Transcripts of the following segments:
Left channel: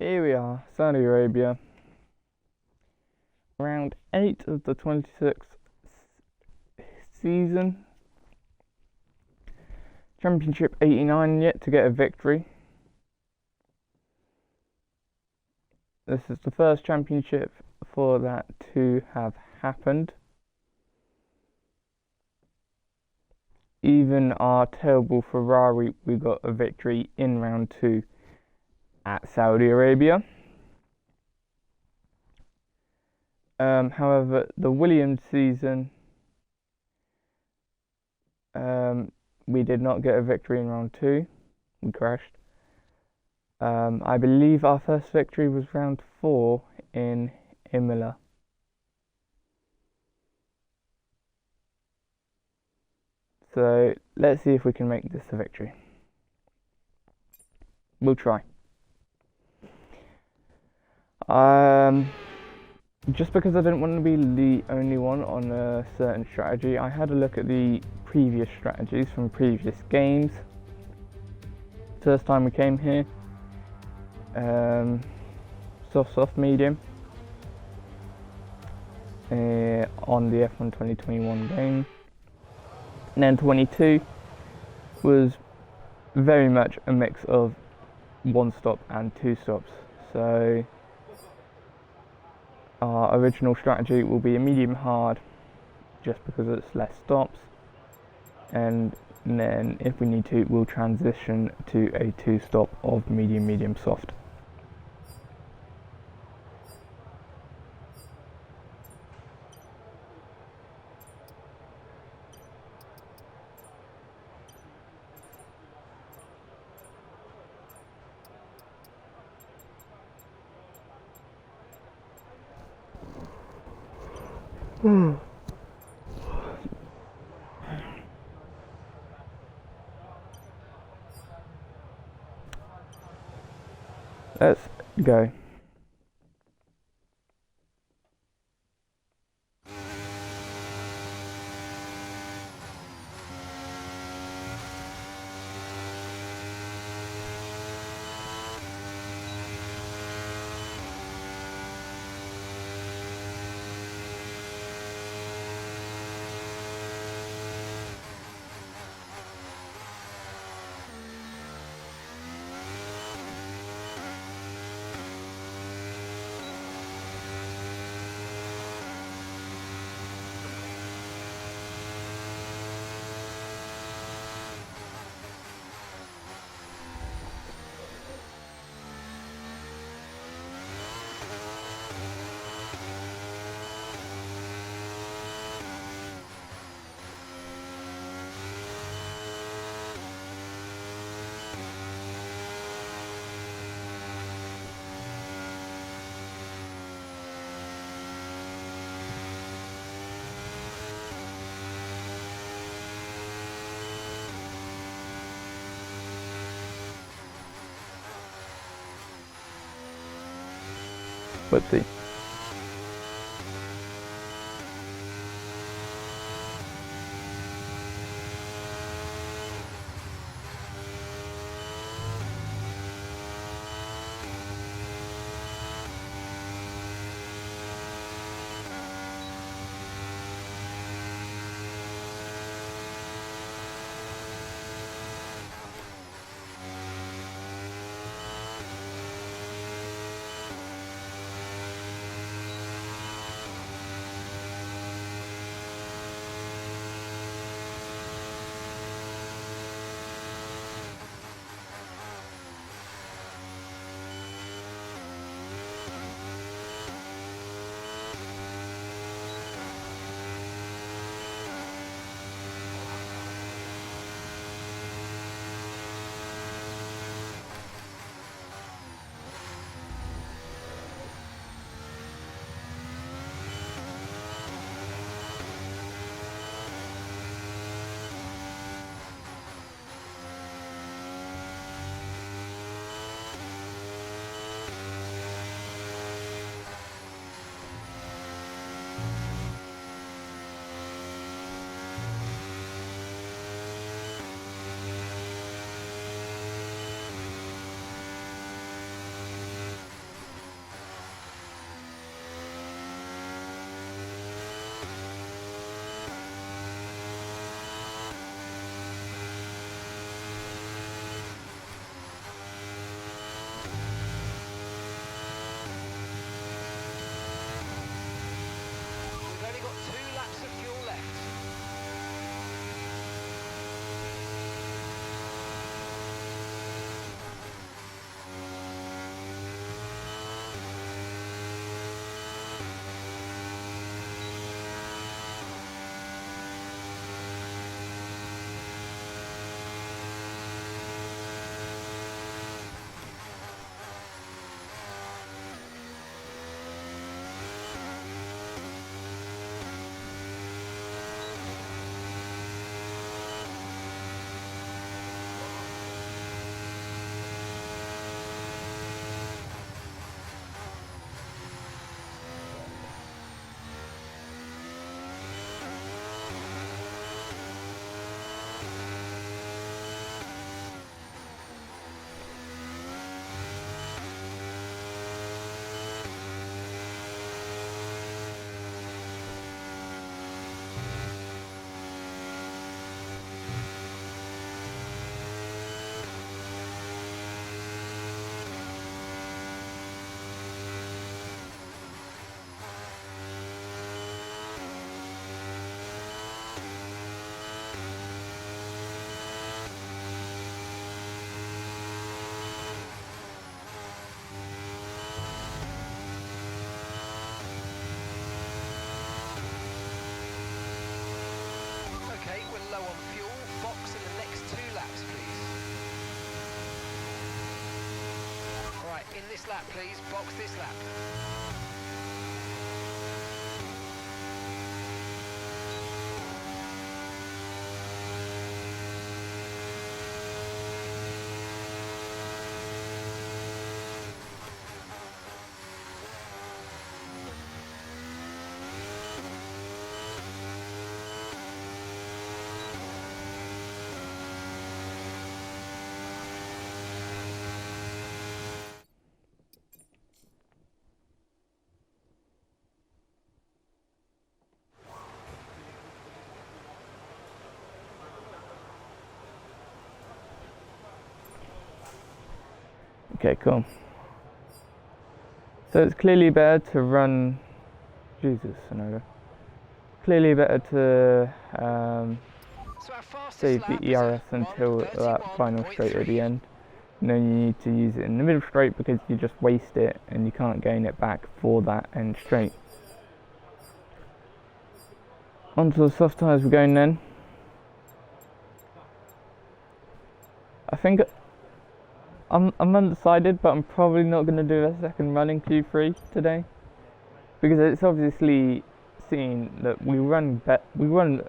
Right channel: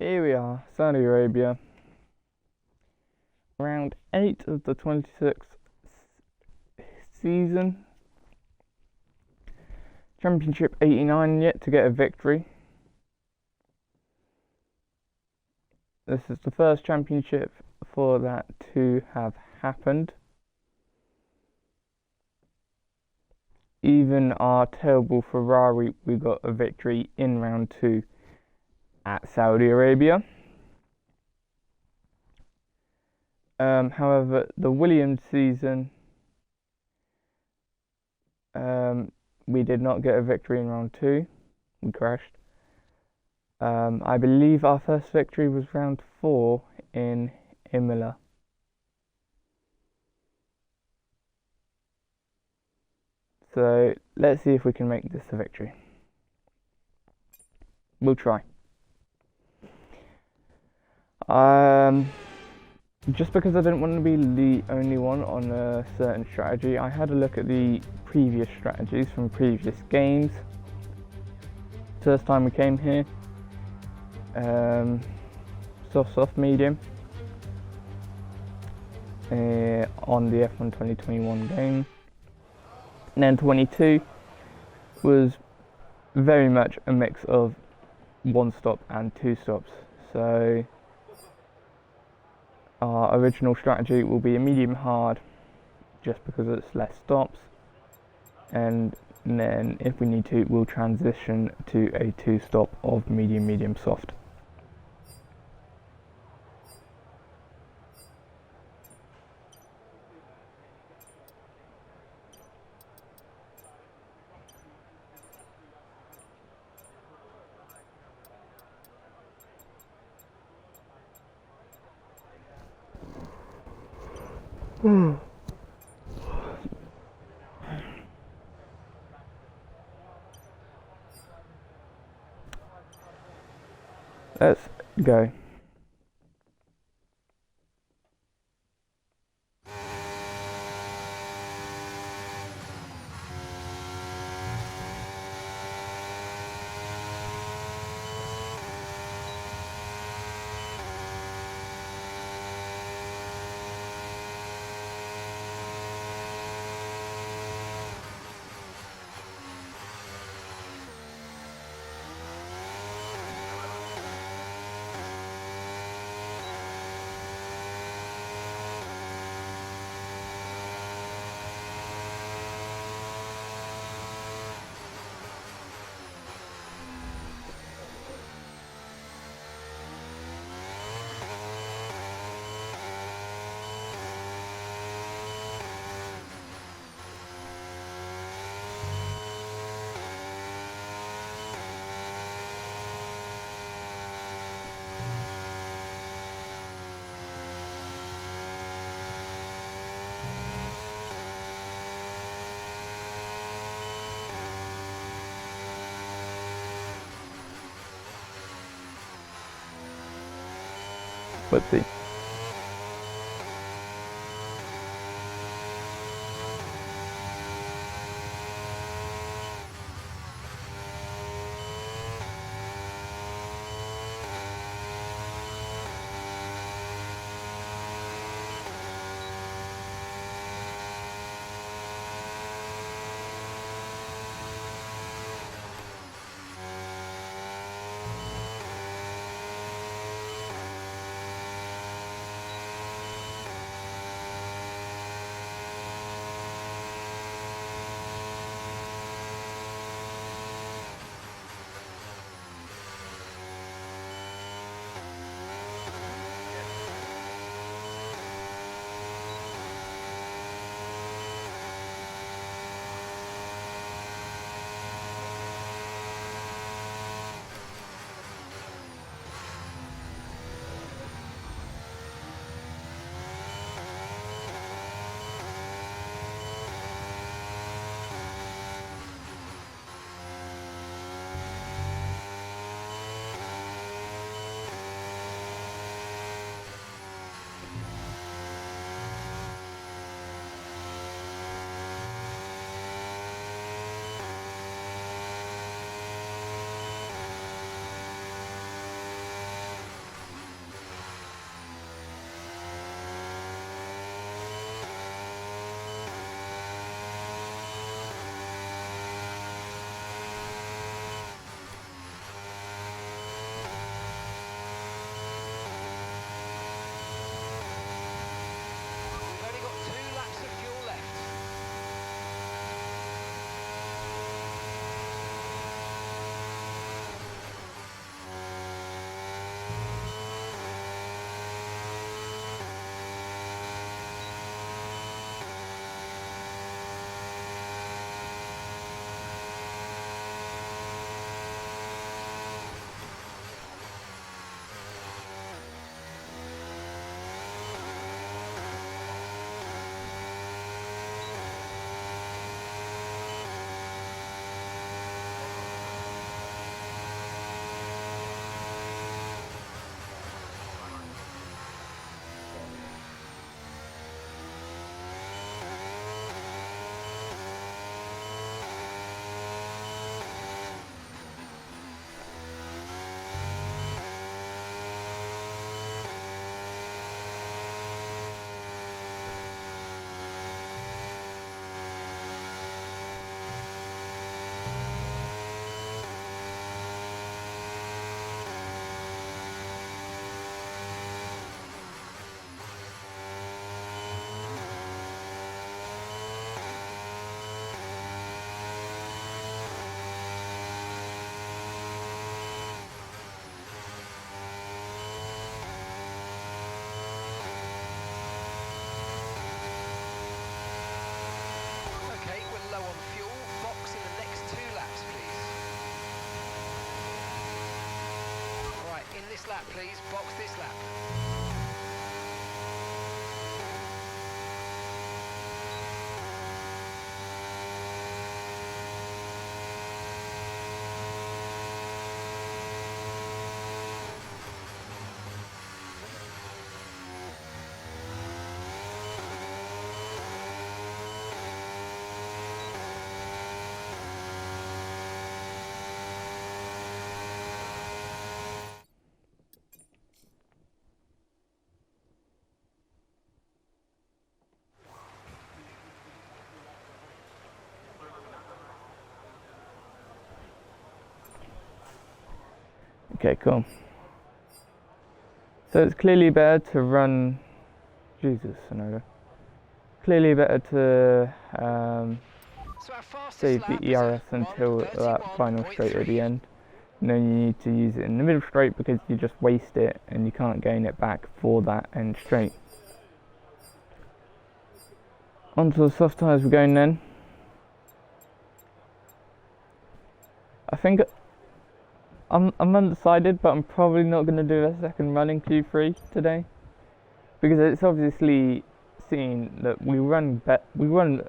Here we are, Saudi Arabia, round 8 of the 26th season. Championship 89 yet to get a victory. This is the first championship for that to have happened. Even our terrible Ferrari, we got a victory in round 2 at Saudi Arabia. However, the Williams season, we did not get a victory in round 2. We crashed. I believe our first victory was round 4 in Imola. So let's see if we can make this a victory. We'll try. Just because I didn't want to be the only one on a certain strategy, I had a look at the previous strategies from previous games. First time we came here, soft, medium on the F1 2021 game. And then 22 was very much a mix of 1 stop and 2 stops. So our original strategy will be a medium hard, just because it's less stops, and then if we need to, we'll transition to a 2 stop of medium soft. Let's go. Let's see. got 2 laps of fuel left. Okay, we're low on fuel. Box in the next 2 laps, please. Alright, in this lap, please. Box this lap. Okay, cool. So it's clearly better to run. Jesus, Sonoda. Clearly better to So our fastest save lap the is ERS a until that final straight at the 1:31.3. end. And then you need to use it in the middle straight because you just waste it and you can't gain it back for that end straight. Onto the soft tyres we're going then. I think I'm undecided, but I'm probably not going to do a second run in Q3 today because it's obviously seen that we run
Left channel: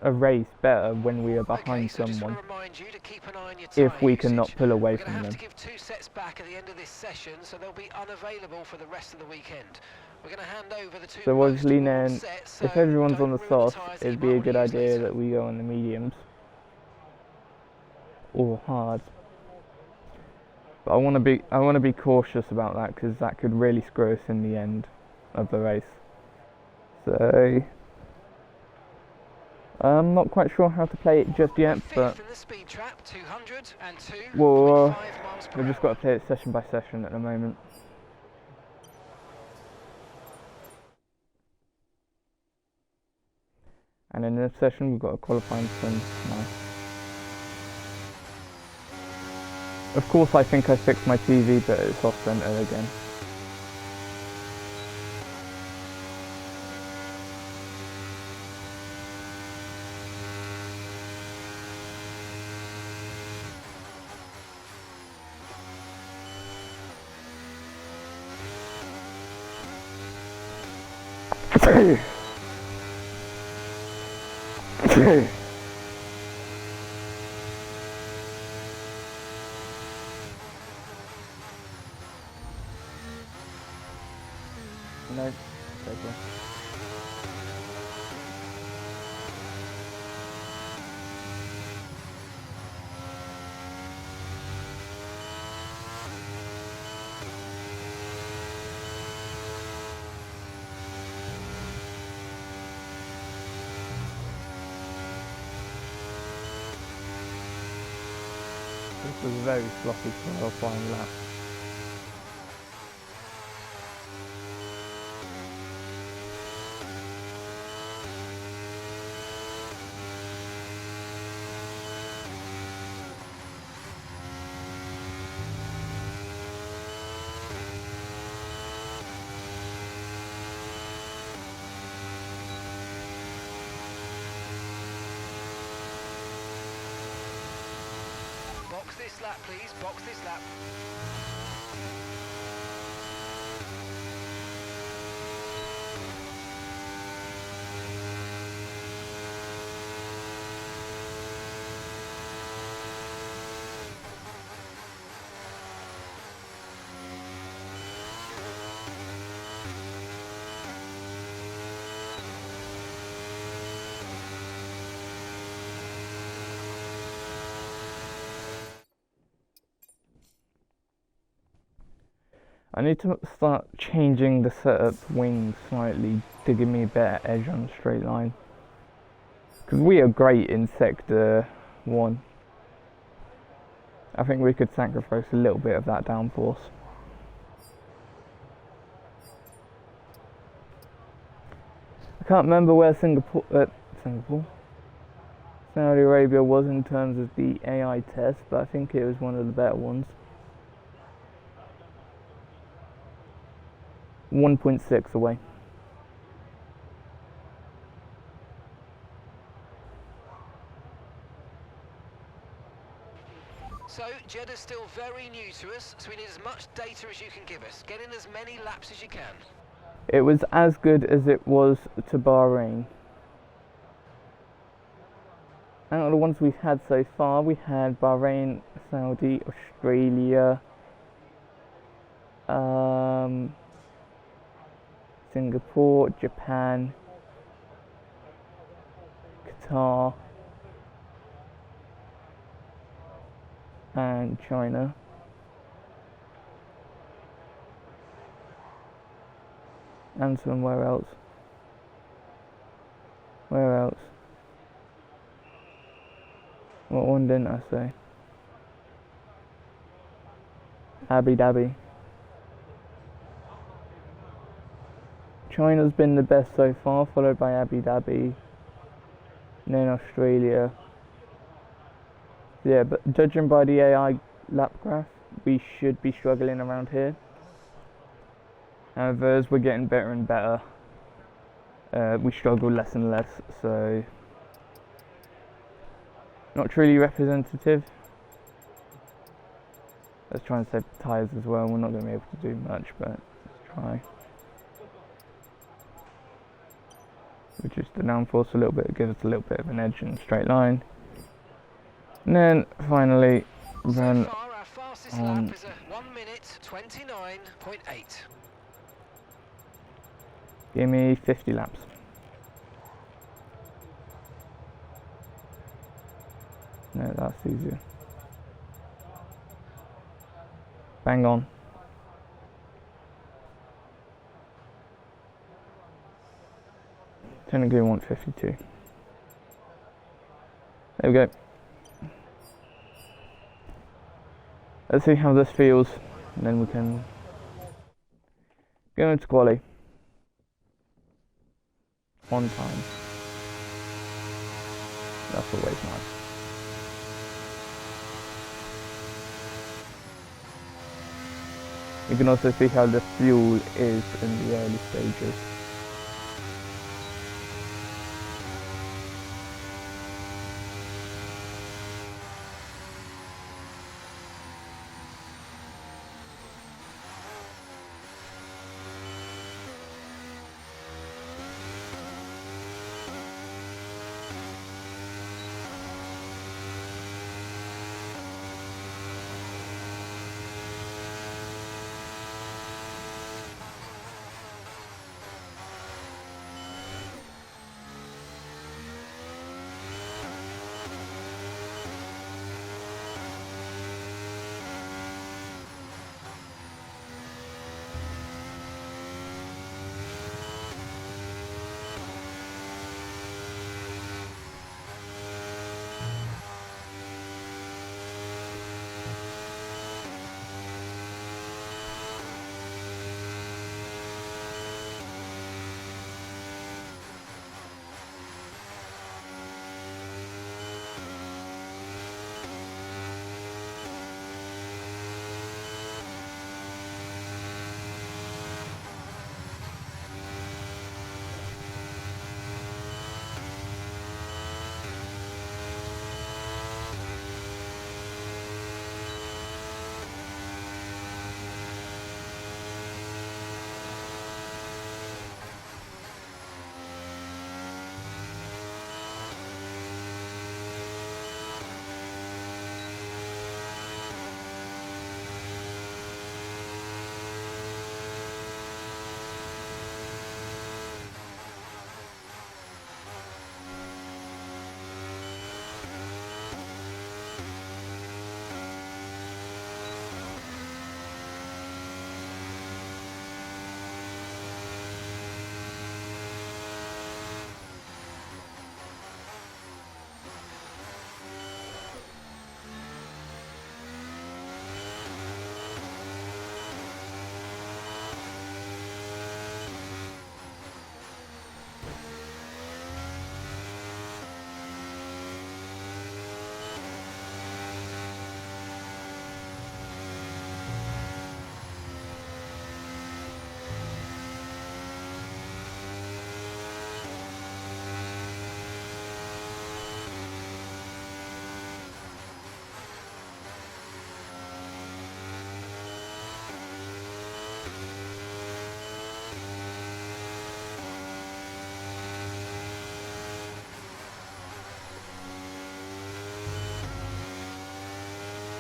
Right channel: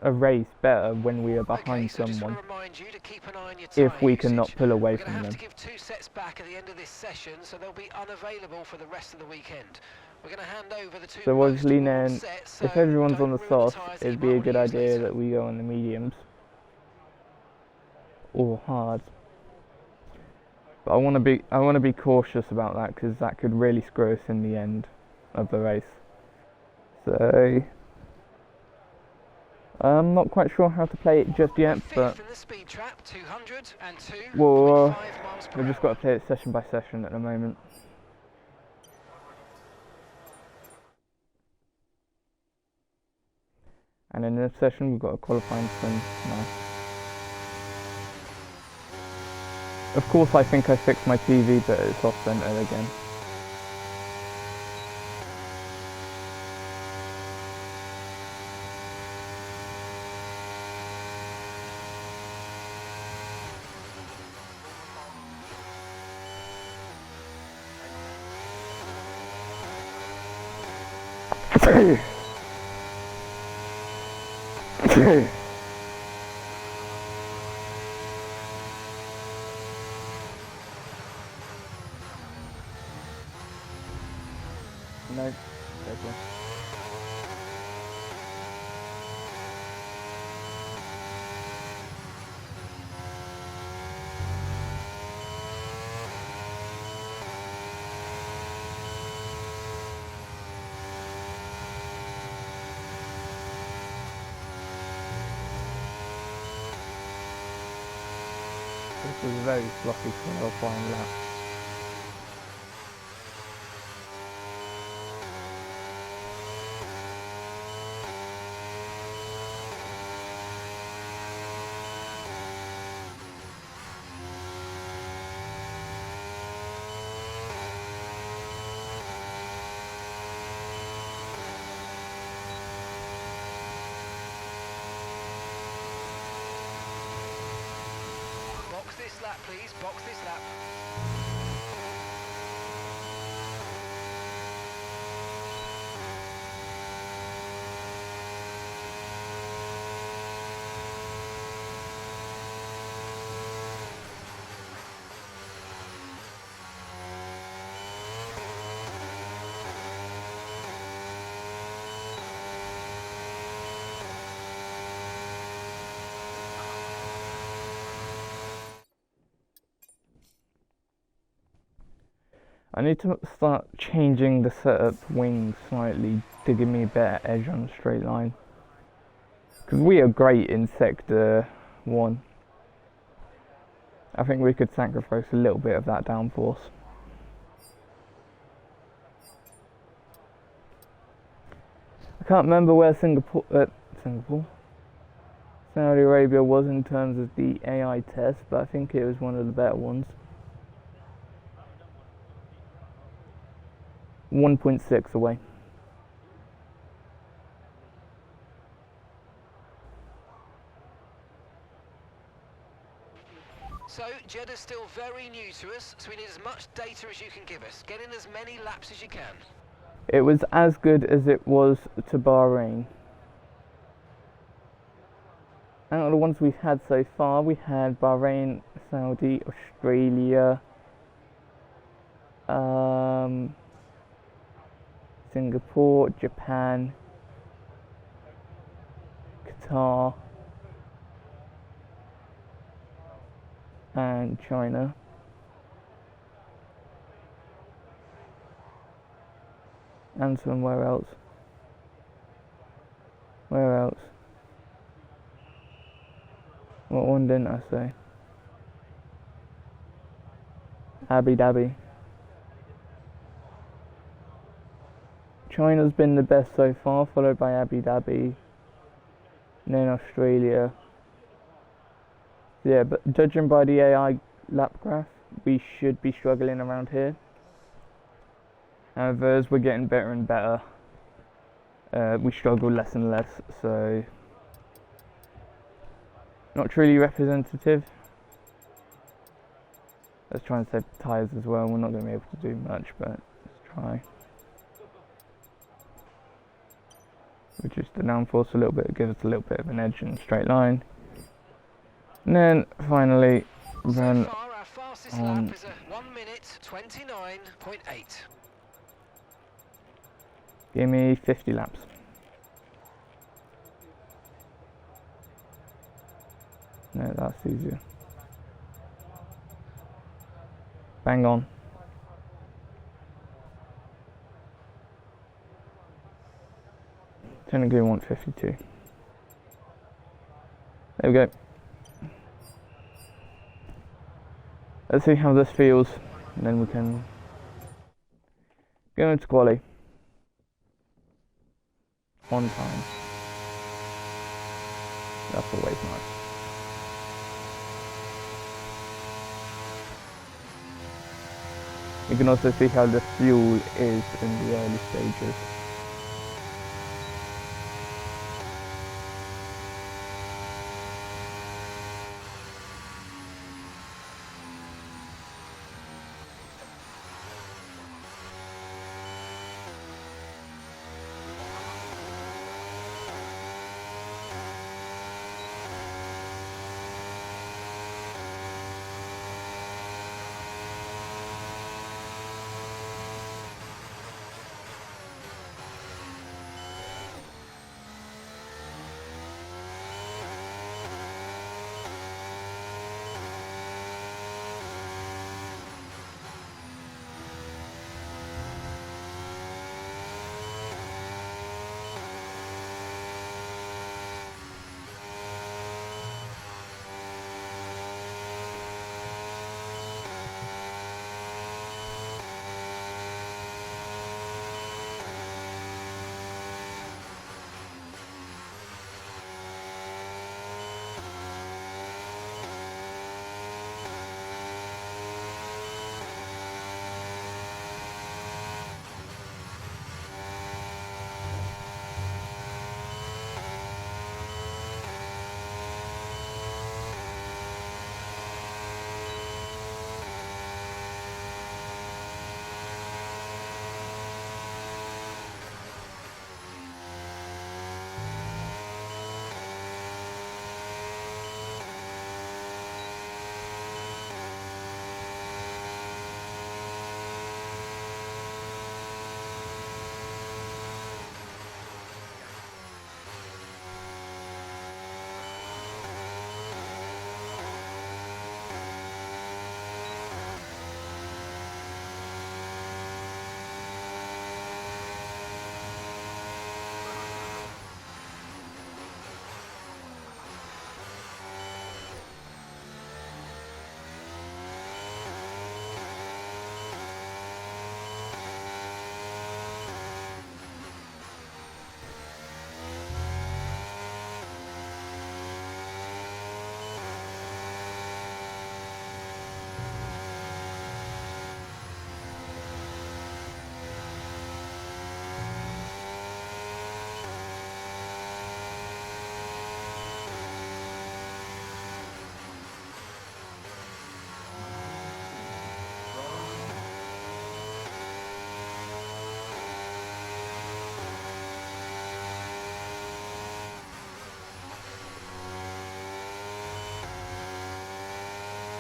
a race better when we are behind So just someone want to remind you to keep an eye on your if we tyre cannot usage. pull away We're going from to have them. to give 2 sets back at the end of this session, so they'll be unavailable for the rest of the weekend. We're going to hand over the 2 So most obviously worn then, sets, so if everyone's don't on the ruin softs, tyres that it'd you be a might good want to use idea later. that we go on the mediums or hards. But I want to be cautious about that because that could really screw us in the end of the race. So I'm not quite sure how to play it just yet, but Fifth in the speed trap, 202.5 we've miles per just got to play it session by session at the moment. And in this session we've got a qualifying swim now. Of course I think I fixed my TV, but it's off center again. No, okay. This was a very sloppy qualifying lap. this lap, please. Box this lap. I need to start changing the setup wings slightly to give me a better edge on the straight line. Because we are great in sector 1. I think we could sacrifice a little bit of that downforce. I can't remember where Saudi Arabia was in terms of the AI test, but I think it was one of the better ones. 1.6 away. So, Jeddah's still very new to us, so we need as much data as you can give us. Get in as many laps as you can. It was as good as it was to Bahrain. Out of the ones we've had so far, we had Bahrain, Saudi, Australia, Singapore, Japan, Qatar, and China. And somewhere else. Where else? What one didn't I say? Abu Dhabi. China's been the best so far, followed by Abu Dhabi, and then Australia. Yeah, but judging by the AI lap graph, we should be struggling around here. However, as we're getting better and better, we struggle less and less, so not truly representative. Let's try and save tyres as well. We're not going to be able to do much, but let's try. Reduce the downforce a little bit, give us a little bit of an edge in a straight line. And then finally run so far, our fastest on. lap is a 1 minute 29.8. Give me 50 laps. No, that's easier. Bang on. Technically, we want 52. There we go. Let's see how this feels, and then we can go into quali on time. That's always nice. You can also see how the fuel is in the early stages.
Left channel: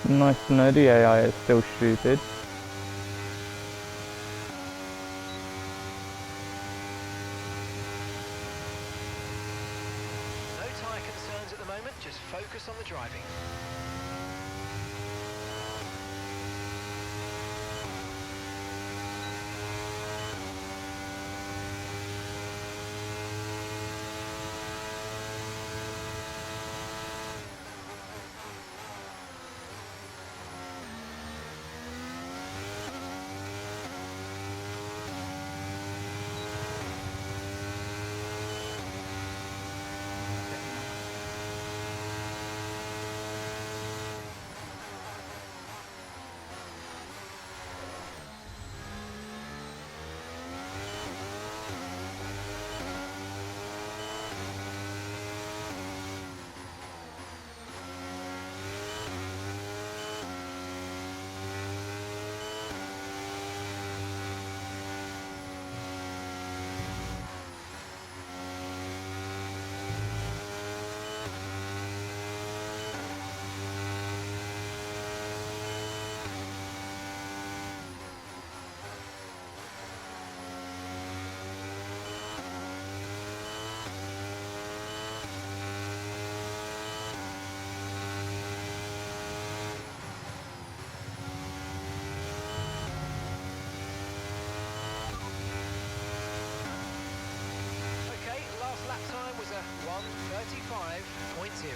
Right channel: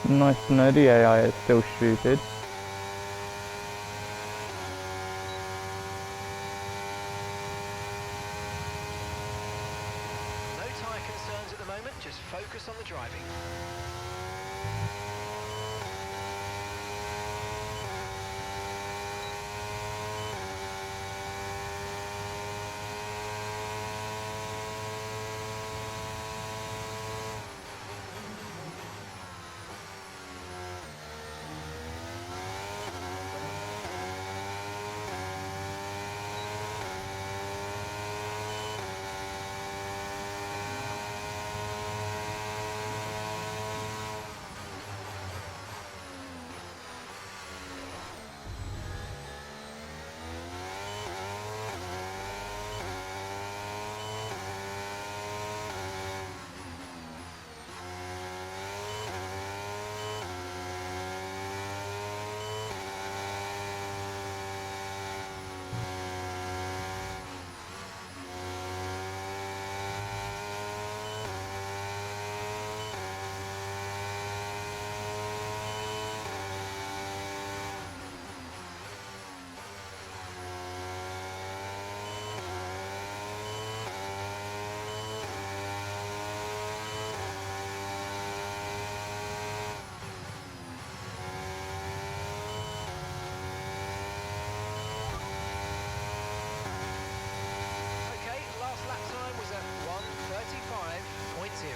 Nice to know the AI is still stupid. No tyre concerns at the moment, just focus on the driving. Last lap time was a 1:35.0.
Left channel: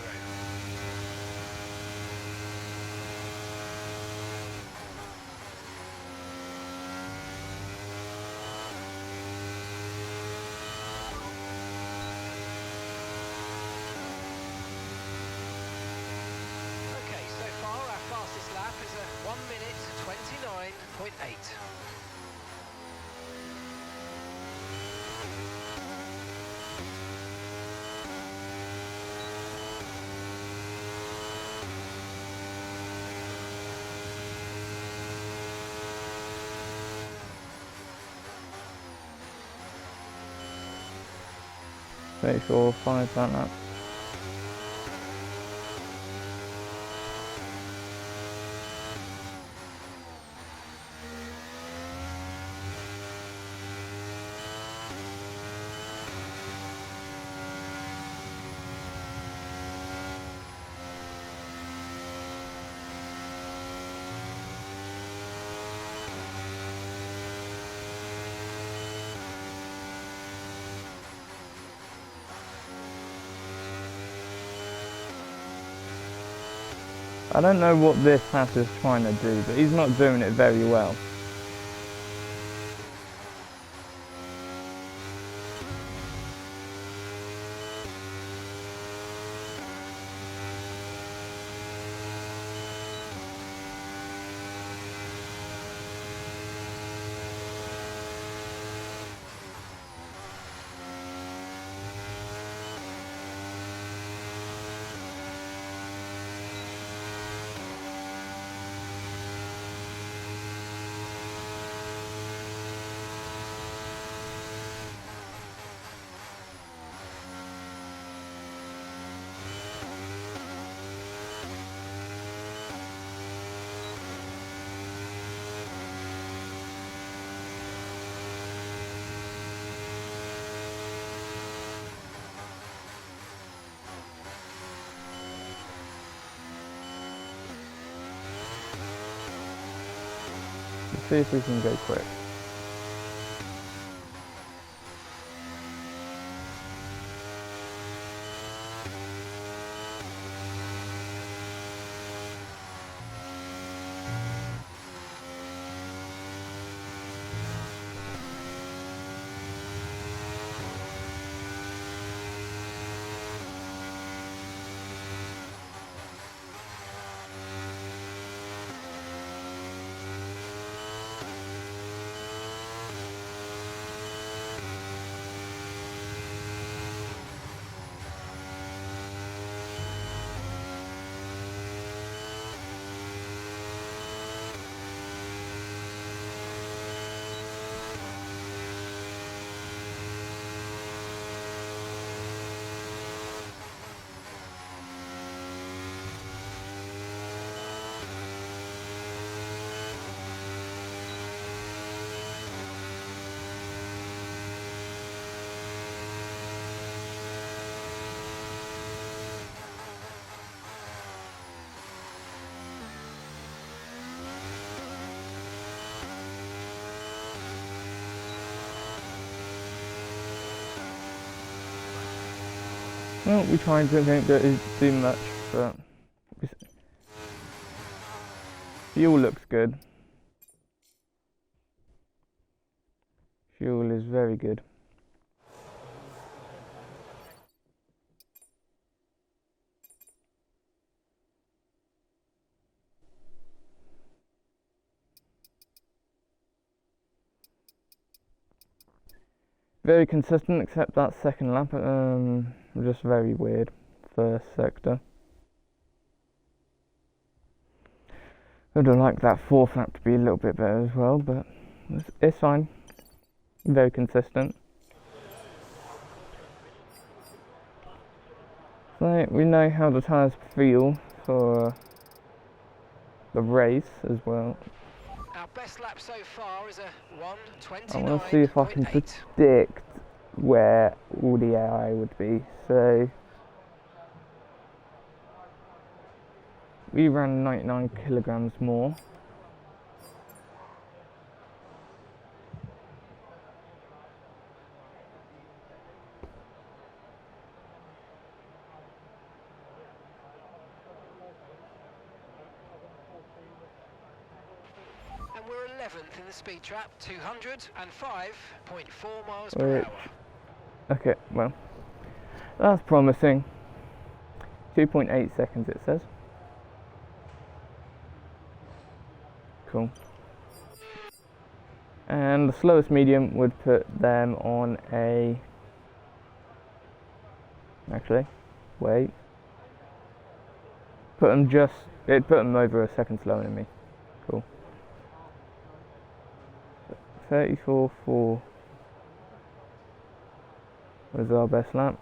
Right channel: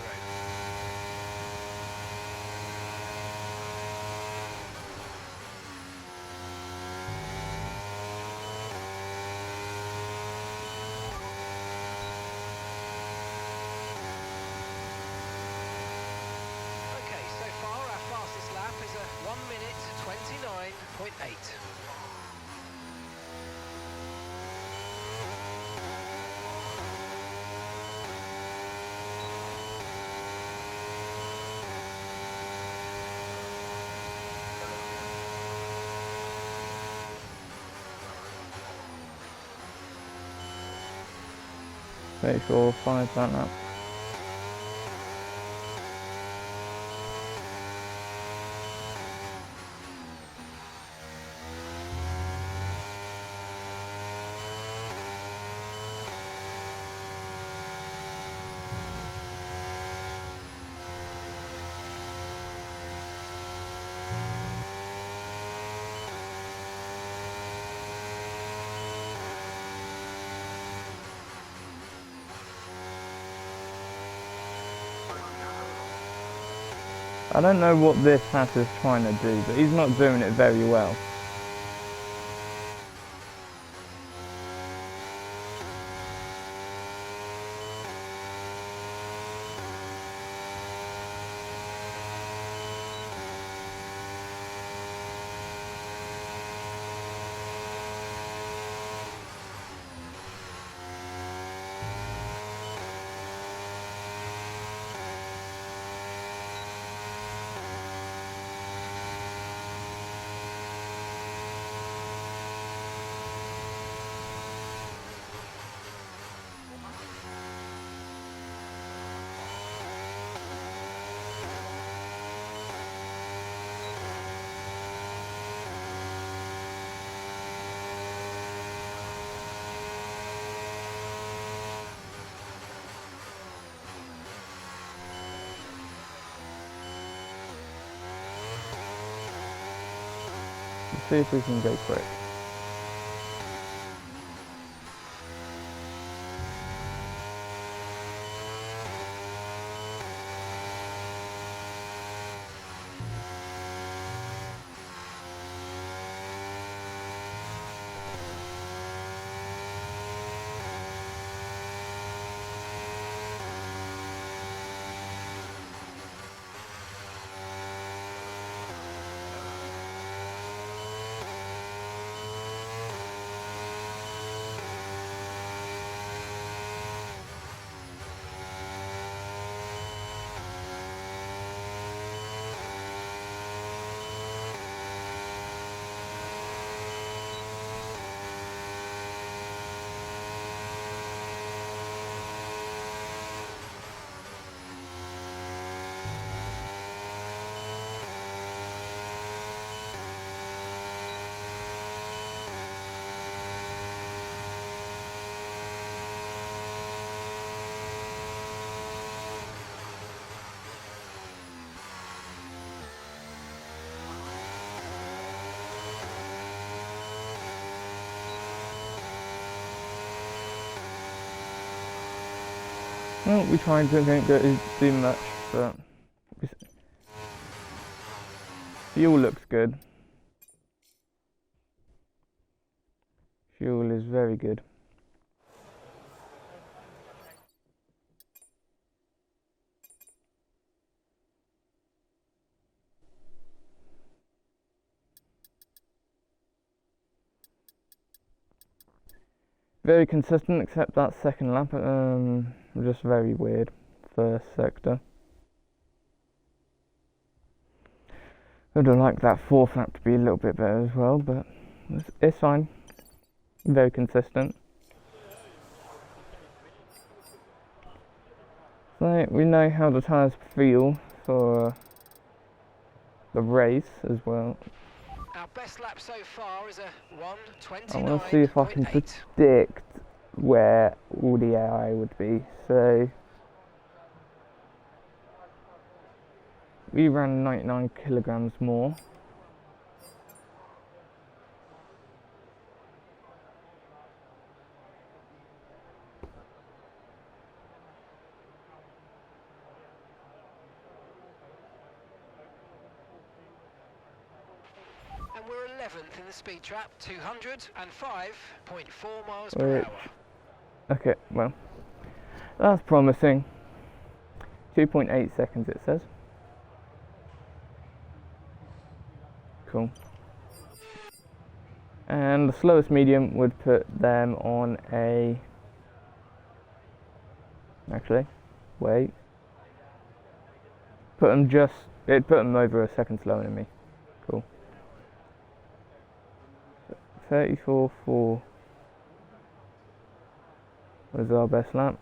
Okay, so far our fastest lap is a 1:29.8. Make sure 5 that lap. I don't know what this hat is trying to do, but he's not doing it very well. Let's see if we can go quick. Well, we tried to don't go too much, but fuel looks good. Fuel is very good. Very consistent, except that second lap, just very weird. First sector. I'd have liked that fourth lap to be a little bit better as well, but it's fine. Very consistent. So we know how the tyres feel for the race as well. Our best lap so far is a 1:29.8. I want to see if I can predict where all the AI would be. So we ran 99 kilograms more. And we're 11th in the speed trap, 205.4 miles per hour. Okay, well, that's promising. 2.8 seconds it says. Cool. And the slowest medium would put them on a... Actually, wait. It'd put them over a second slower than me. Cool. 34.4 was our best lap.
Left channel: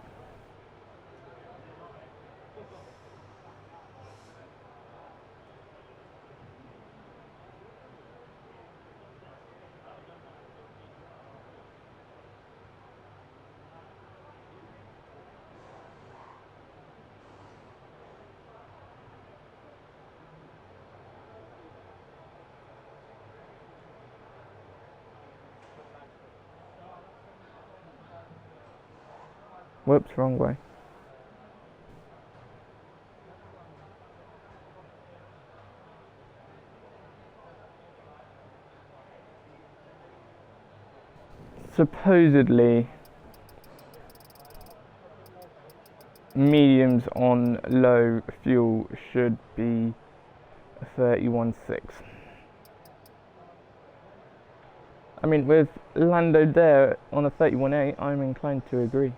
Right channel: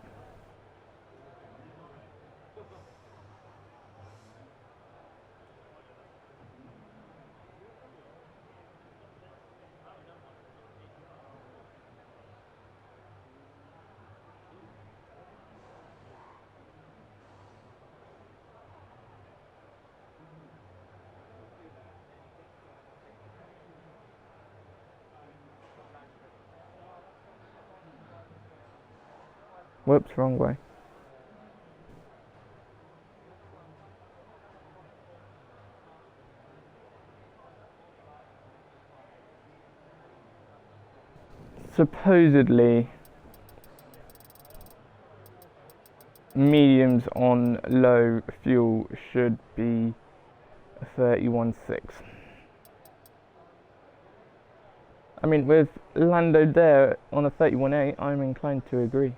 Whoops, wrong way. Supposedly, mediums on low fuel should be 31.6. I mean, with Lando there on a 31.8, I'm inclined to agree.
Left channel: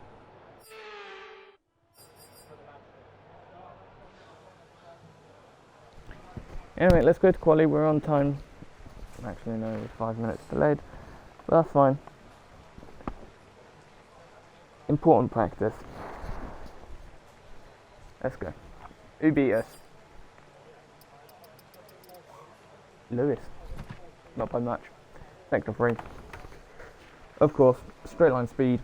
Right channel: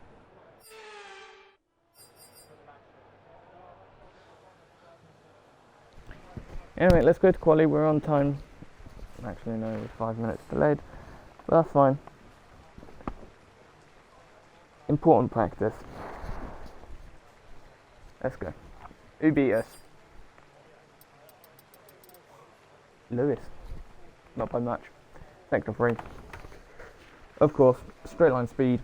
Anyway, let's go to quali. We're on time. Actually, no, we're 5 minutes delayed, but that's fine. Important practice. Let's go. Who beat us? Lewis. Not by much. Sector 3. Of course, straight line speed.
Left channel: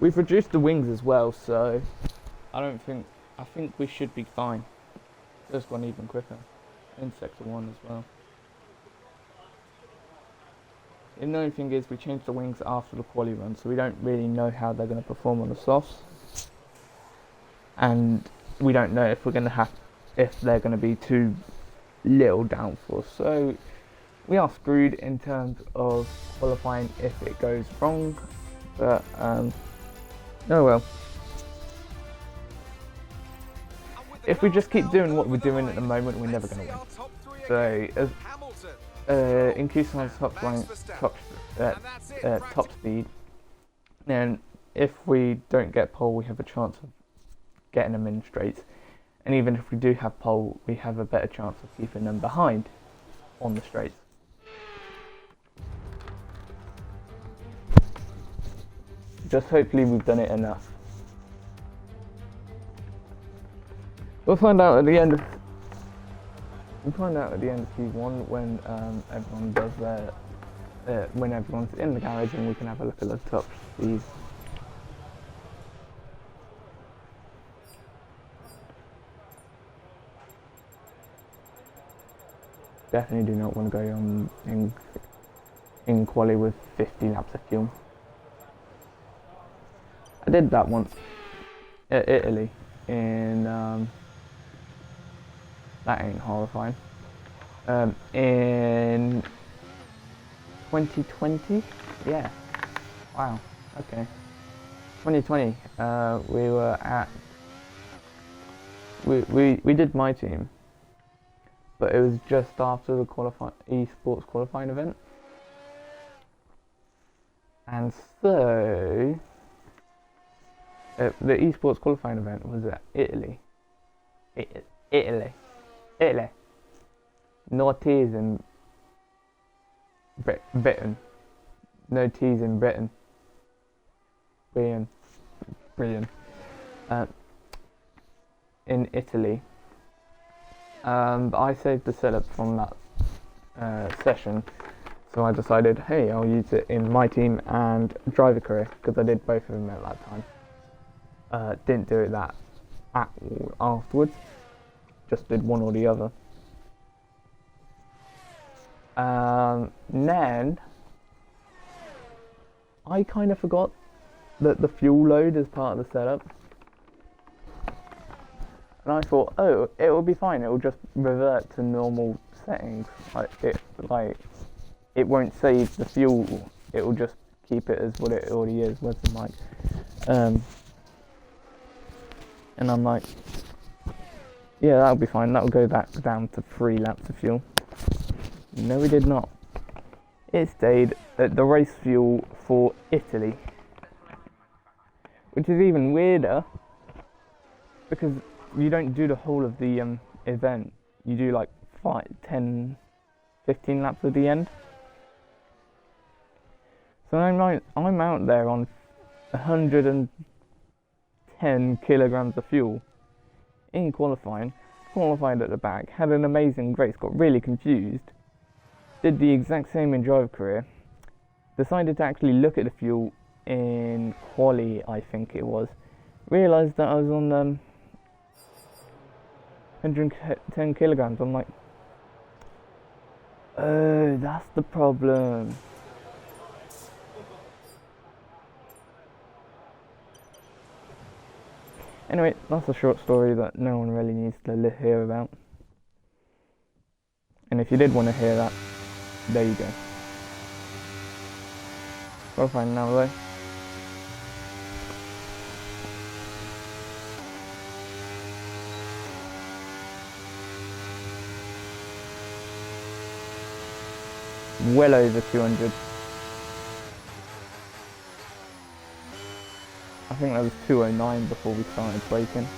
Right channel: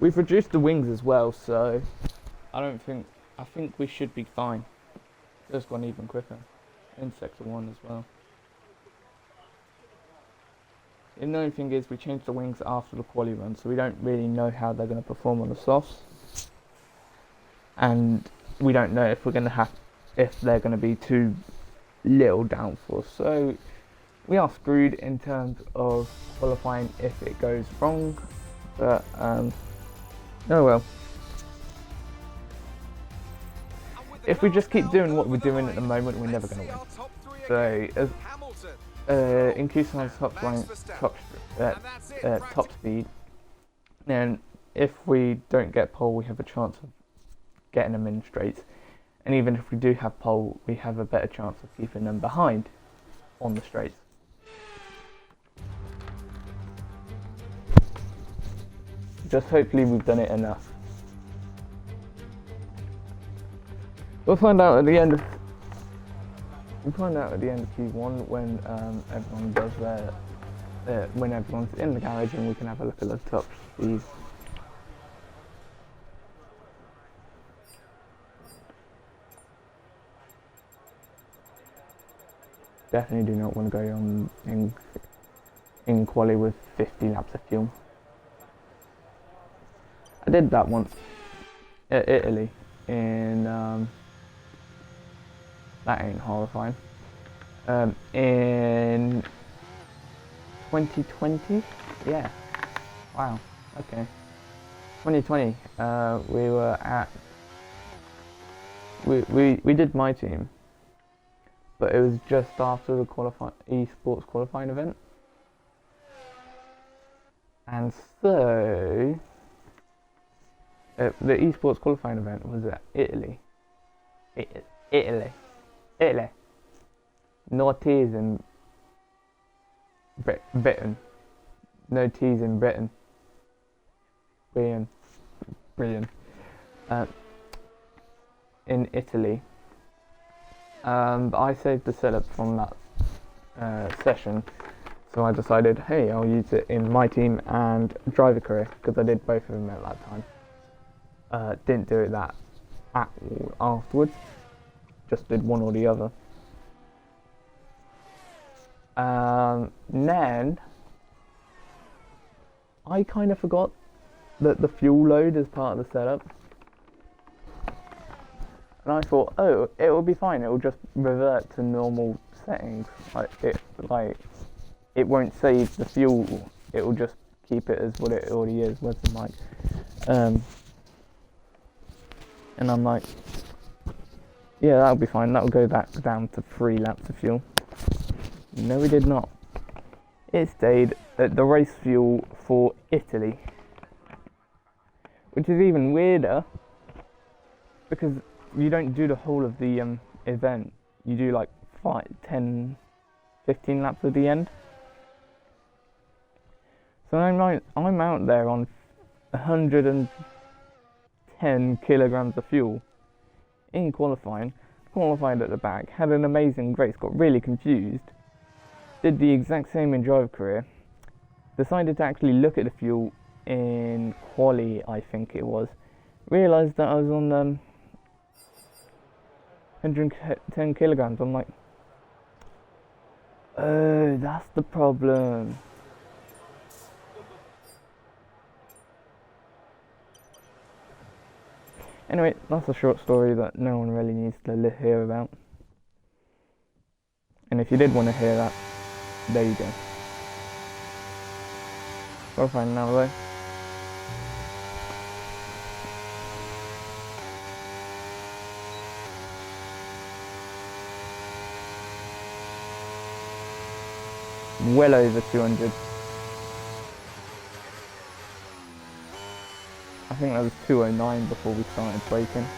We've reduced the wings as well, so I think we should be fine. Just gone even quicker in sector 1 as well. And the only thing is we changed the wings after the quali run, so we don't really know how they're going to perform on the softs, and we don't know if they're going to be too little downforce. So we are screwed in terms of qualifying if it goes wrong, but oh well. If we just keep doing what we're doing at the moment, we're never going to win. So, in Q-Sign's top speed, and if we don't get pole, we have a chance of getting them in straights. And even if we do have pole, we have a better chance of keeping them behind on the straights. Just hopefully we've done it enough. We'll find out at the end of Q1 when everyone does when everyone's in the garage, and we can have a look at the top speed. Definitely do not want to go on in quali with 50 laps of fuel. I did that once at Italy in that ain't horrifying. In 2020, yeah. Wow. Okay. 2020. We were at. We did my team, but it was just after the esports qualifying event, and so the esports qualifying event was at Italy. Italy. No T's in Britain. No T's in Britain. Brilliant. In Italy. But I saved the setup from that session, so I decided, hey, I'll use it in my team and driver career, because I did both of them at that time. Didn't do it that at all afterwards, just did one or the other. Then I kind of forgot that the fuel load is part of the setup. And I thought, oh, it will be fine. It will just revert to normal settings. It won't save the fuel. It will just keep it as what it already is. Where's the mic? And I'm like, yeah, that'll be fine. That'll go back down to 3 laps of fuel. No, we did not. It stayed at the race fuel for Italy, which is even weirder because you don't do the whole of the event. You do like 5, 10, 15 laps at the end. So I'm out there on 110 kilograms of fuel in qualified at the back, had an amazing race, got really confused, did the exact same in driver career, decided to actually look at the fuel in quali, I think it was, realised that I was on 110 kilograms. I'm like, oh, that's the problem. Anyway, that's a short story that no one really needs to hear about. And if you did want to hear that, there you go. Qualifying now though. Well over 200. I think that was 209 before we started braking.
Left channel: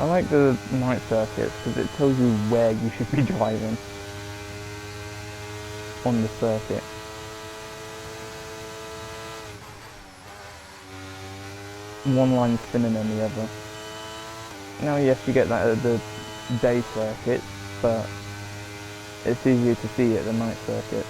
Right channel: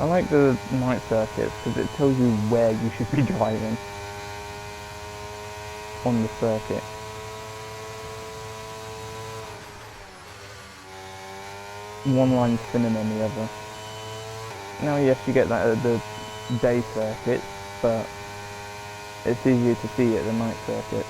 I like the night circuits because it tells you where you should be driving on the circuit. One line's thinner than the other. Now yes, you get that at the day circuits, but it's easier to see at the night circuits.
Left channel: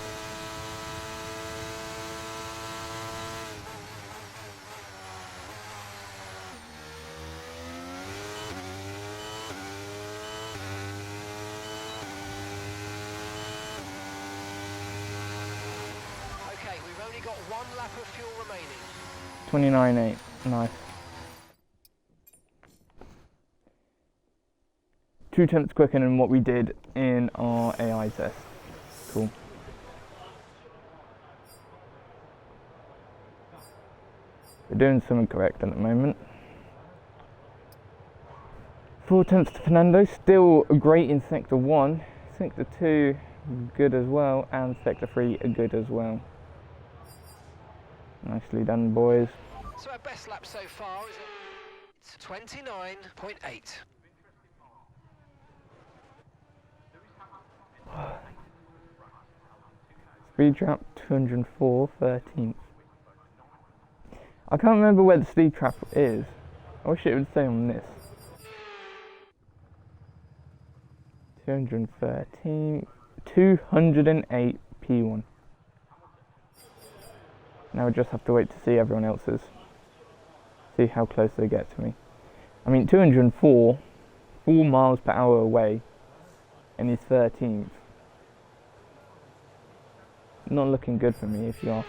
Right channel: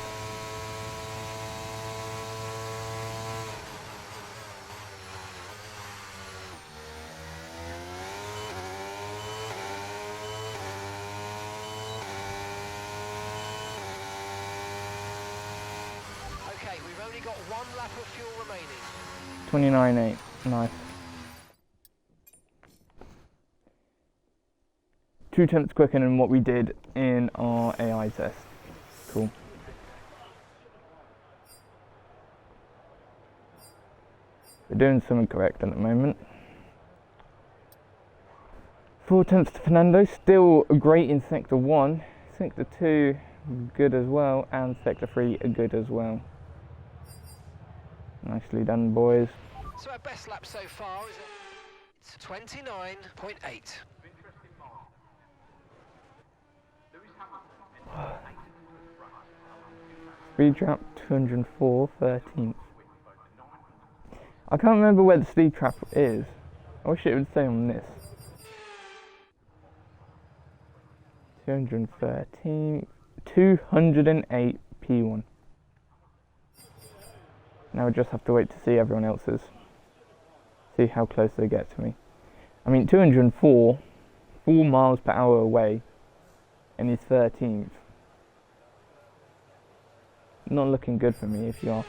Okay, we've only got 1 lap of fuel remaining. 29.8, nice. 2 tenths quicker than what we did in our AI test. Cool. We're doing something correct at the moment. 4 tenths to Fernando, still great in sector 1. Sector 2, good as well, and sector 3, good as well. Nicely done, boys. So our best lap so far is it's 29.8. Speed trap 204, 13th. I can't remember where the speed trap is. I wish it would say on this. 213, 208 P1. Now we just have to wait to see everyone else's. See how close they get to me. I mean, 204, 4 miles per hour away, and he's 13th. Not looking good for me, if you ask.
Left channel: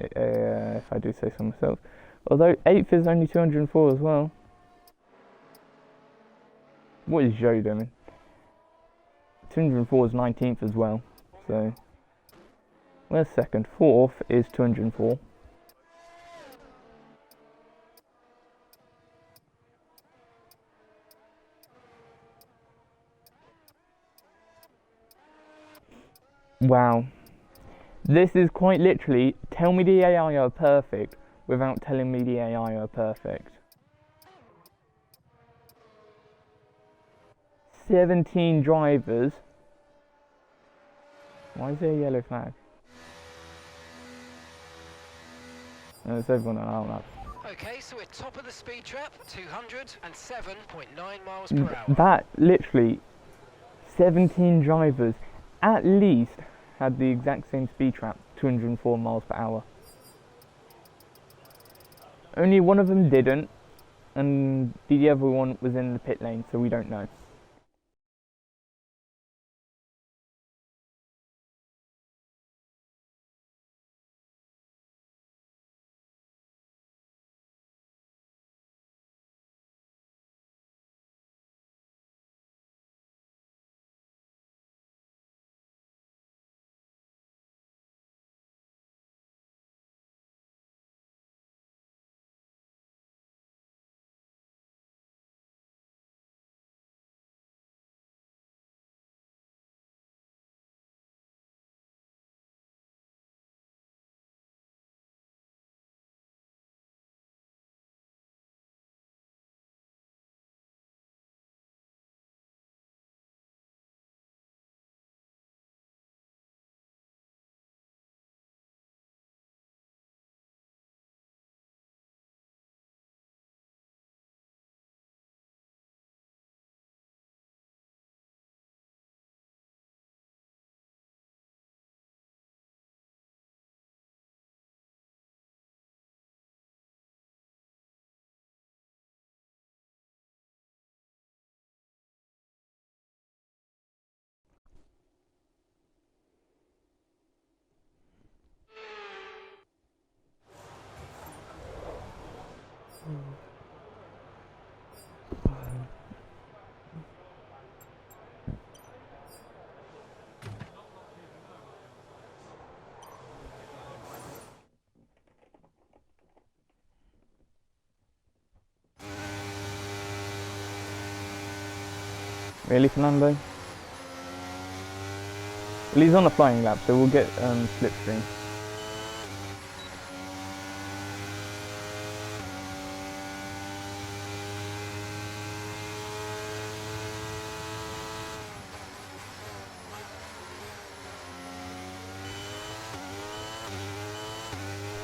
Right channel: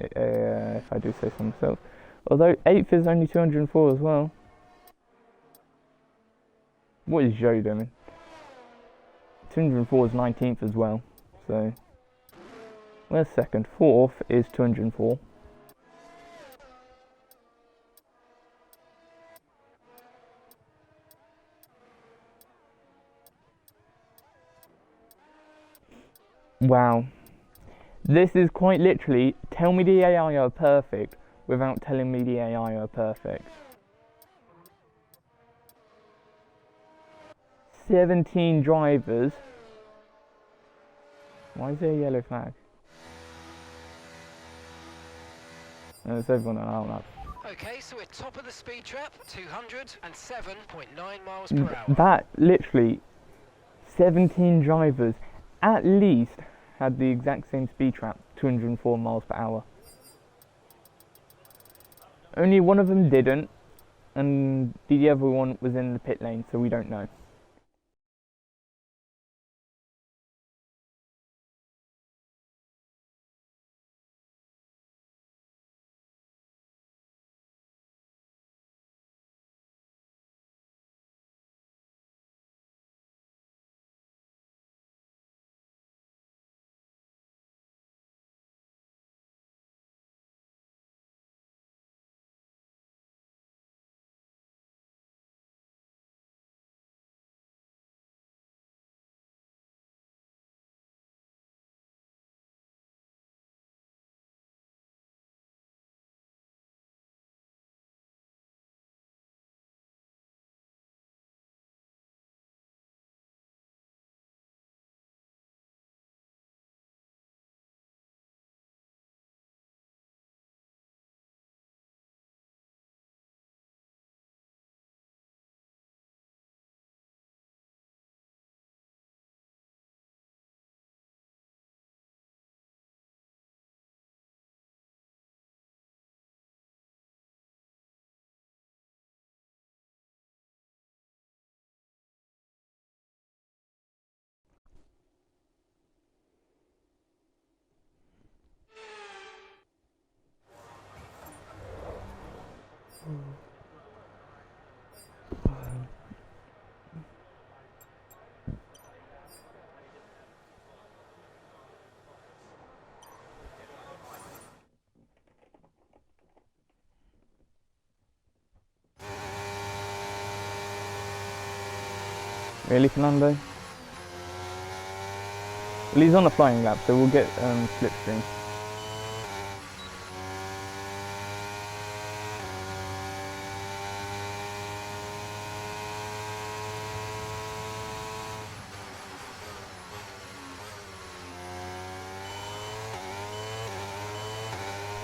If I do say so myself. Although 8th is only 204 as well. What is Joe doing? 204 is 19th as well. So, where's second? 4th is 204. Wow. This is quite literally, tell me the AI are perfect without telling me the AI are perfect. 17 drivers. Why is there a yellow flag? No, it's everyone on our lap. Okay, so we're top of the speed trap, 207.9 miles per hour. That literally, 17 drivers at least had the exact same speed trap, 204 miles per hour. Only one of them didn't, and the other one was in the pit lane, so we don't know. Really, Fernando? Well, he's on a flying lap, so we'll get slipstream.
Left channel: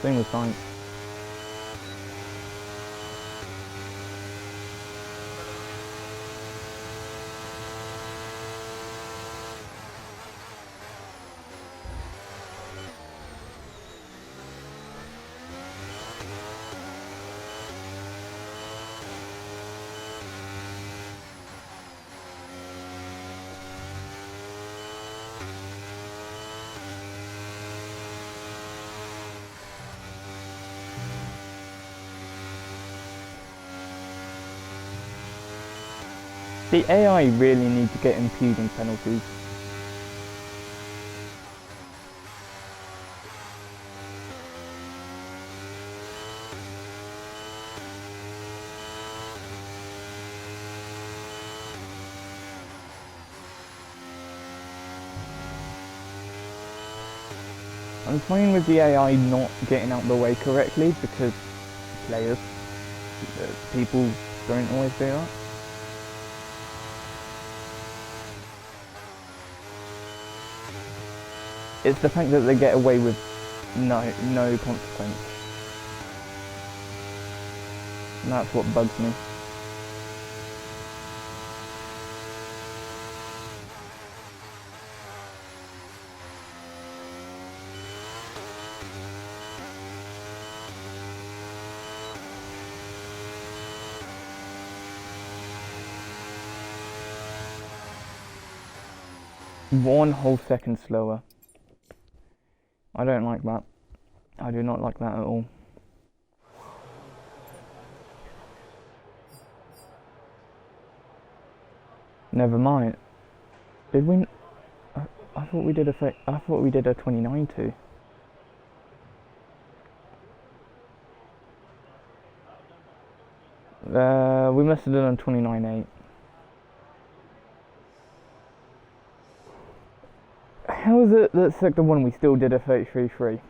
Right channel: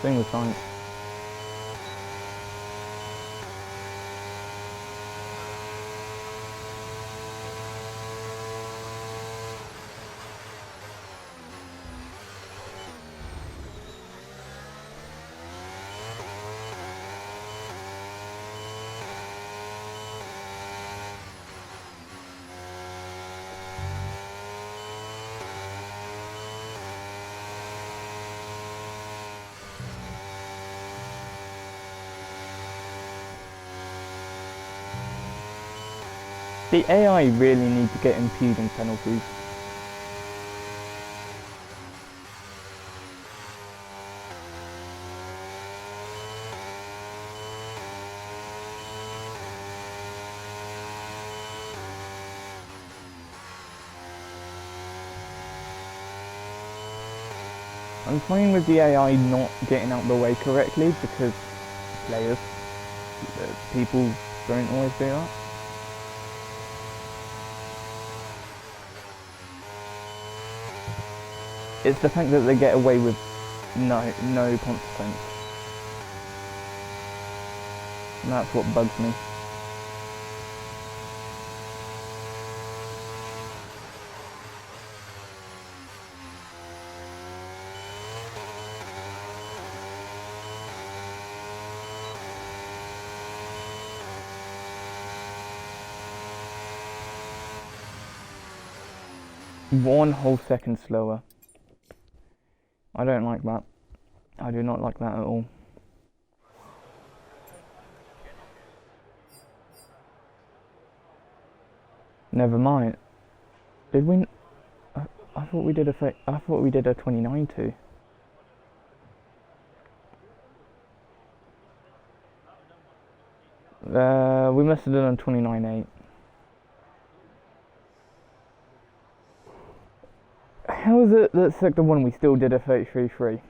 Same with Science. The AI really need to get impeding penalties. I'm fine with the AI not getting out the way correctly because players, people don't always do that. It's the fact that they get away with no consequence. And that's what bugs me. One whole second slower. I don't like that. I do not like that at all. Never mind. Did we? I thought we did a. I thought we did a 29.2. We must have done a 29.8. How is it that sector 1 we still did a 33.3?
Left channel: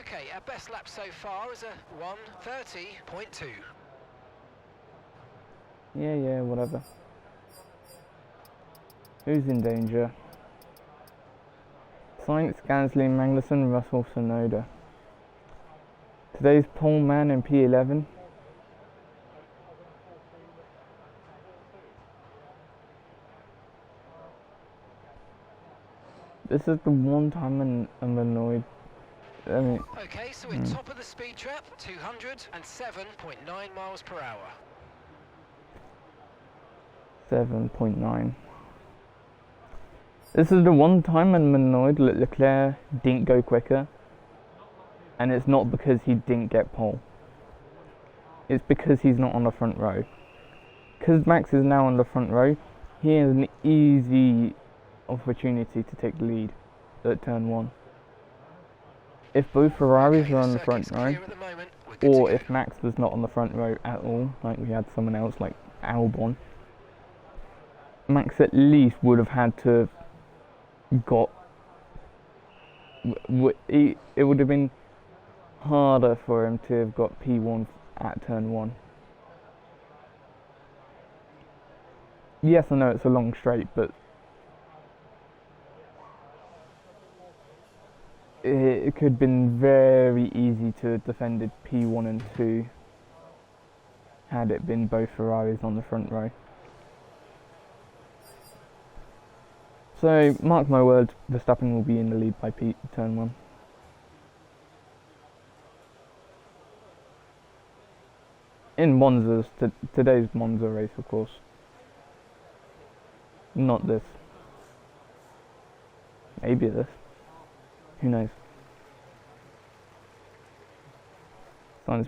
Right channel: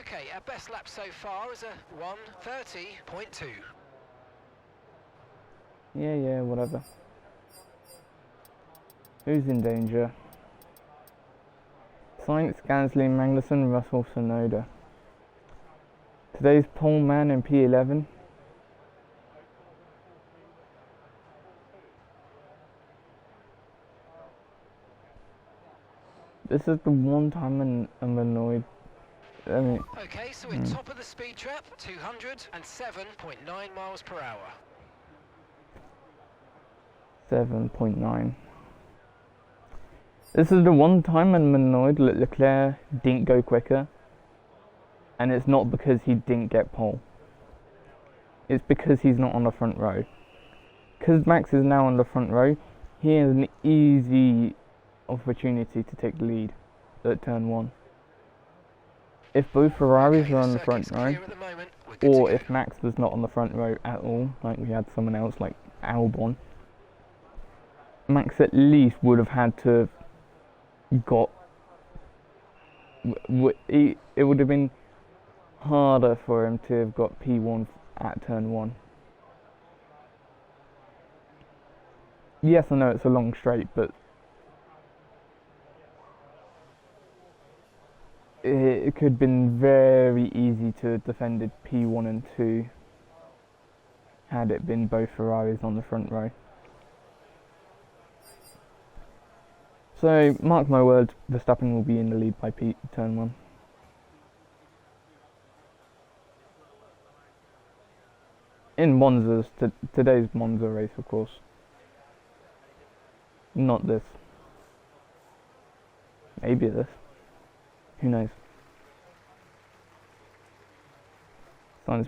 Okay, our best lap so far is a 1:30.2. Yeah, whatever. Who's in danger? Sainz, Gasly, Magnussen, Russell, Sonoda. Today's pole man in P11. This is the one time I'm annoyed. I mean, Okay, so we're top of the speed trap, 207.9 miles per hour. 7.9. This is the one time I'm annoyed that Leclerc didn't go quicker. And it's not because he didn't get pole. It's because he's not on the front row. Because Max is now on the front row, he has an easy opportunity to take the lead at turn 1. If both Ferraris are on the front row, or if Max was not on the front row at all, like we had someone else like Albon, Max at least would have had to have got. It would have been harder for him to have got P1 at turn 1. Yes, I know it's a long straight, but it could have been very easy to have defended P1 and 2 had it been both Ferraris on the front row. So, mark my words, Verstappen will be in the lead by turn 1. In Monza's, today's Monza race, of course. Not this. Maybe this. Who knows? Signs.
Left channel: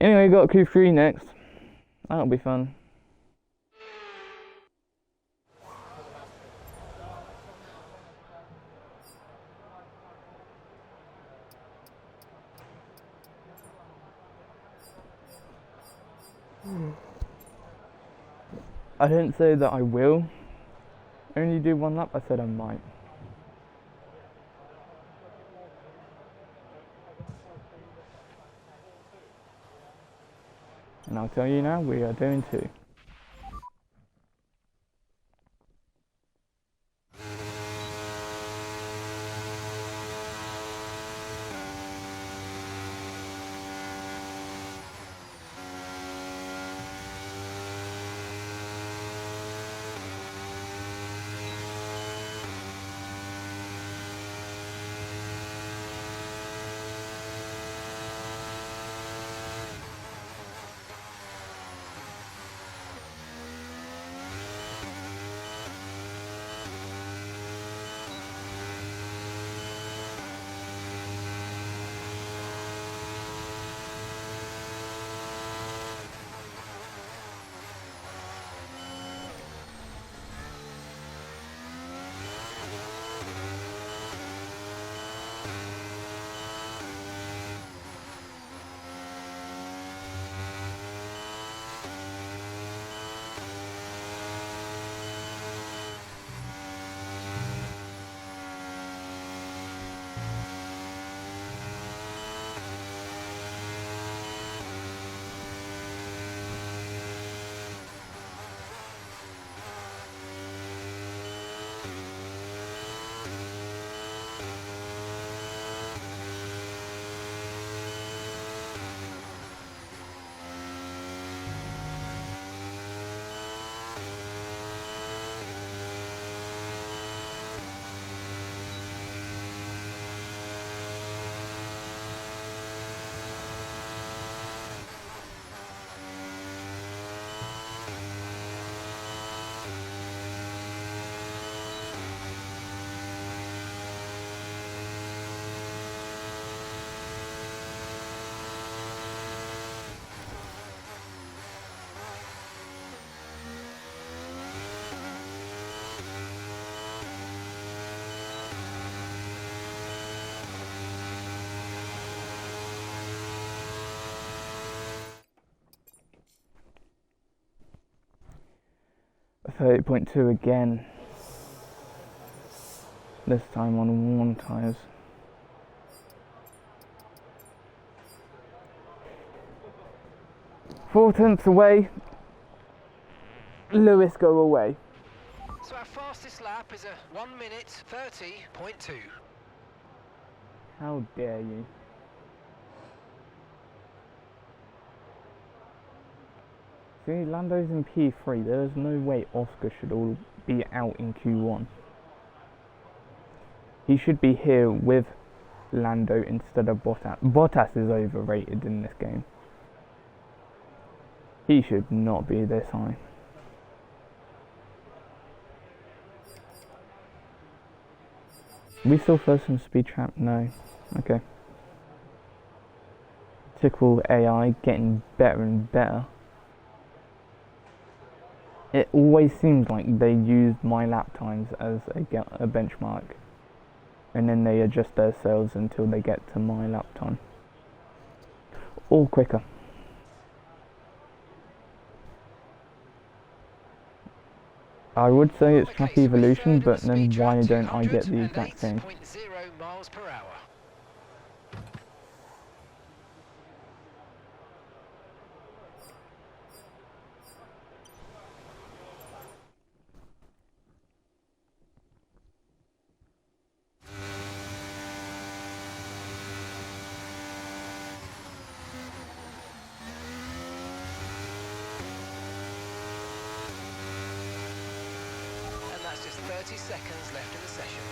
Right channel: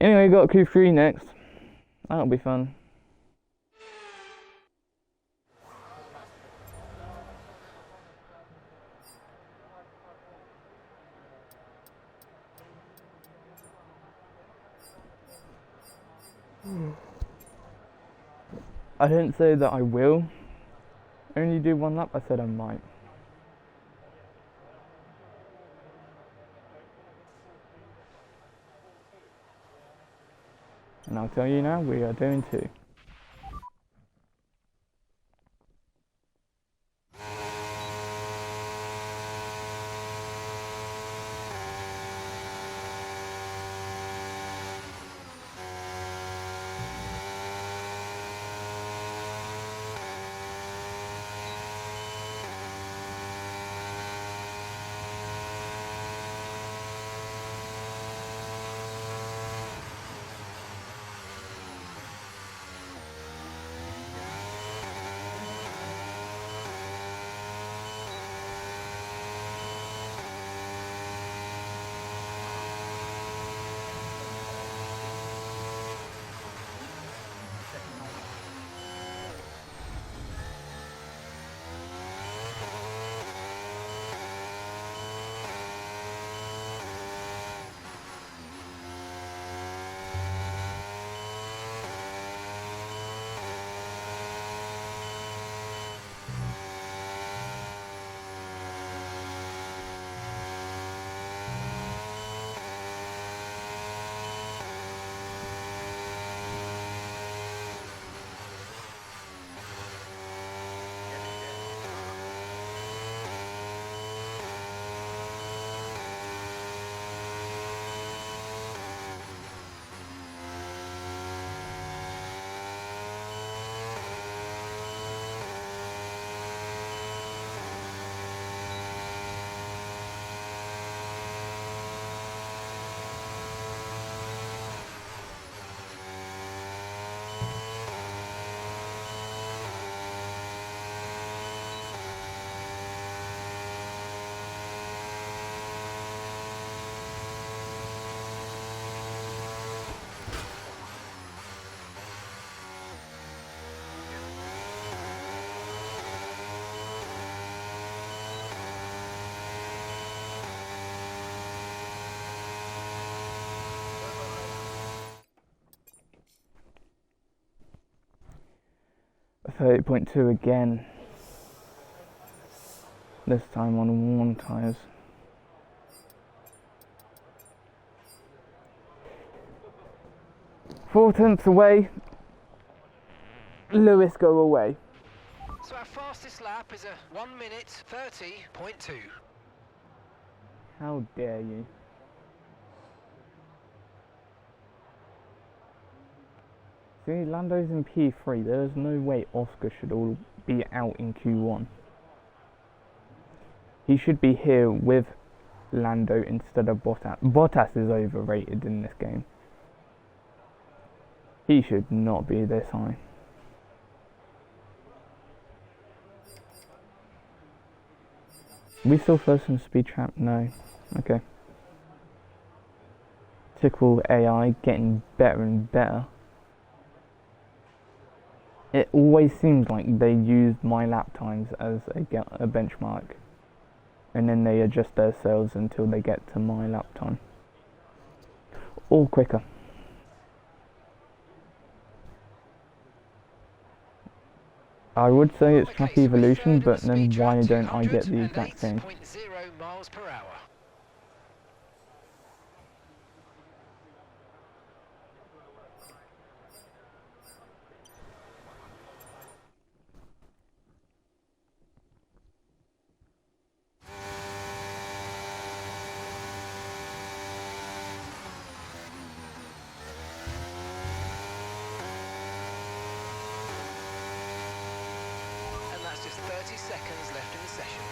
Anyway, got Q3 next. That'll be fun. I didn't say that I will only do one lap, I said I might. And I'll tell you now, we are doing 2. 30.2 again. This time on worn tyres. Four tenths away. Lewis go away. So our fastest lap is a 1 minute 30.2. How dare you? See, Lando's in P3. There's no way Oscar should all be out in Q1. He should be here with Lando instead of Bottas. Bottas is overrated in this game. He should not be this high. We still first in speed trap? No. Okay. Typical AI getting better and better. It always seems like they use my lap times as a benchmark, and then they adjust themselves until they get to my lap time. Or quicker. I would say it's track evolution, but then why don't I get the exact same? 0 miles per hour. And that's just 30 seconds left in the session.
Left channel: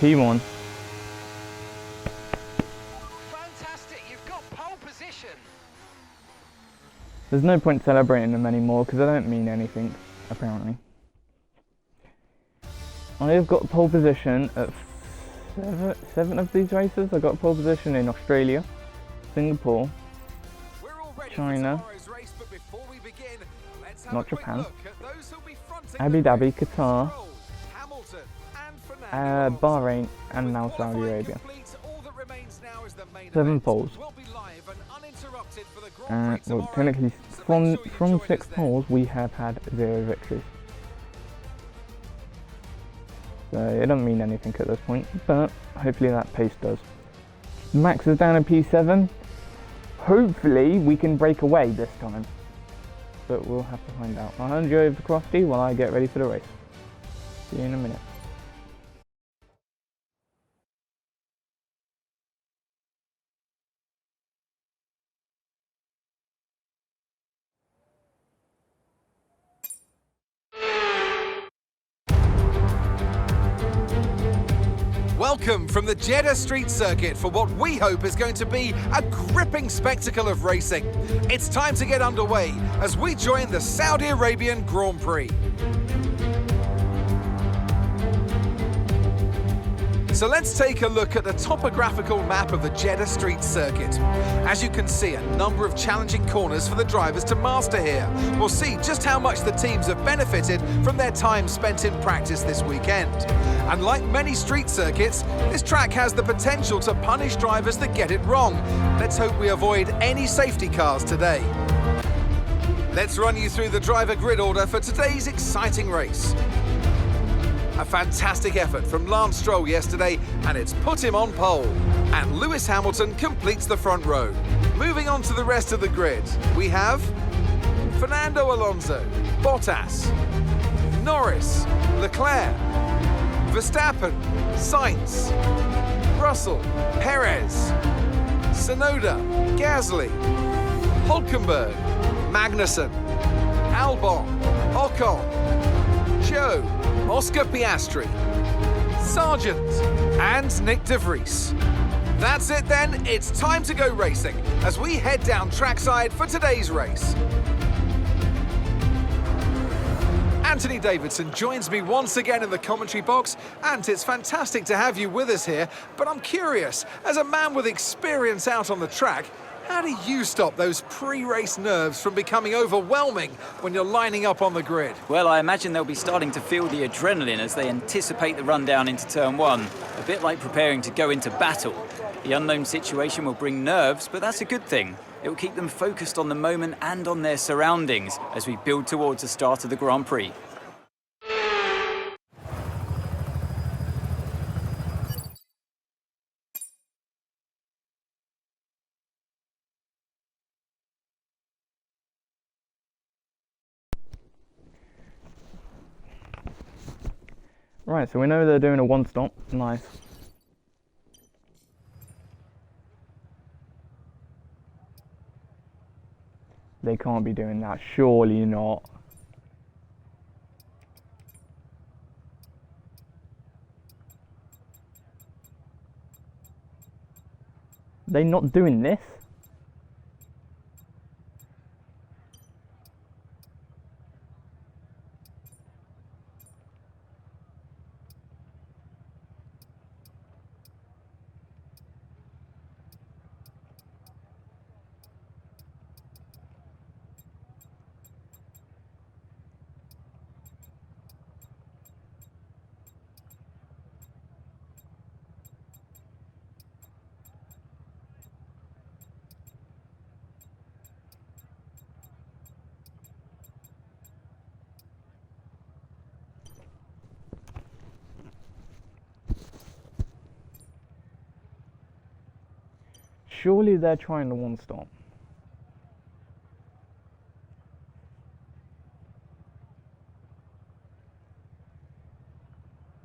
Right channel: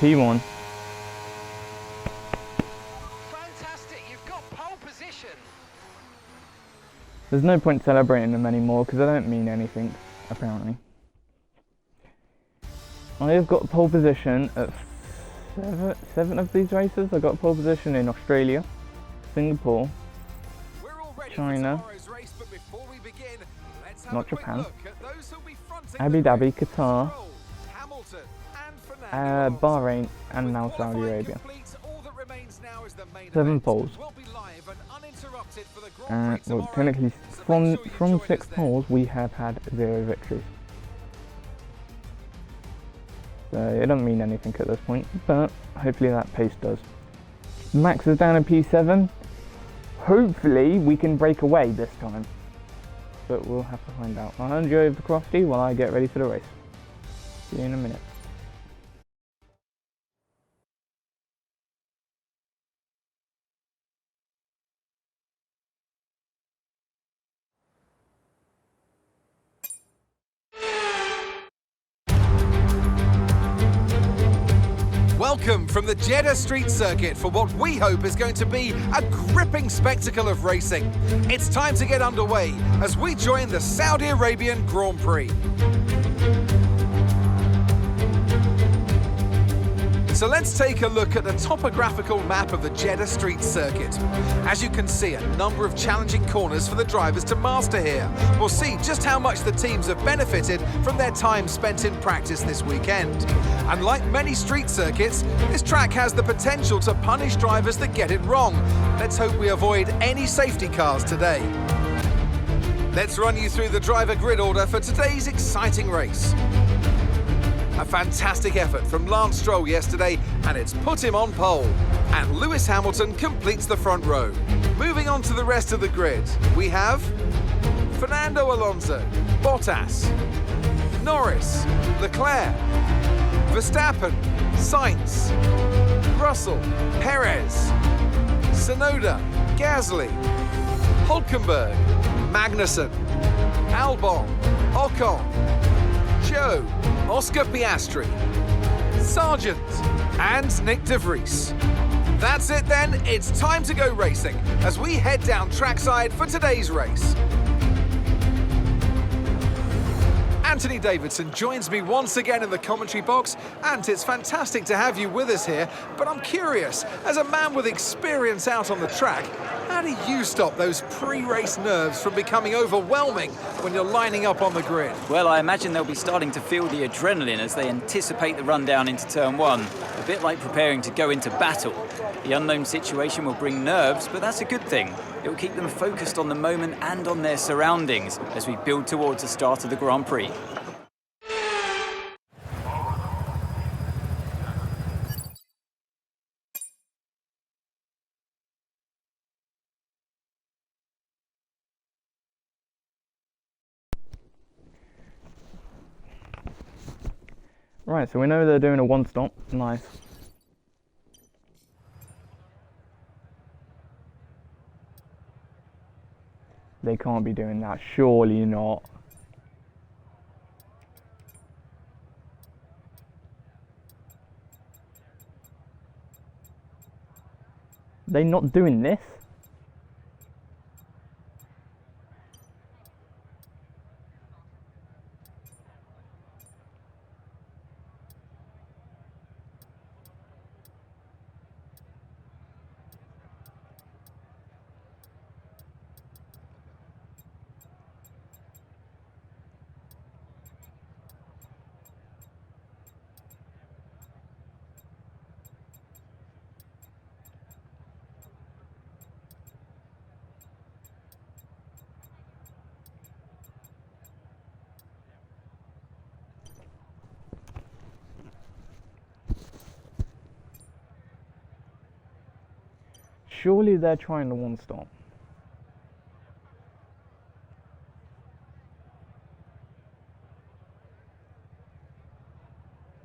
P1. Fantastic, you've got pole position. There's no point celebrating them anymore because they don't mean anything, apparently. I have got pole position at seven of these races. I got pole position in Australia, Singapore, China, not Japan, Abu Dhabi, Qatar, Bahrain, and now Saudi Arabia. 7 poles. Well, technically, from 6 poles, we have had 0 victories. So it doesn't mean anything at this point, but hopefully that pace does. Max is down in P7. Hopefully we can break away this time, but we'll have to find out. I'll hand you over to Crofty while I get ready for the race. See you in a minute. Welcome from the Jeddah Street Circuit for what we hope is going to be a gripping spectacle of racing. It's time to get underway as we join the Saudi Arabian Grand Prix. So let's take a look at the topographical map of the Jeddah Street Circuit. As you can see, a number of challenging corners for the drivers to master here. We'll see just how much the teams have benefited from their time spent in practice this weekend. And like many street circuits, this track has the potential to punish drivers that get it wrong. Let's hope we avoid any safety cars today. Let's run you through the driver grid order for today's exciting race. A fantastic effort from Lance Stroll yesterday, and it's put him on pole. And Lewis Hamilton completes the front row. Moving on to the rest of the grid, we have Fernando Alonso, Bottas, Norris, Leclerc, Verstappen, Sainz, Russell, Perez, Tsunoda, Gasly, Hülkenberg, Magnussen, Albon, Ocon, Zhou, Oscar Piastri, Sargent, and Nick de Vries. That's it then, it's time to go racing as we head down trackside for today's race. Anthony Davidson joins me once again in the commentary box, and it's fantastic to have you with us here, but I'm curious, as a man with experience out on the track, how do you stop those pre-race nerves from becoming overwhelming when you're lining up on the grid? Well, I imagine they'll be starting to feel the adrenaline as they anticipate the run down into turn one, a bit like preparing to go into battle. The unknown situation will bring nerves, but that's a good thing. It will keep them focused on the moment and on their surroundings as we build towards the start of the Grand Prix. Right, so we know they're doing a one stop. Nice. They can't be doing that, surely not. They not doing this? Surely they're trying to one stop.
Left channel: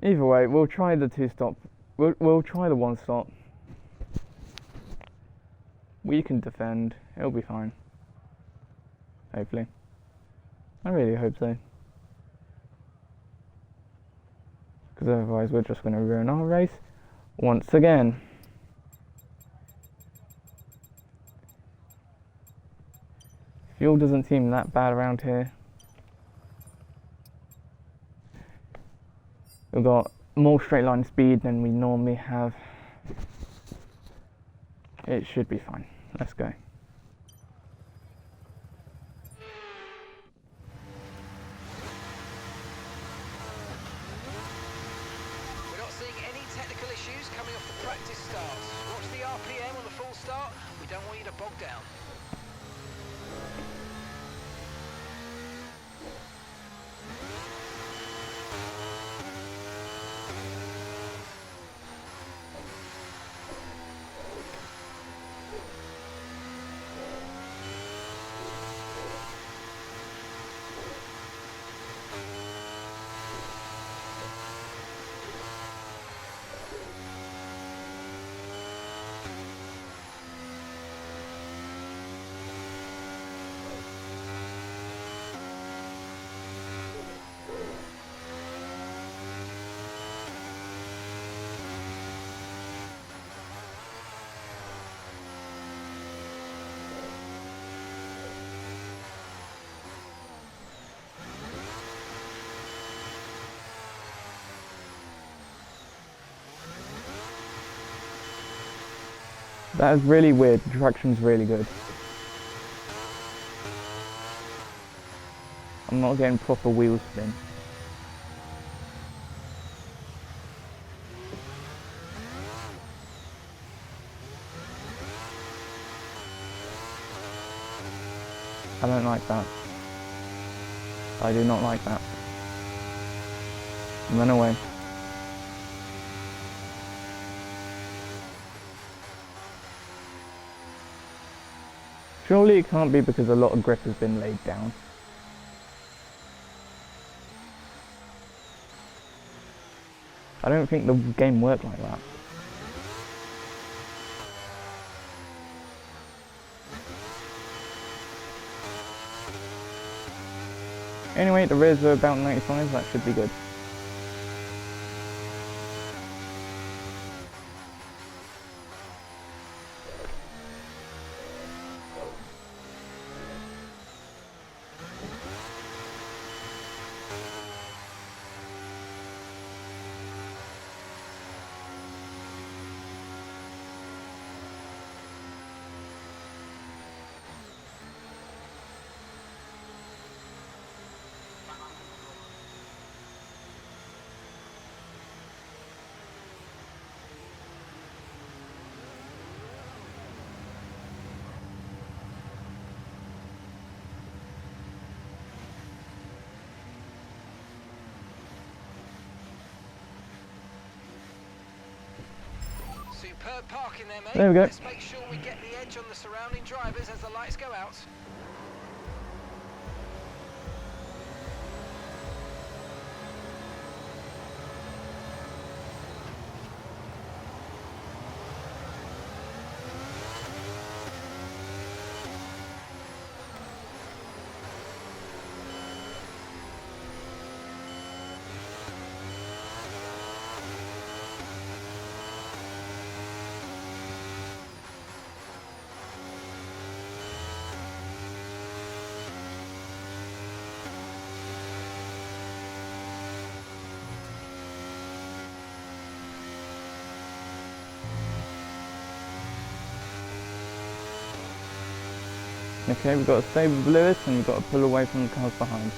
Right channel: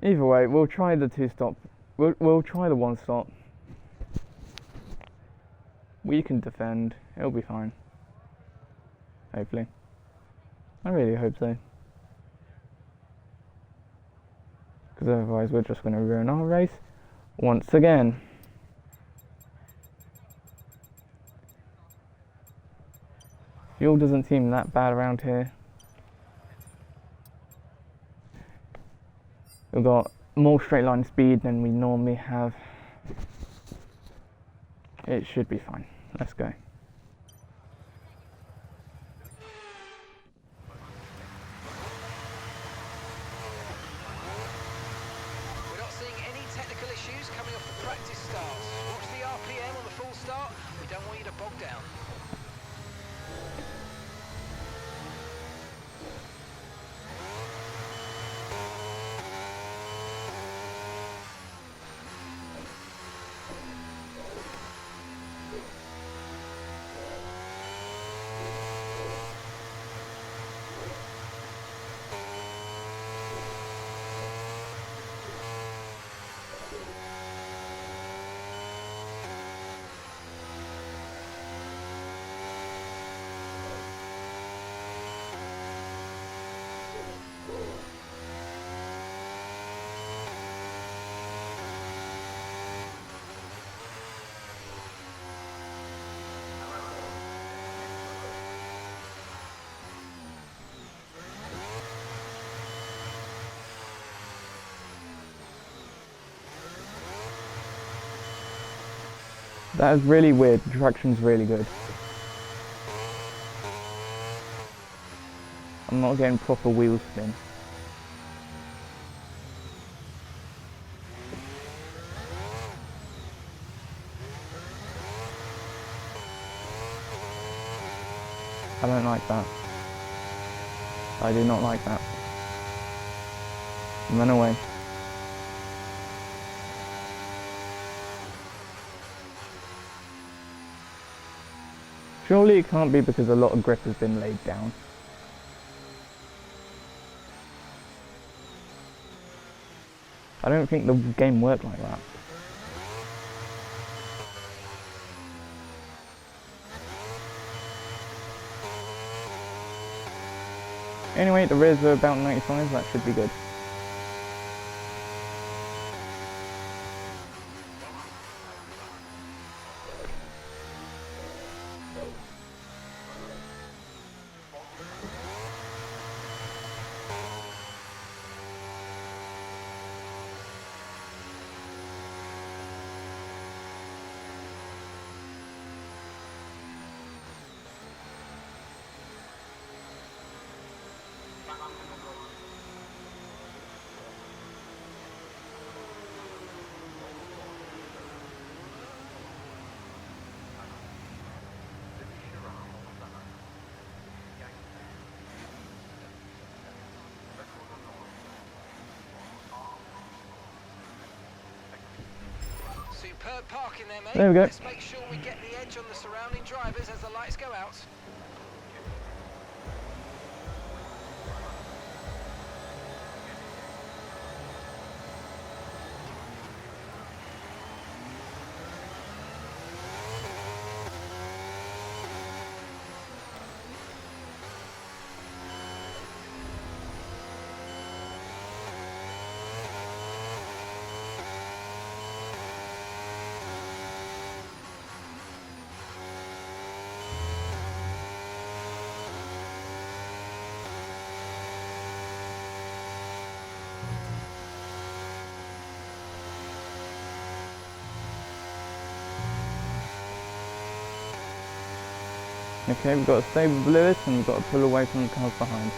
Either way, we'll try the two stop. We'll try the one stop. We can defend. It'll be fine. Hopefully. I really hope so. Because otherwise we're just going to ruin our race once again. Fuel doesn't seem that bad around here. We've got more straight line speed than we normally have. It should be fine. Let's go. We're not seeing any technical issues coming off the practice starts. Watch the RPM on the full start. We don't want you to bog down. That is really weird. The traction's really good. I'm not getting proper wheel spin. I don't like that. I do not like that. Run away. Surely it can't be because a lot of grip has been laid down. I don't think the game worked like that. Anyway, the rears are about 95, that should be good. Superb parking there, mate. There we go. Let's make sure we get the edge on the surrounding drivers as the lights go out. Okay, we've got to stay with Lewis and we've got to pull away from the cars behind.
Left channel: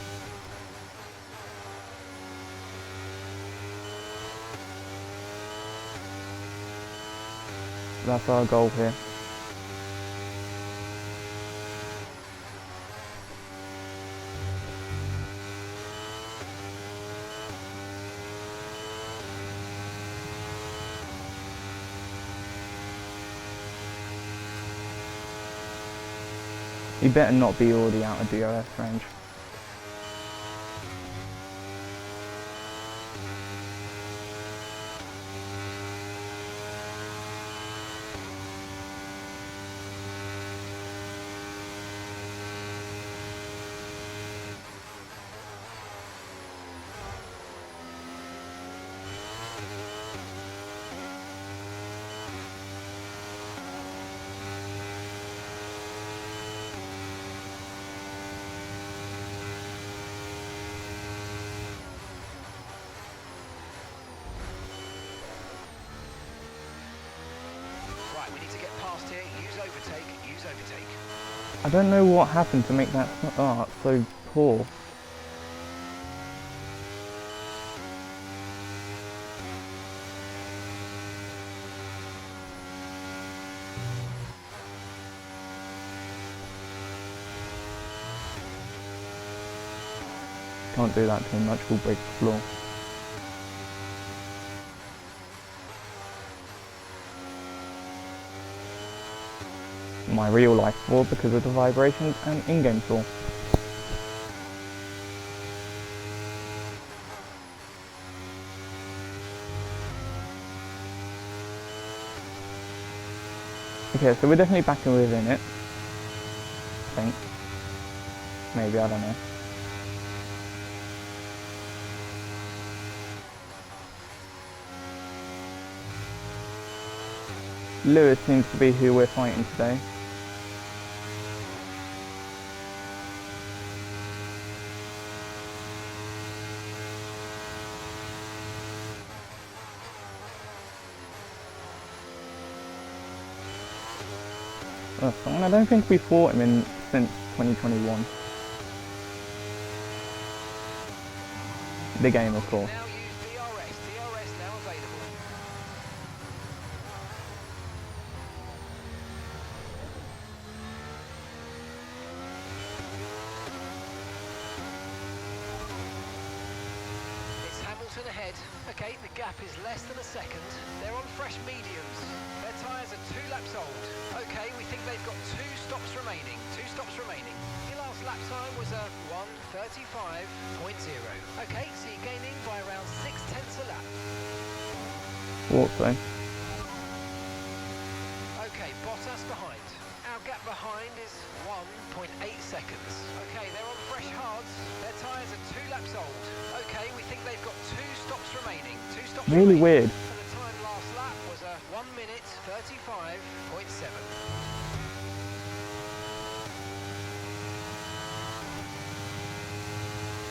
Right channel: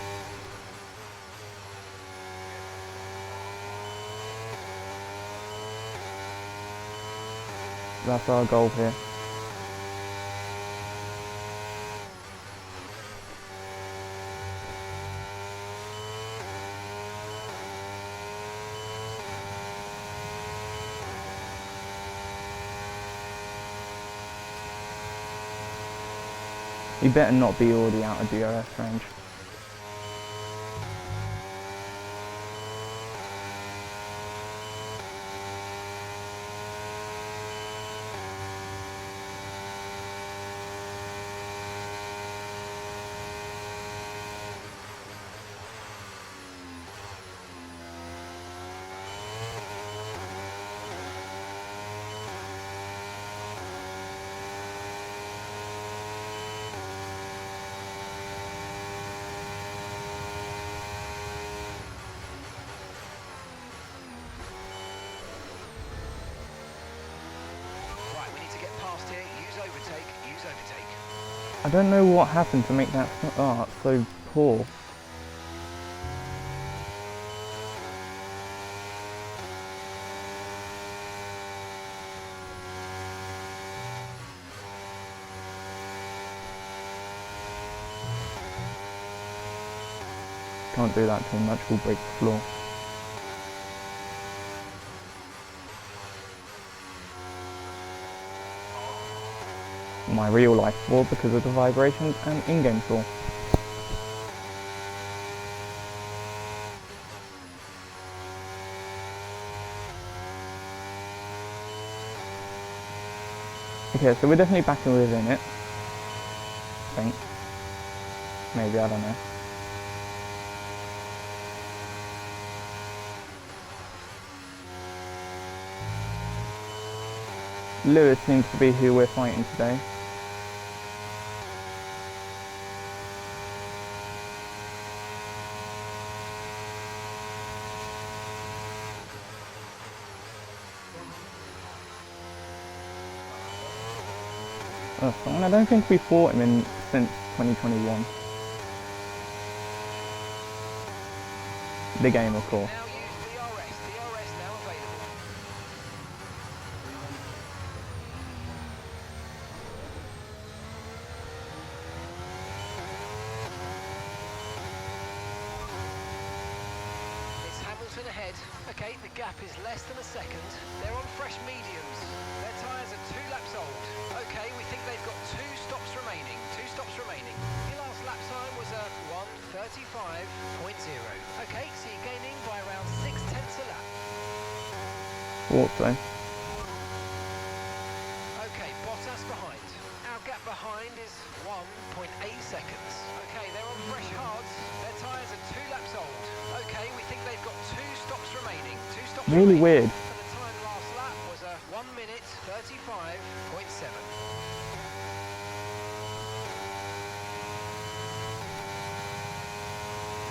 That's our goal here. You better not be already out of DRS range. Right, we need to get past here. Use overtake. Use overtake. I don't know what happened to make that start so poor. Can't do that too much, we'll break the floor. My real life floor because of the vibrations and in-game floor. Okay, so we're definitely back within it. I think. Maybe, I don't know. Lewis seems to be who we're fighting today. That's fine. I don't think we fought him since 2021. The game, of course. Now use DRS. DRS now available. It's Hamilton ahead. Okay, the gap is less than a second. They're on fresh mediums. Their tyres are 2 laps old. Okay, we think they've got 2 stops remaining. 2 stops remaining. Your last lap time was a 1:35.0. Okay, so you're gaining by around 6/10 a lap. Walk though. Okay, Bottas behind. Our gap behind is 1.8 seconds. Okay, they're on fresh hards. Their tyres are 2 laps old. Okay, we think they've got 2 stops remaining. 2 stops Really remaining. weird. And the time last lap was a 1:35.7.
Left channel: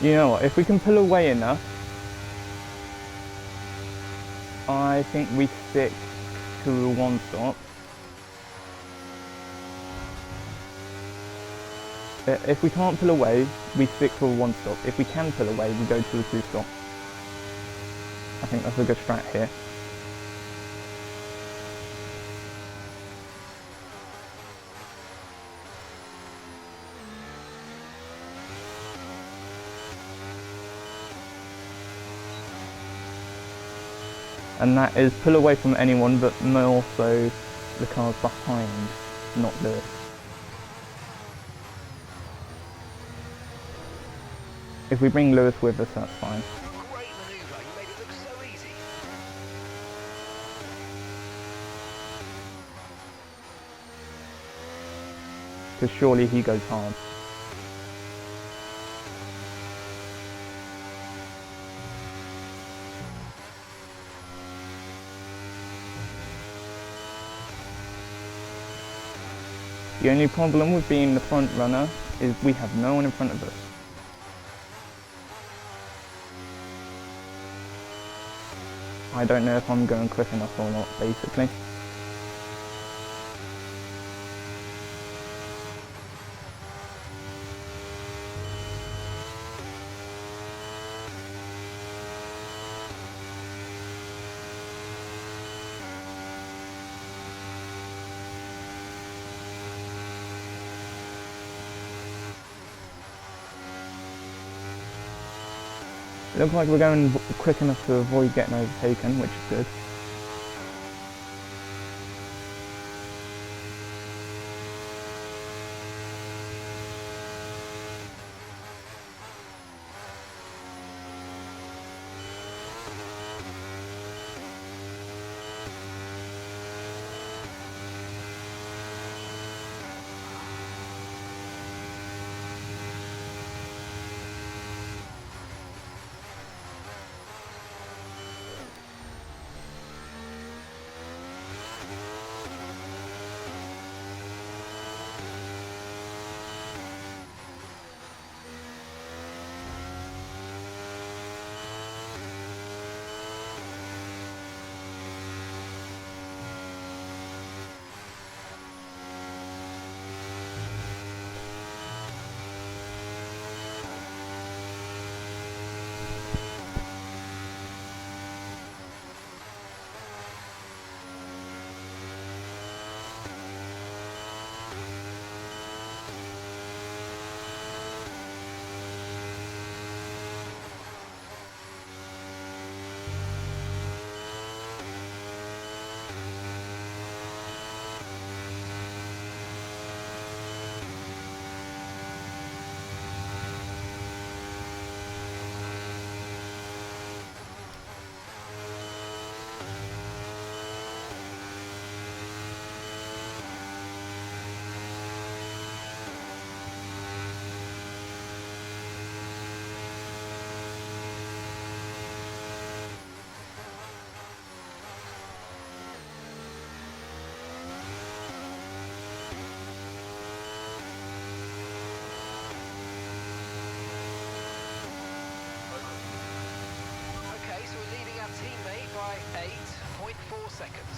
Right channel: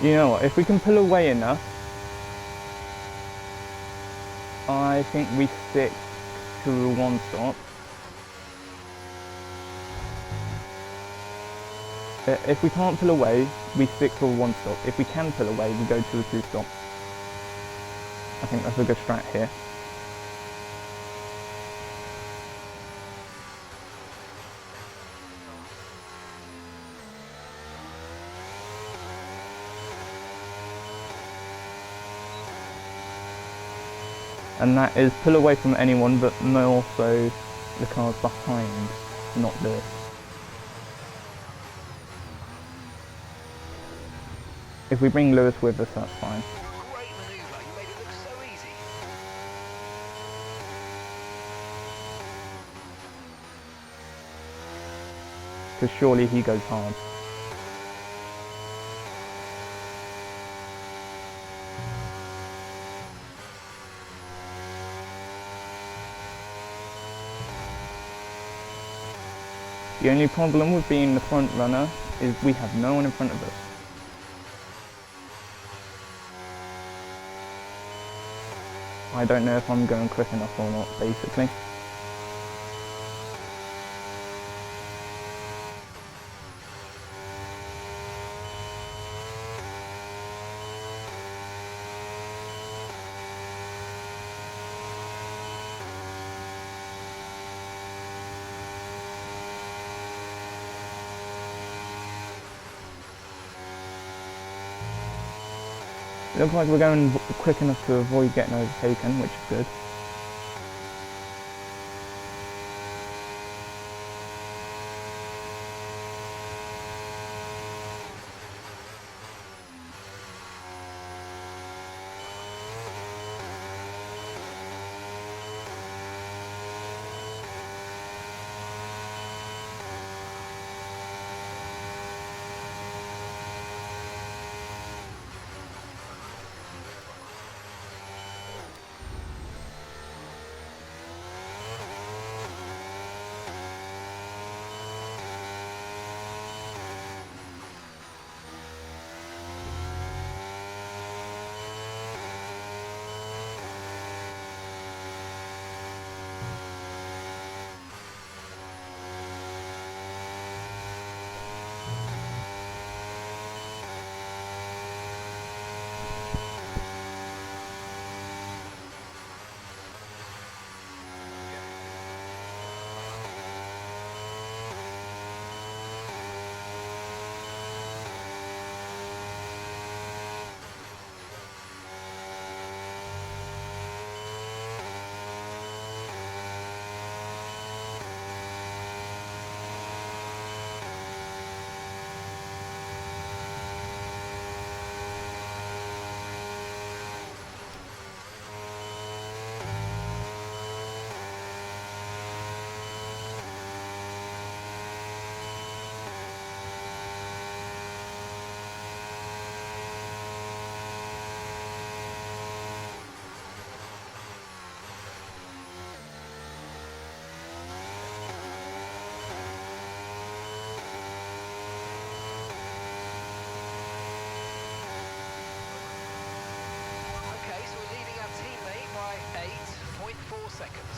You know what? If we can pull away enough, I think we stick to a 1 stop. If we can't pull away, we stick to a 1 stop. If we can pull away, we go to a 2 stop. I think that's a good strat here. And that is pull away from anyone, but more so the cars behind, not Lewis. If we bring Lewis with us, that's fine. Great manoeuvre. You made it look so easy. Because surely he goes hard. The only problem with being the front runner is we have no one in front of us. I don't know if I'm going quick enough or not, basically. It looks like we're going quick enough to avoid getting overtaken, which is good. teammate by 8.4 seconds.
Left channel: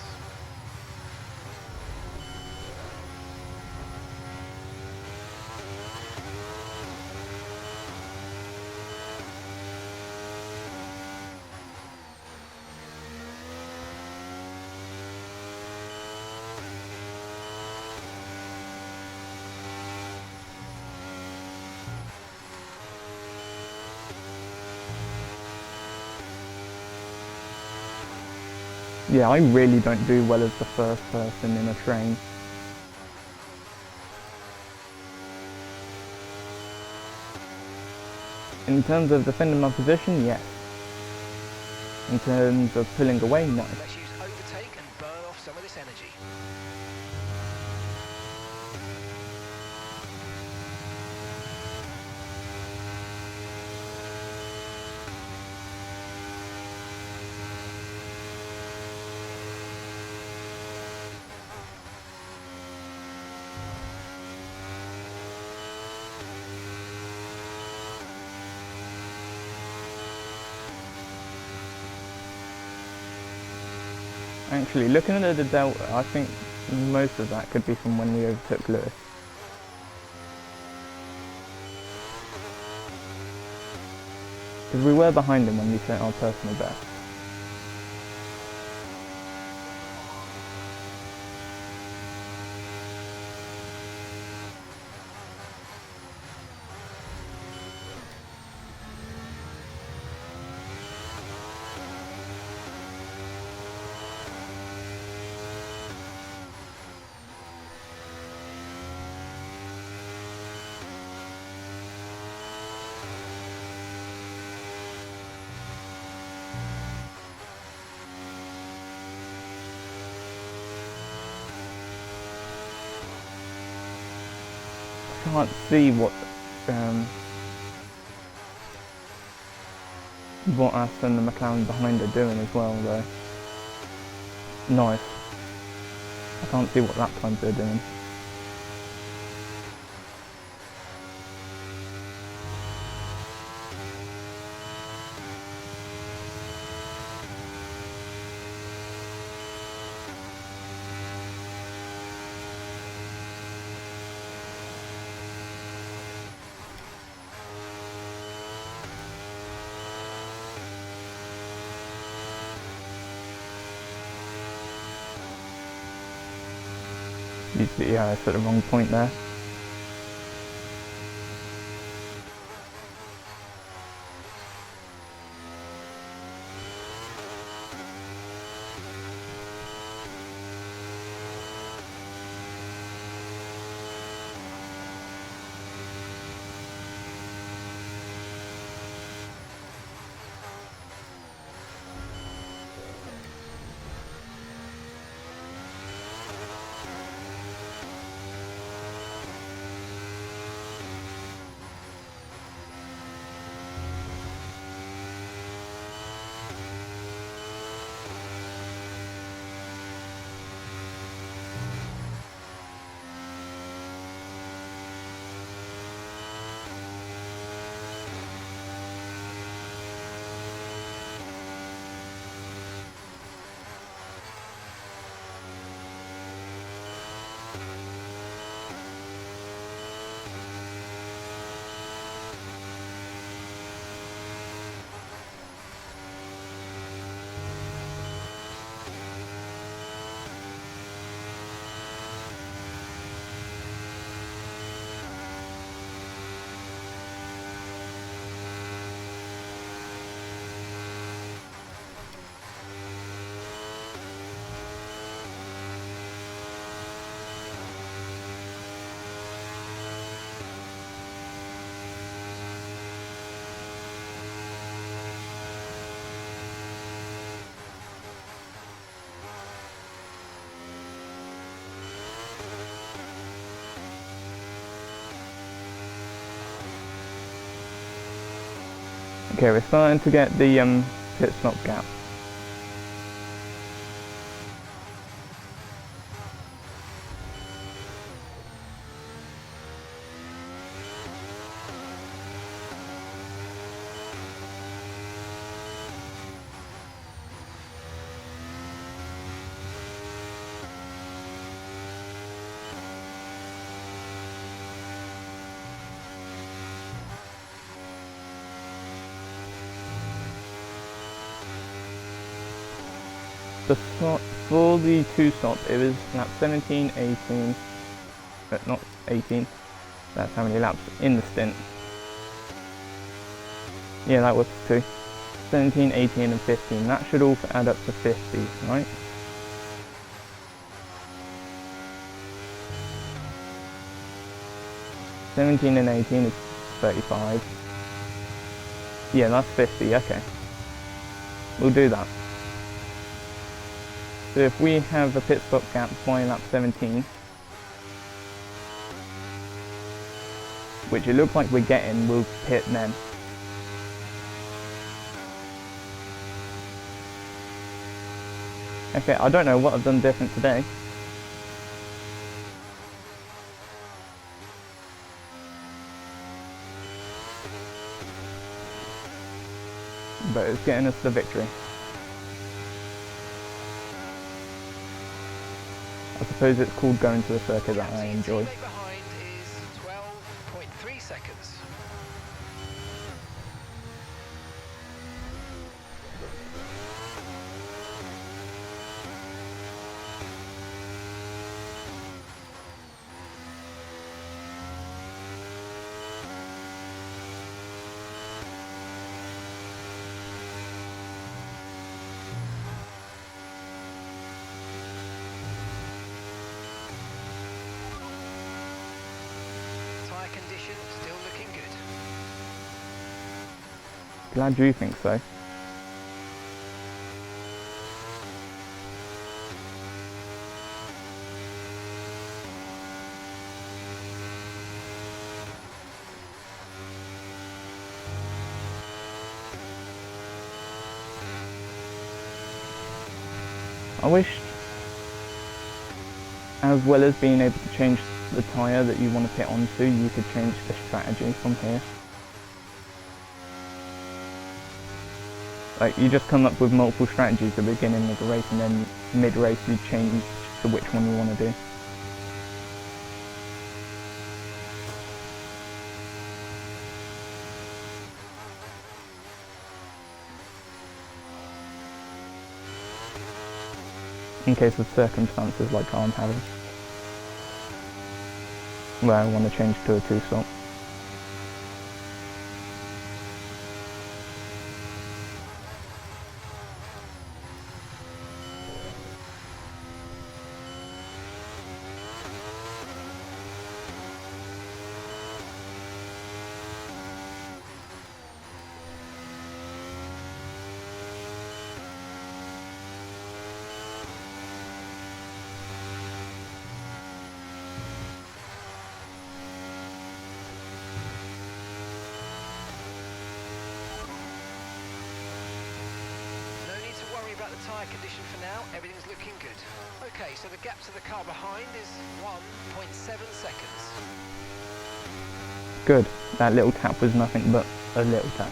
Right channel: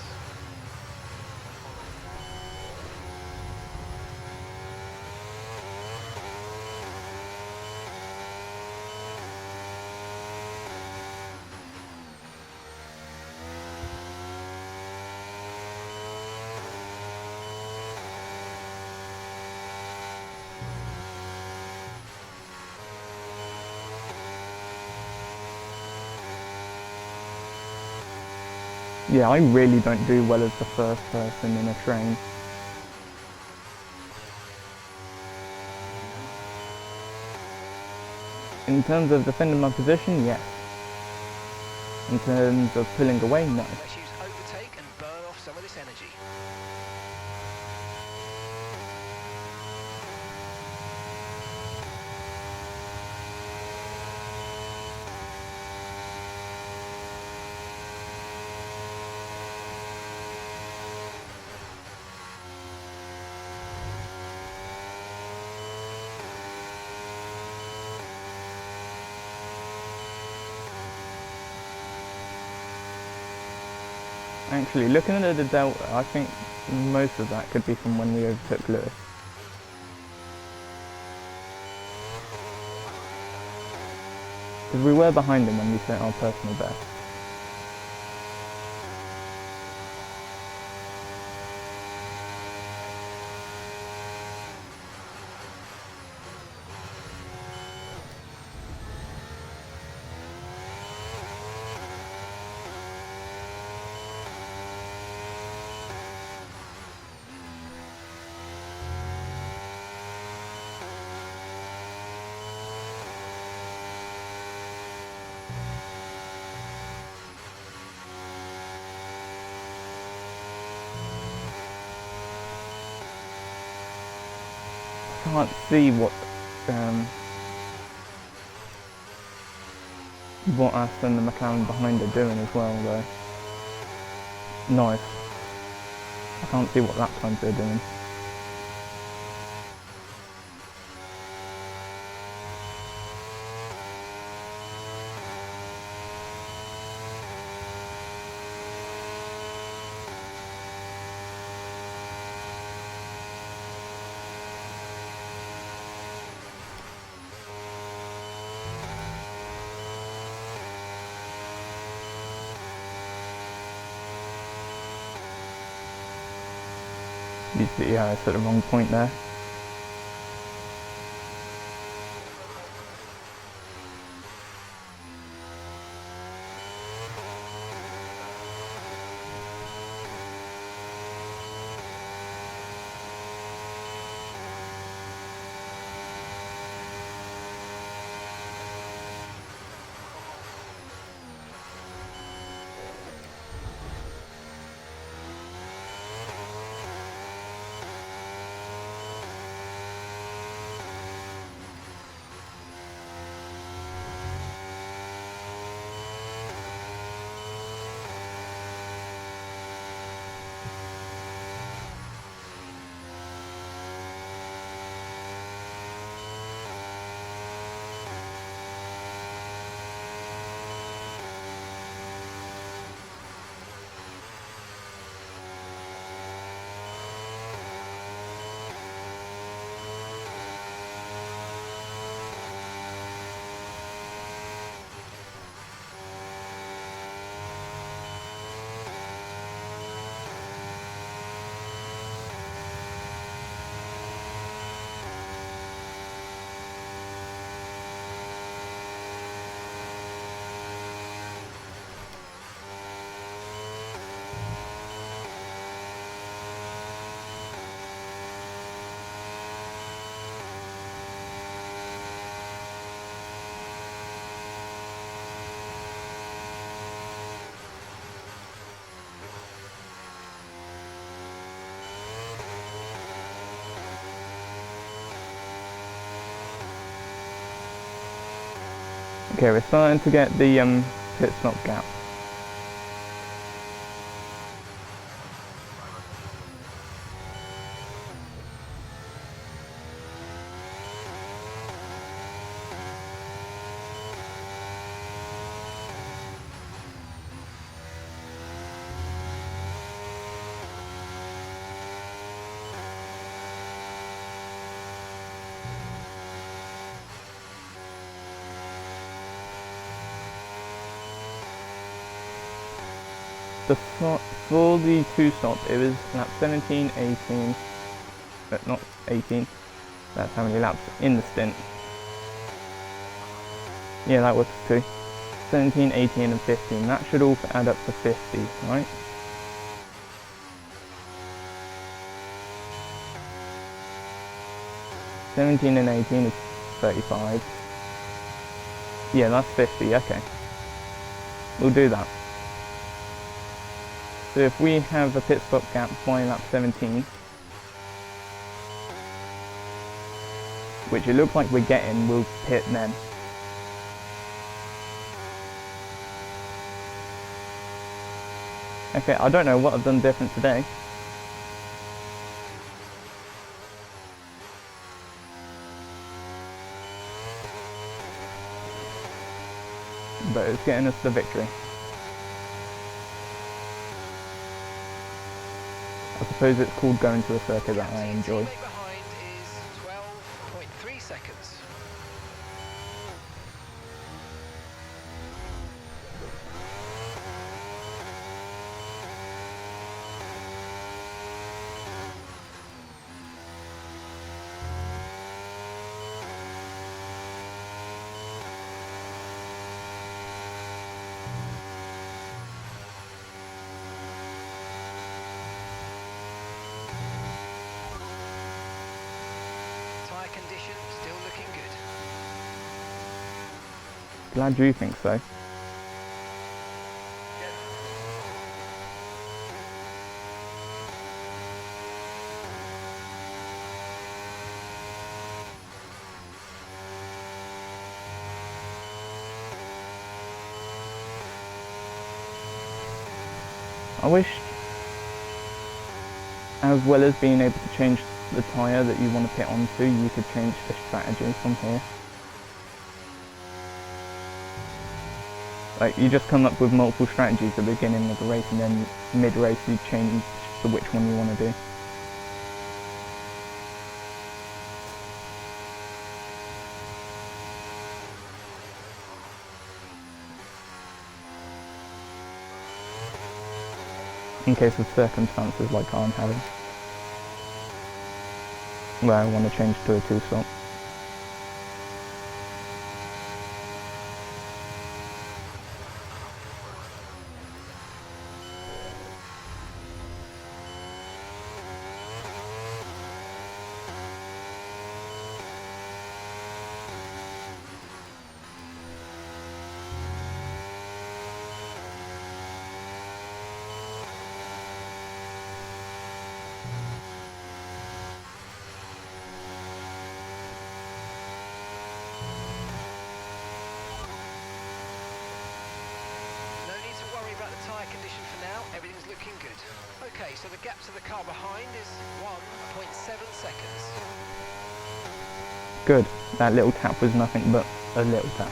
Yeah, I really don't do well as the first person in a train. In terms of defending my position, yes. In terms of pulling away, no. Let's use overtake and burn off some of this energy. Actually, looking at the delta, I think most of that could be from when we overtook Lewis. Because we were behind him when we set our personal best. Can't see what Aston and McLaren behind are doing as well though. Nice. I can't see what lap times they're doing. Yeah, I set the wrong point there. Okay, we're starting to get the pit stop gap. For the two stop, it was lap 17, 18, but not 18. That's how many laps in the stint. Yeah, that was two. 17, 18 and 15. That should all add up to 50, right? (17 and 18 is 35. Yeah, that's 50, okay. We'll do that. So if we have a pit stop gap by lap 17, which it looks like we're getting, we'll pit then. Okay, I don't know what I've done different today. But it's getting us the victory. I suppose it's called going to a circuit that I enjoy. Behind is 12.3 seconds. Tyre condition still looking good. Glad you think so. I wish, as well as being able to change the tyre that you want to pit onto, you could change the strategy from here. Like, you just come up with multiple strategies at the beginning of the race, and then mid-race you change to which one you want to do. In case of circumstances like I'm having, where I want to change to a 2-stop. No need to worry about the tyre condition for now, everything's looking good. Okay, so the gap to the car behind is 1.7 seconds. Good. That little tap was nothing but a little tap.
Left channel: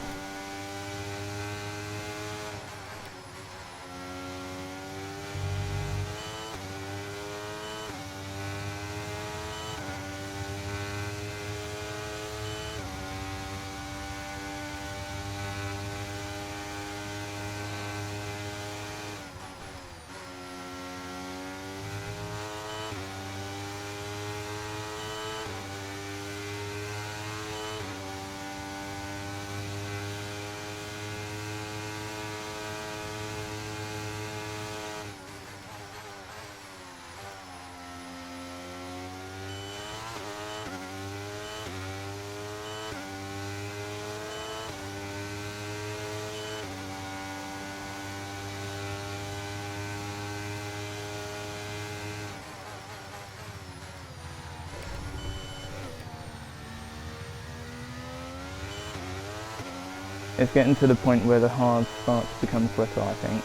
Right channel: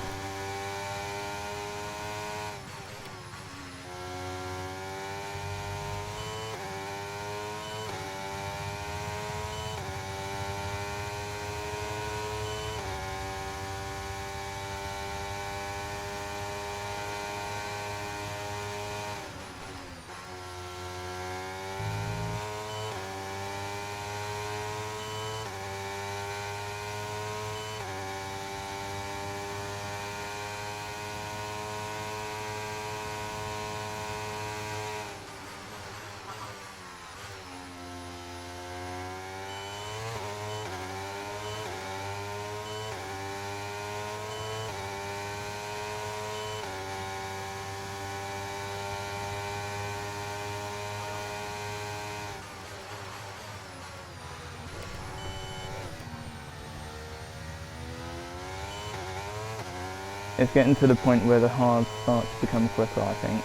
It's getting to the point where the hard starts to become quicker, I think.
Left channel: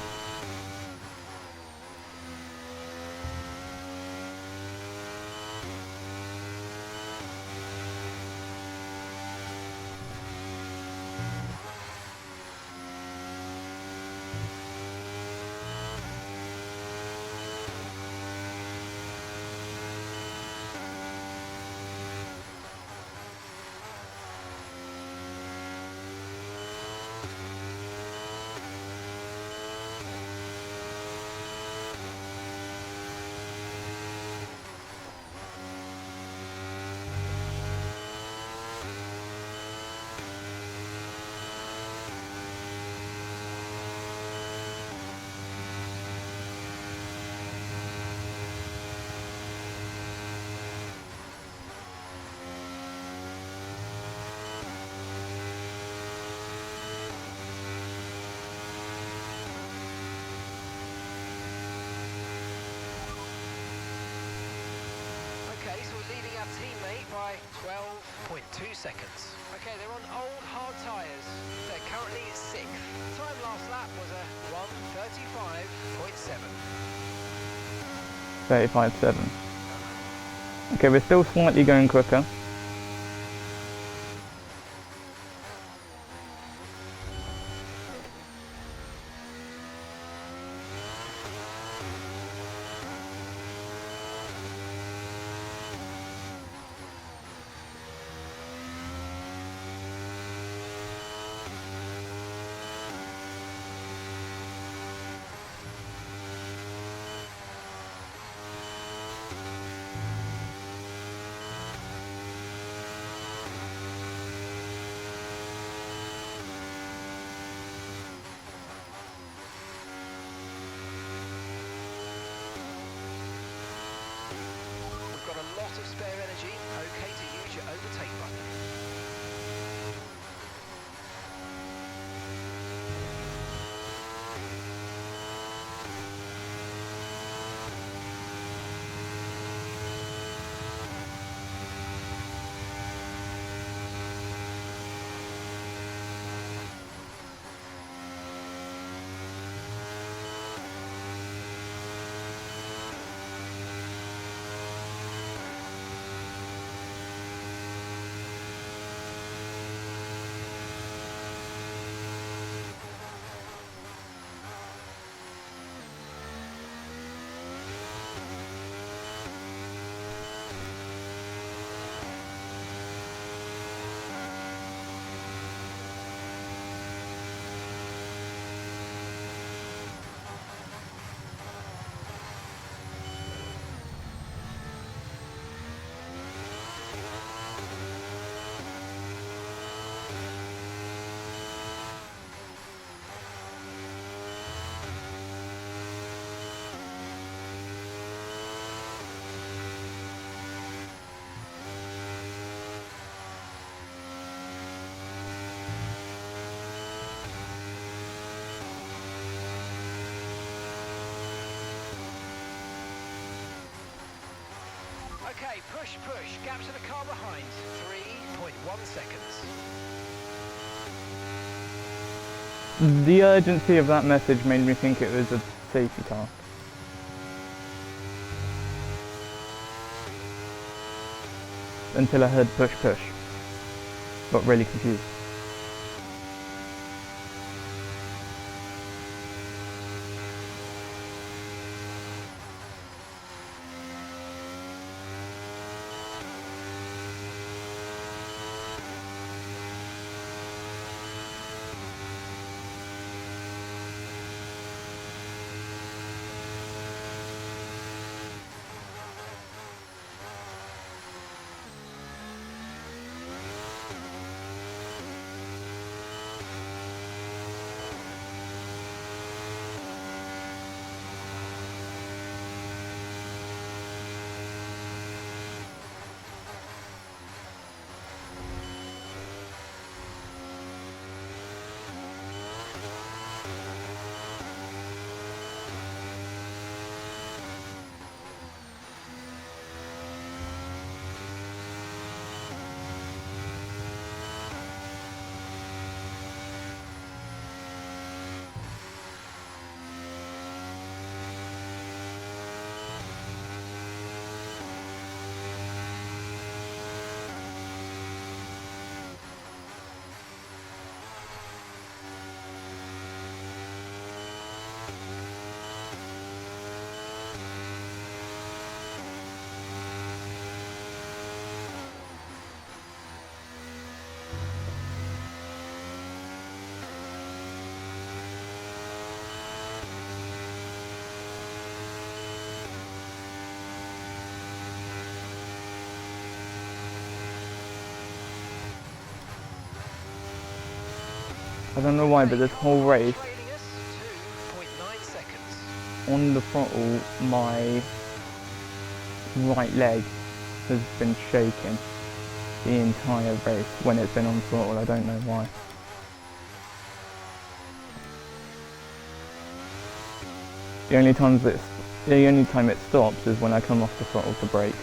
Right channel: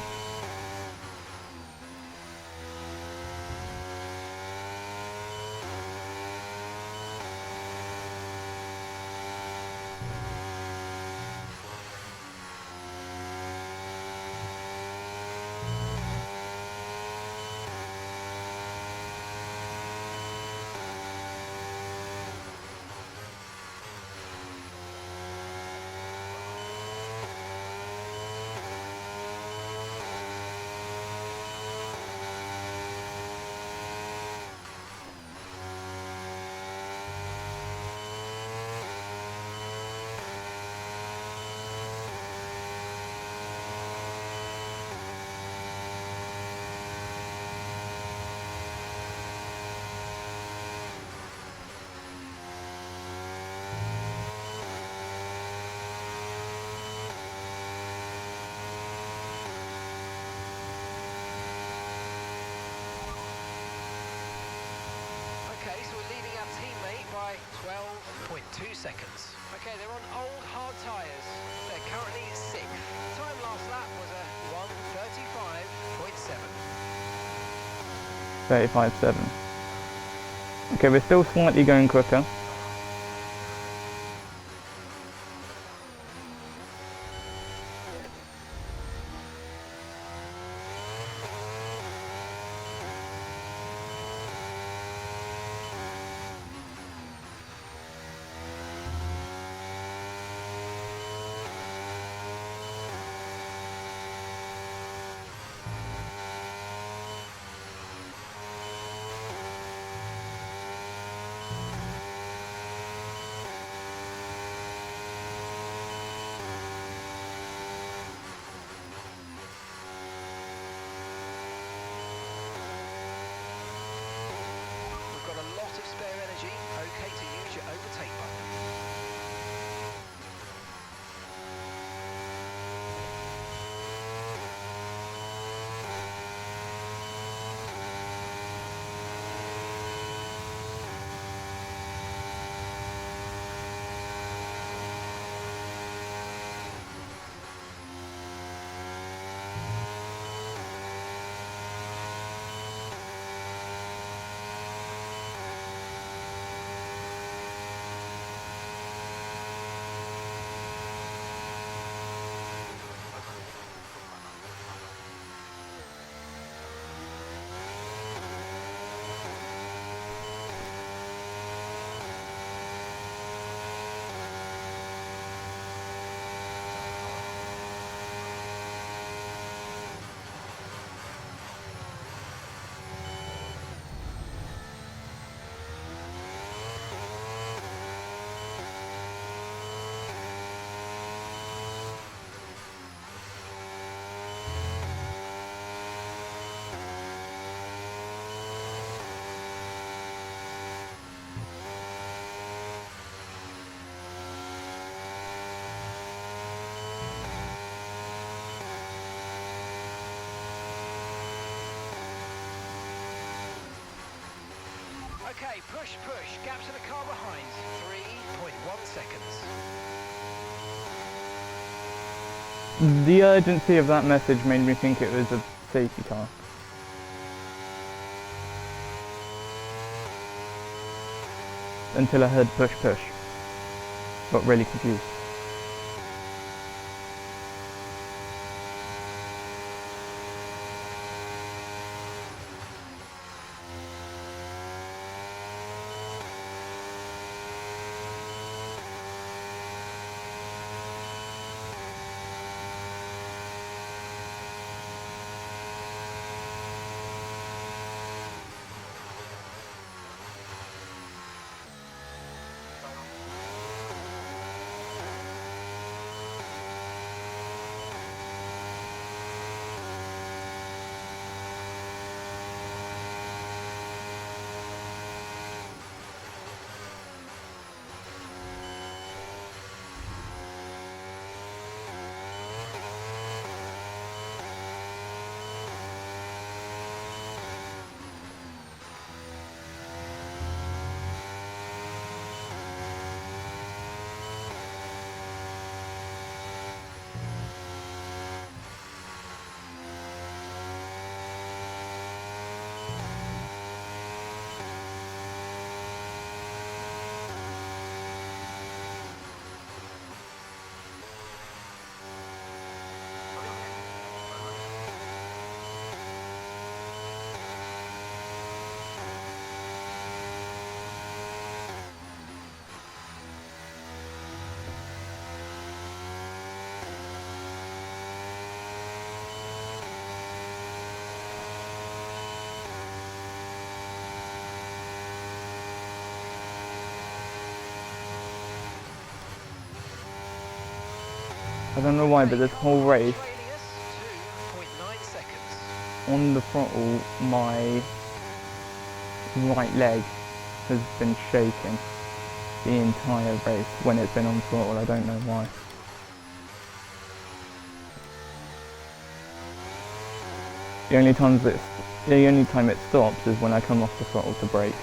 2 seconds. Okay, they're on old hard tyres. They're currently 6th. Time last lap was a 1:35.7. 35.7. Okay, we're still slightly going quicker. Got a lot of spare energy, okay to use your overtake button. Okay, push, push. Gap to the car behind. 3.1 seconds. The urgency of that message made me think it was a safety car. Until I heard push, push. Got really confused. I don't know why, but this whole race, Trailing us 2.9 seconds. on the throttle, my right leg has been shaking the entire race when it's been on throttle. I don't know why. The only time it stops is when I come off the throttle to brake.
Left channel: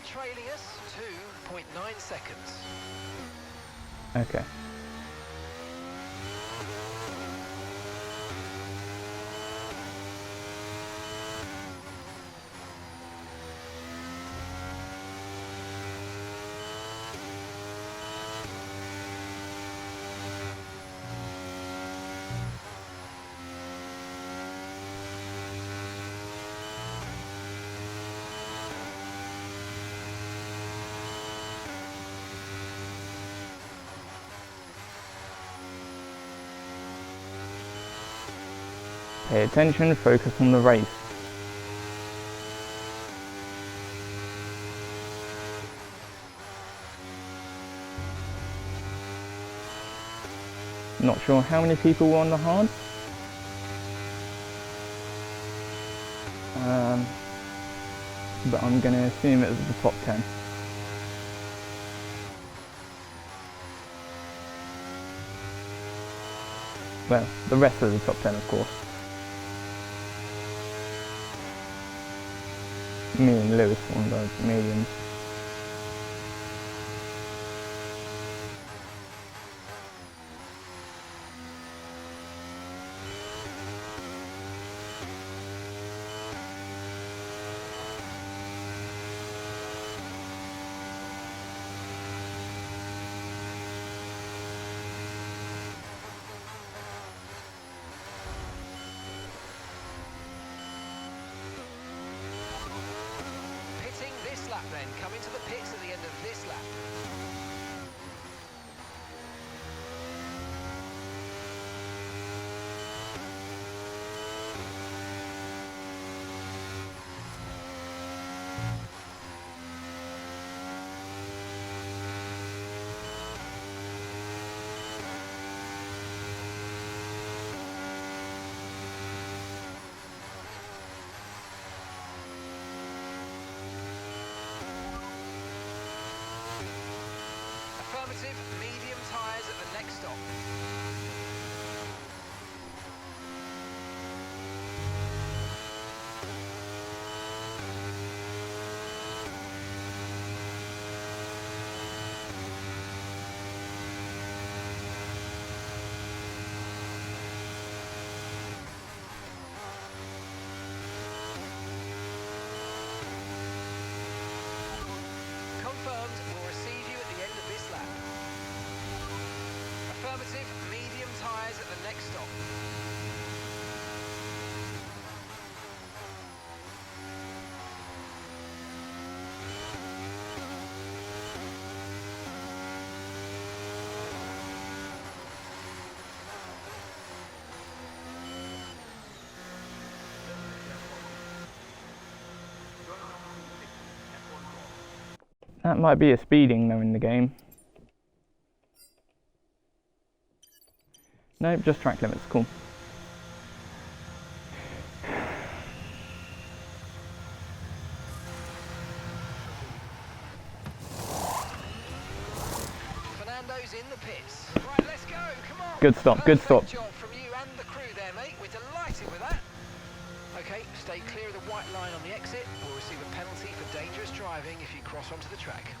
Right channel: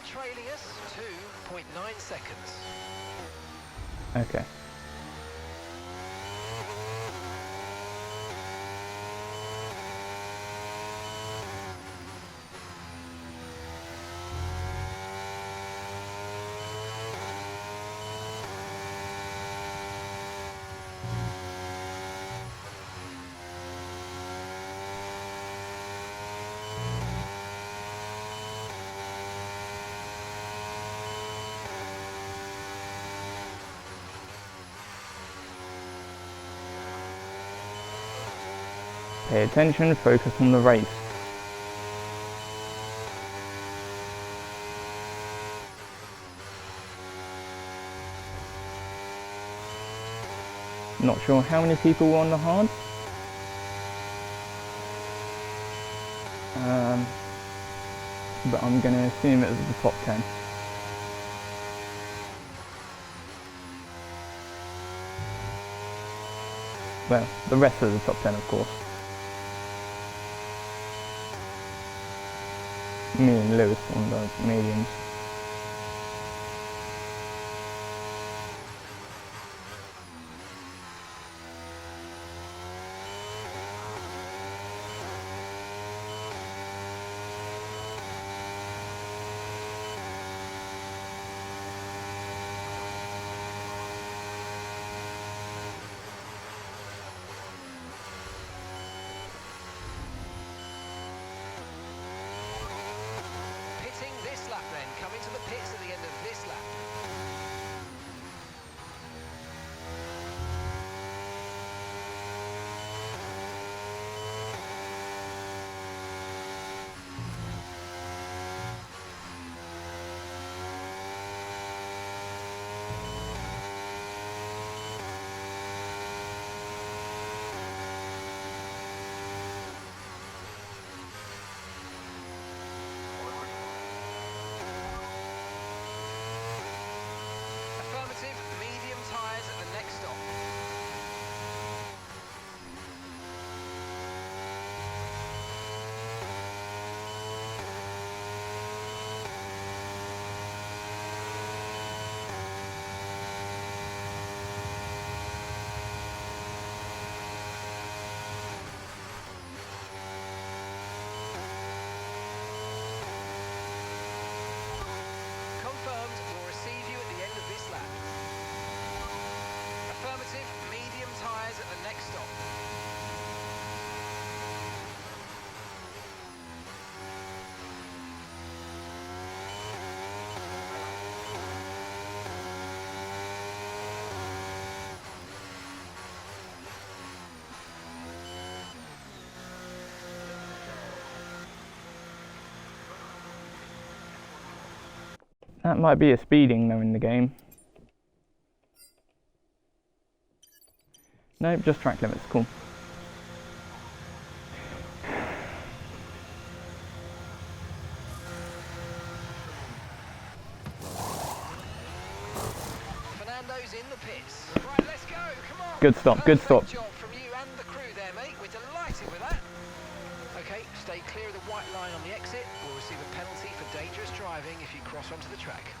time trailing us, 2.9 seconds. Okay. Pay attention, focus on the race. Not sure how many people were on the hard. But I'm going to assume it was the top 10. Well, the rest of the top 10 of course. Me and Lewis on the mediums. This lap then, come into the pits at the end of this lap. Affirmative, medium tyres at the next stop. Confirmed, we'll receive you at the end of this lap. Affirmative, medium tyres at the next stop. That might be a speeding though in the game. Nope, just track limits, cool. Fernando's in the pits. Right, let's go, come on. Good stop, good stop. Perfect job from you and the crew there, mate. We're delighted with that. Okay, stay clear of the white line on the exit. We'll receive a penalty for dangerous driving if you cross onto the track.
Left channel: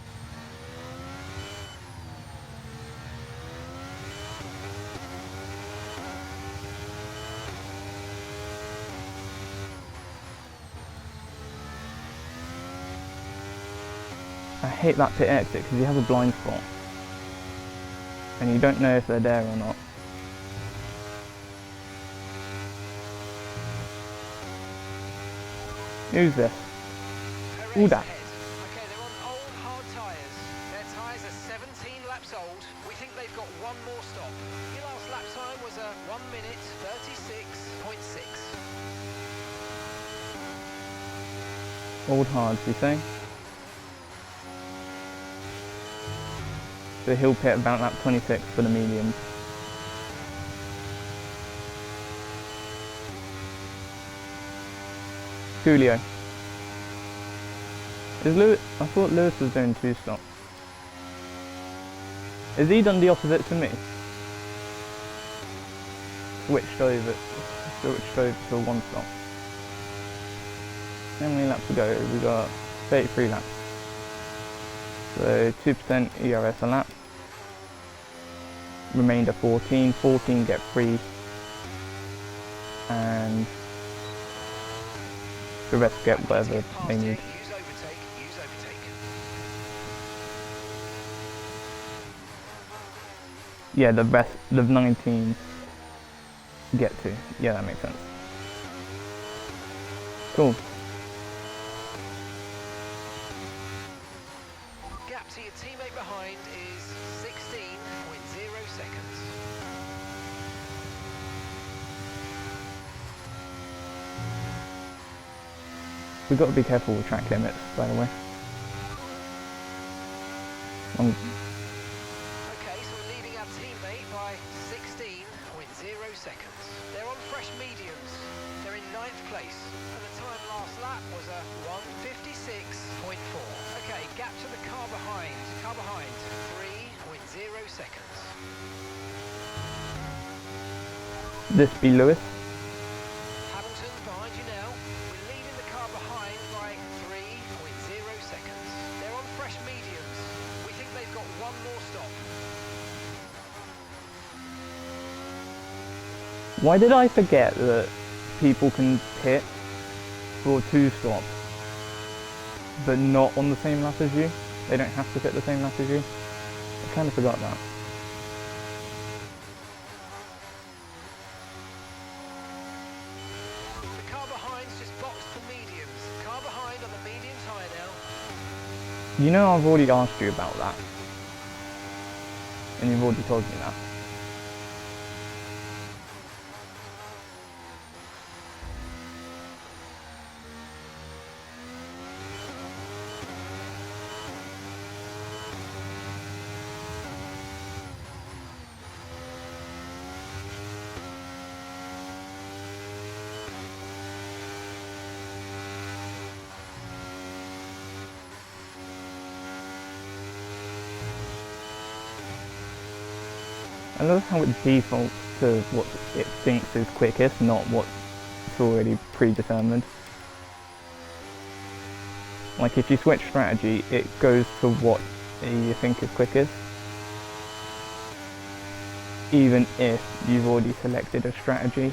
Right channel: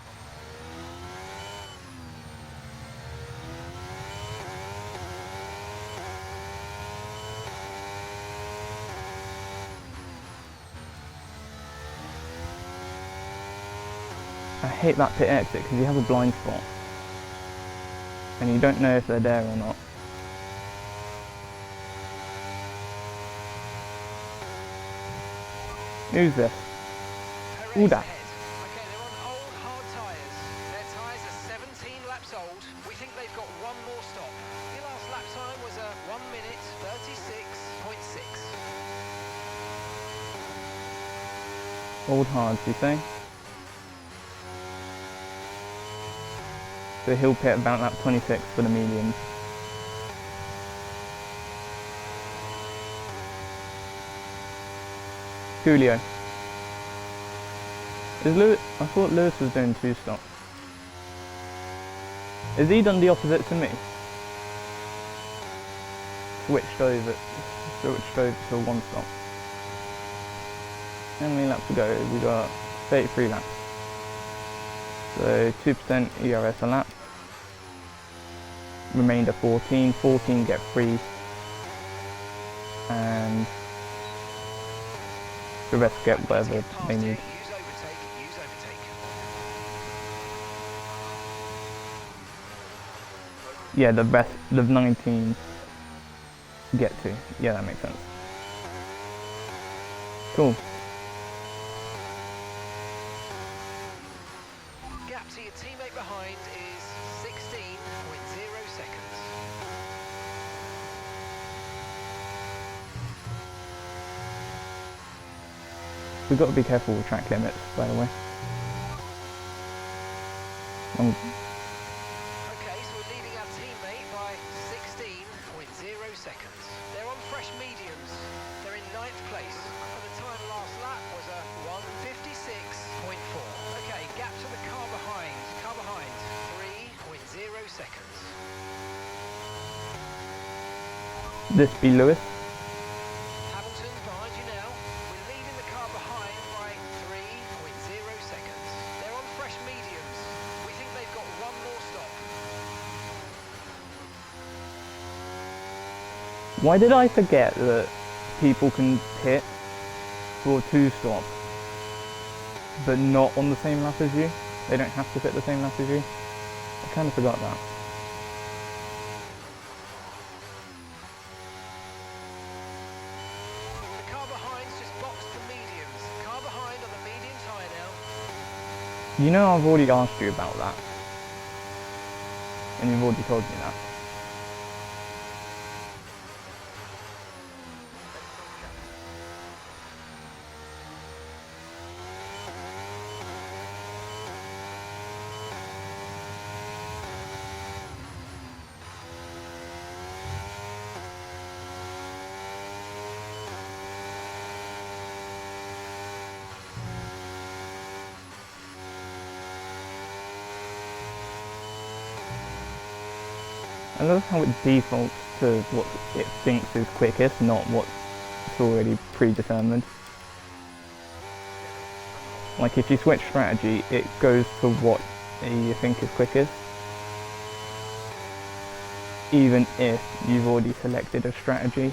I hate that pit exit because you have a blind spot and you don't know if they're there or not. Who's this? Ooh, that. Okay, they're on old hard tyres. Their tyres are 17 laps old. We think they've got one more stop. Your last lap time was a 1 minute 36.6. Old hards, you say? So he'll pit about lap 26 for the mediums. Julio. Is Lewis? I thought Lewis was doing 2 stops. Has he done the opposite to me? Switched over to 1 stop. How many laps to go? We got 33 laps. So 2% ERS a lap. Remainder 14. 14 get free. And the rest get whatever they need. Use overtake, use overtake. Yeah, the rest, the 19 get to. Yeah, that makes sense. Cool. Gap to your teammate behind is 16.0 seconds. We've got to be careful with track limits, by the way. Okay, so we're leading our teammate by 16.0 seconds. They're on fresh mediums. They're in 9th place. And the time last lap was a 1:56.4. Okay, gap to the car behind. Car behind, 3.0 seconds. This be Lewis. Hamilton's behind you now. We're leading the car behind by 3.0 seconds. They're on fresh mediums. We think they've got one more stop. Why did I forget that people can pit for 2 stops, but not on the same lap as you? They don't have to pit the same lap as you. I kind of forgot that. The car behind's just boxed for mediums. Car behind on the medium tyre now. You know I've already asked you about that. And you've already told me that. I love how it defaults to what it thinks is quickest, not what's already predetermined. Like if you switch strategy, it goes to what you think is quickest, even if you've already selected a strategy.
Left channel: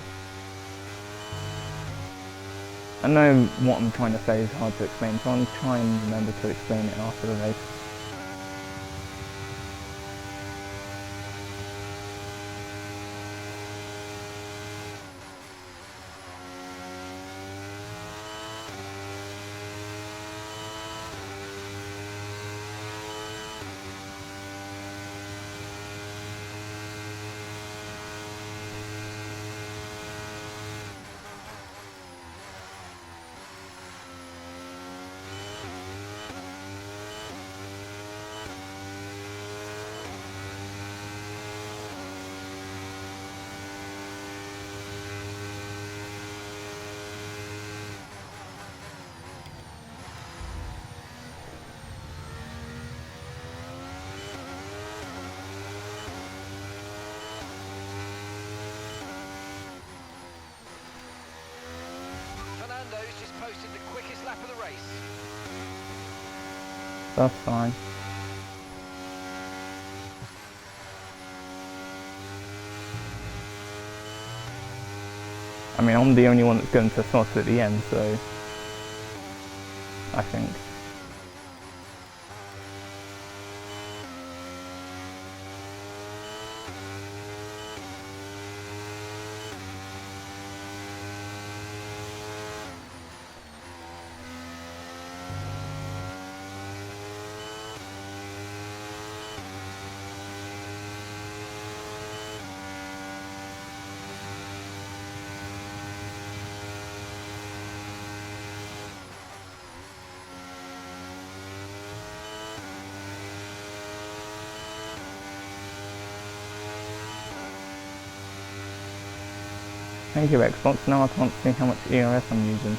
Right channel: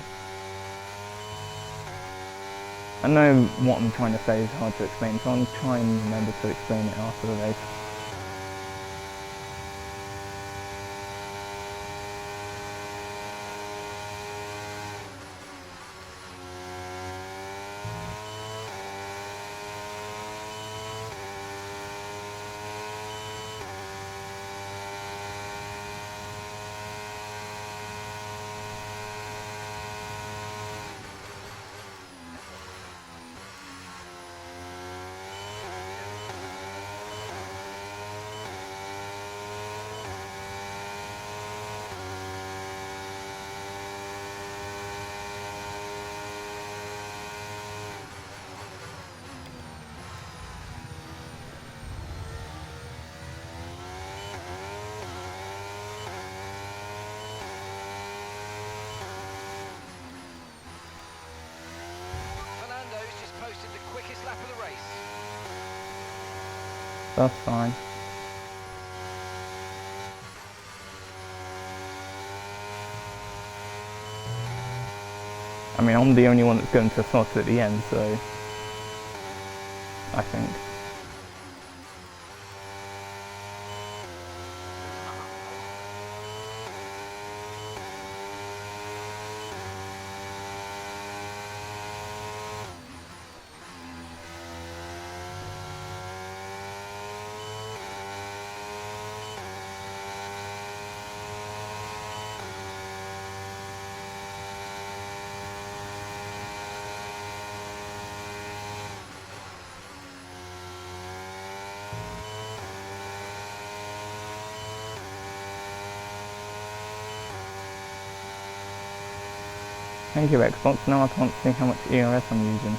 I know what I'm trying to say is hard to explain, so I'll try and remember to explain it after the race. Fernando's just posted the quickest lap of the race. That's fine. I mean, I'm the only one that's going to slots at the end, so I think. Thank you, Xbox. Now I can't see how much ERS I'm using.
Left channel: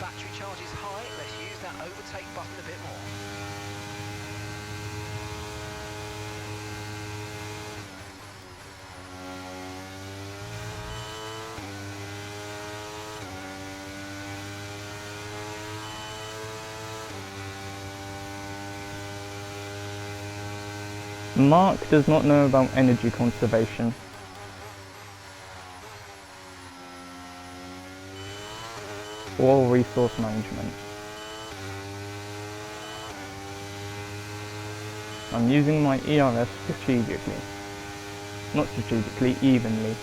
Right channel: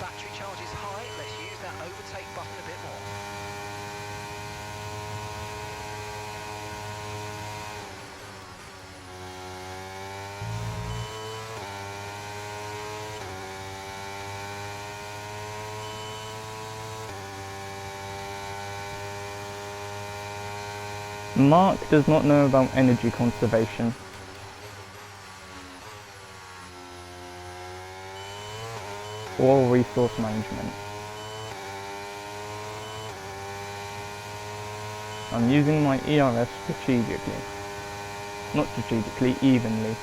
Battery charge is high, let's use that overtake button a bit more. Mark does not know about energy conservation. Or resource management. I'm using my ERS strategically. Not strategically, evenly.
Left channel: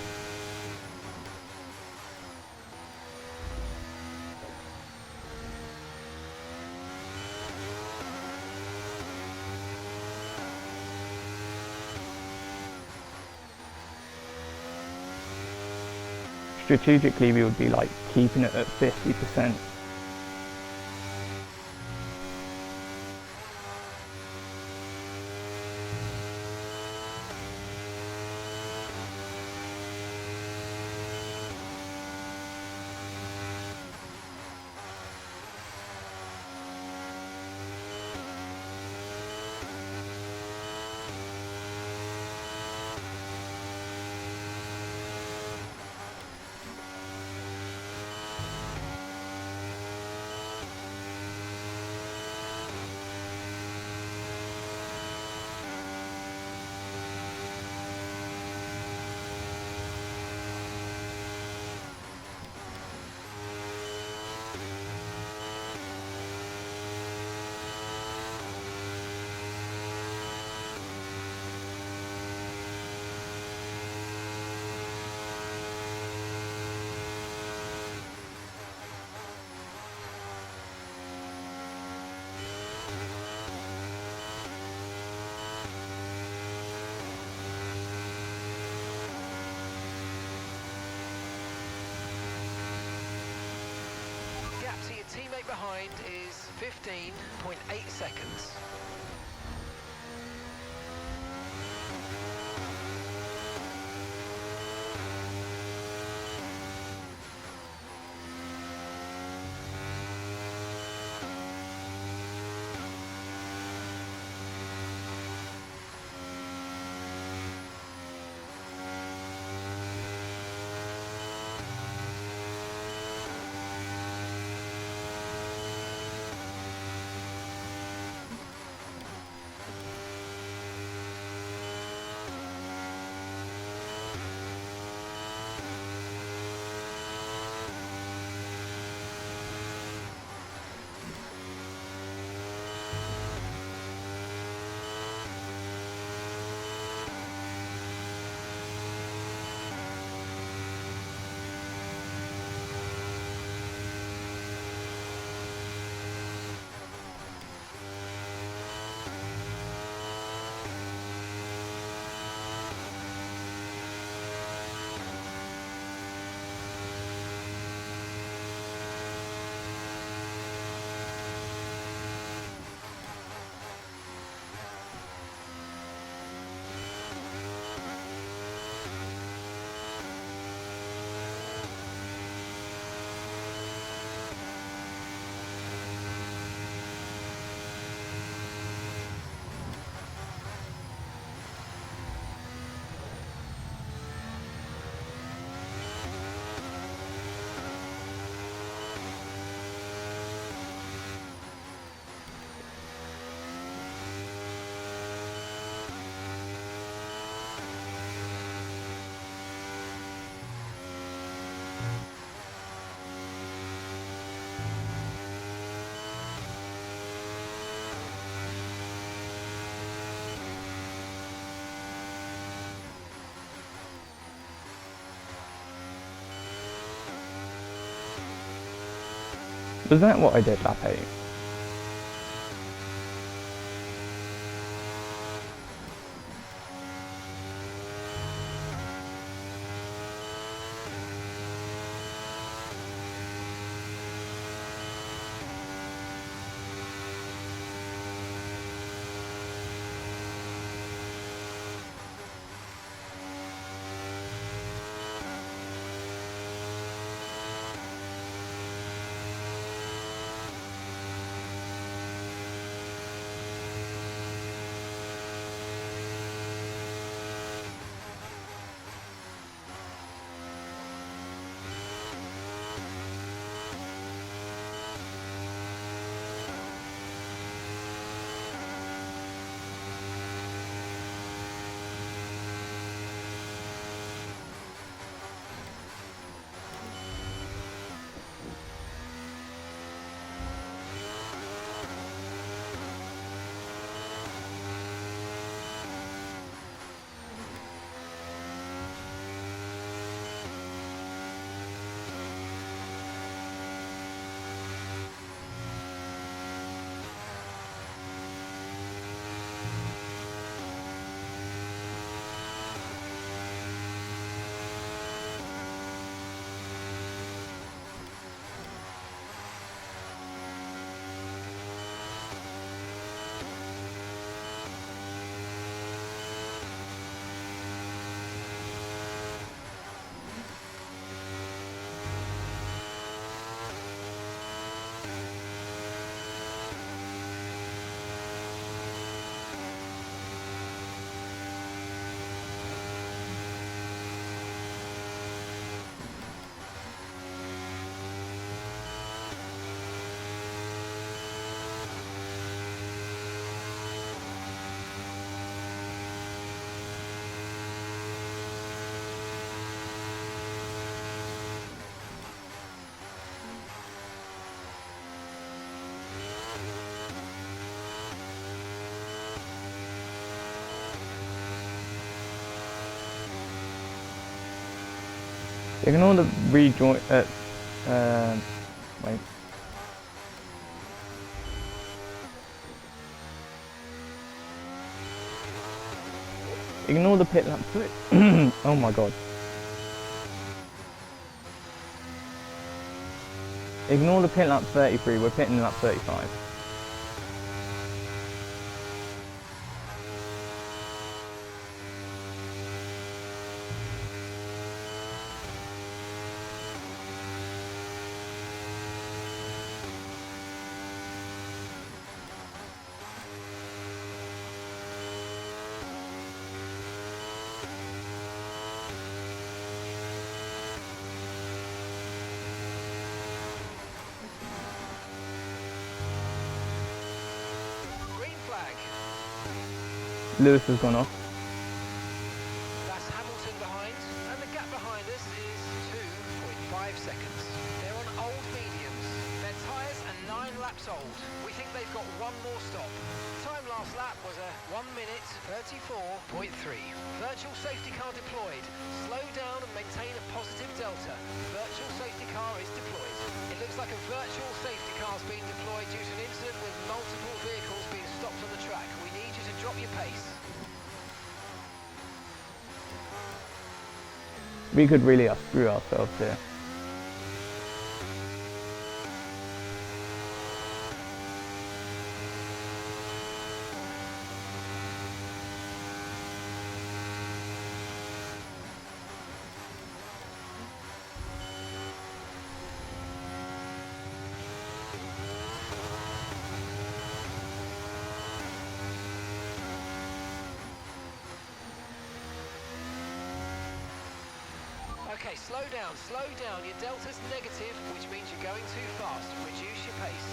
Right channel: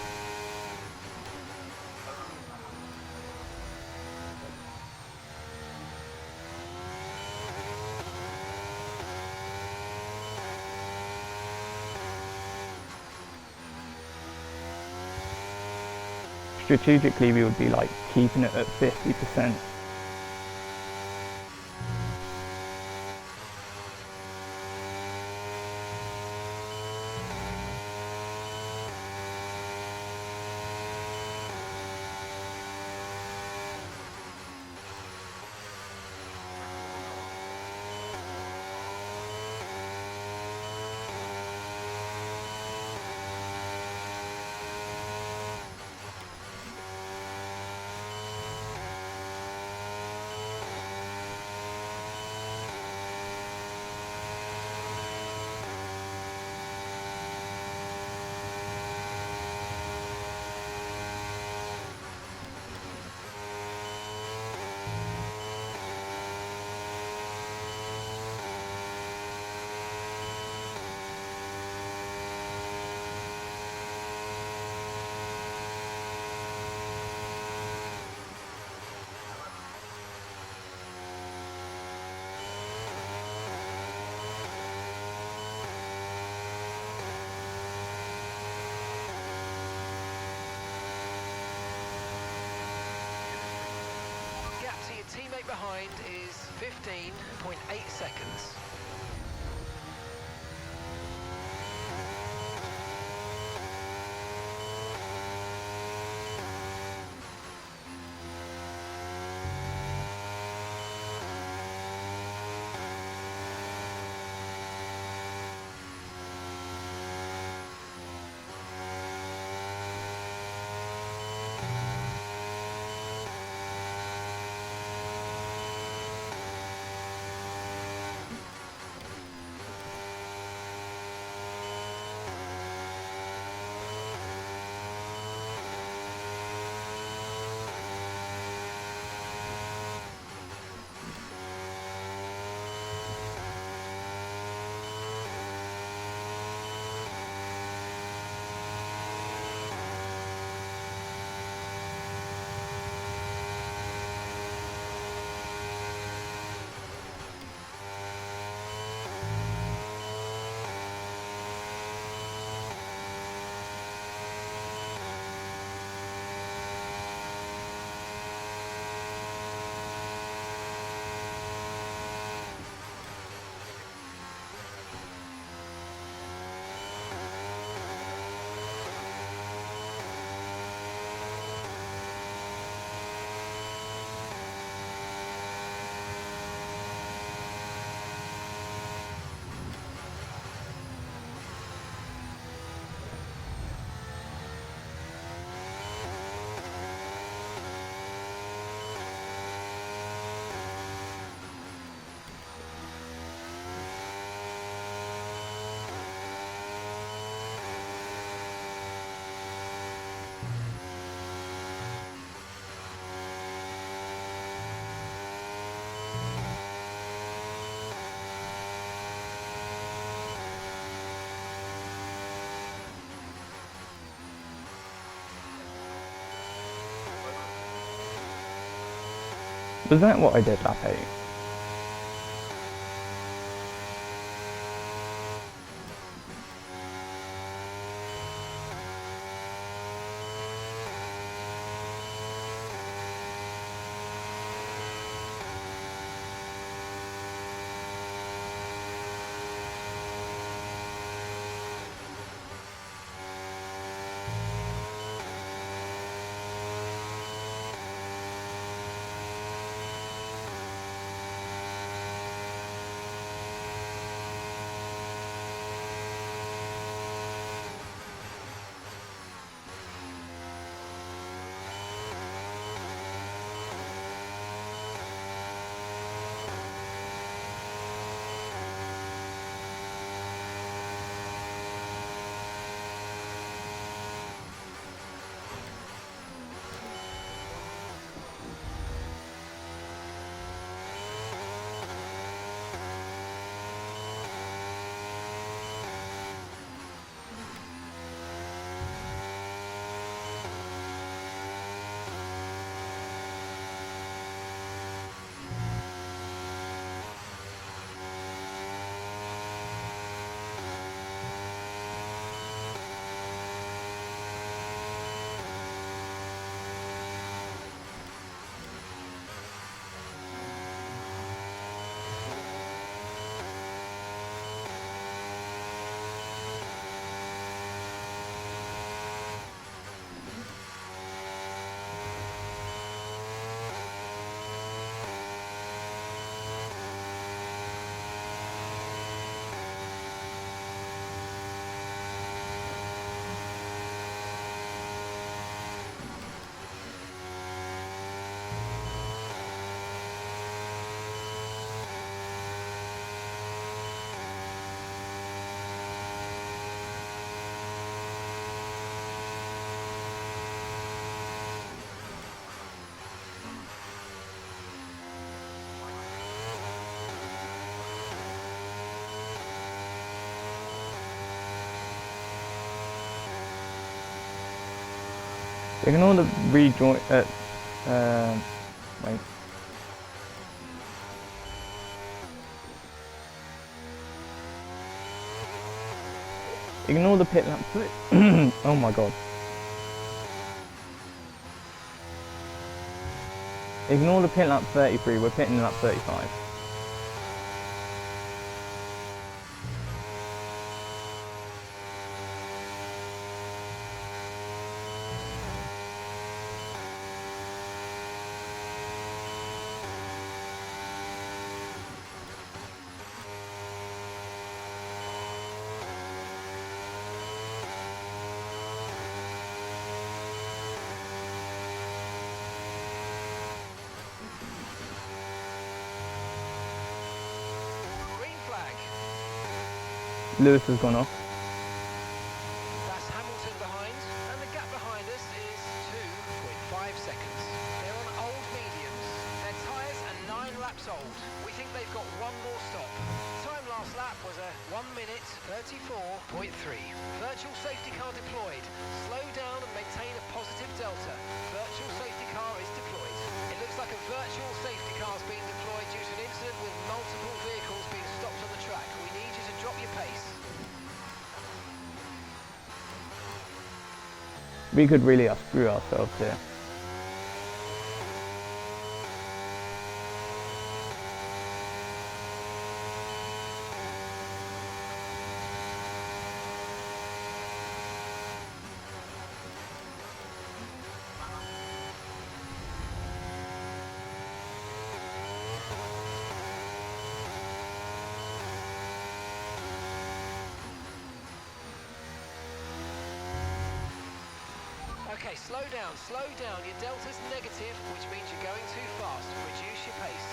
Strategically, we would be like keeping it at 50%. Gap to your teammate behind is 15.8 seconds. Was that what I did lap 8? Ignore the rejoin. Wait. Ignore the pit lap. Oh my god. Ignore the pit lap 33. We're pitting lap 35. Lewis has gone off. That's Hamilton behind, and the gap behind us is 2.5 seconds. They're on old mediums. Their tyres are 9 laps old. We think they've got one more stop. Time last lap was a 1 minute 34.3. Virtual safety car deployed. Slow down and maintain a positive delta. Virtual safety car is deployed. It looks like a virtual safety car is being deployed due to an incident with multiple vehicles being stopped on the track. We need you to drop your pace. We could really screw ourselves here. Okay, slow down, slow down. Your delta's negative, which means you're going too fast. Reduce your pace.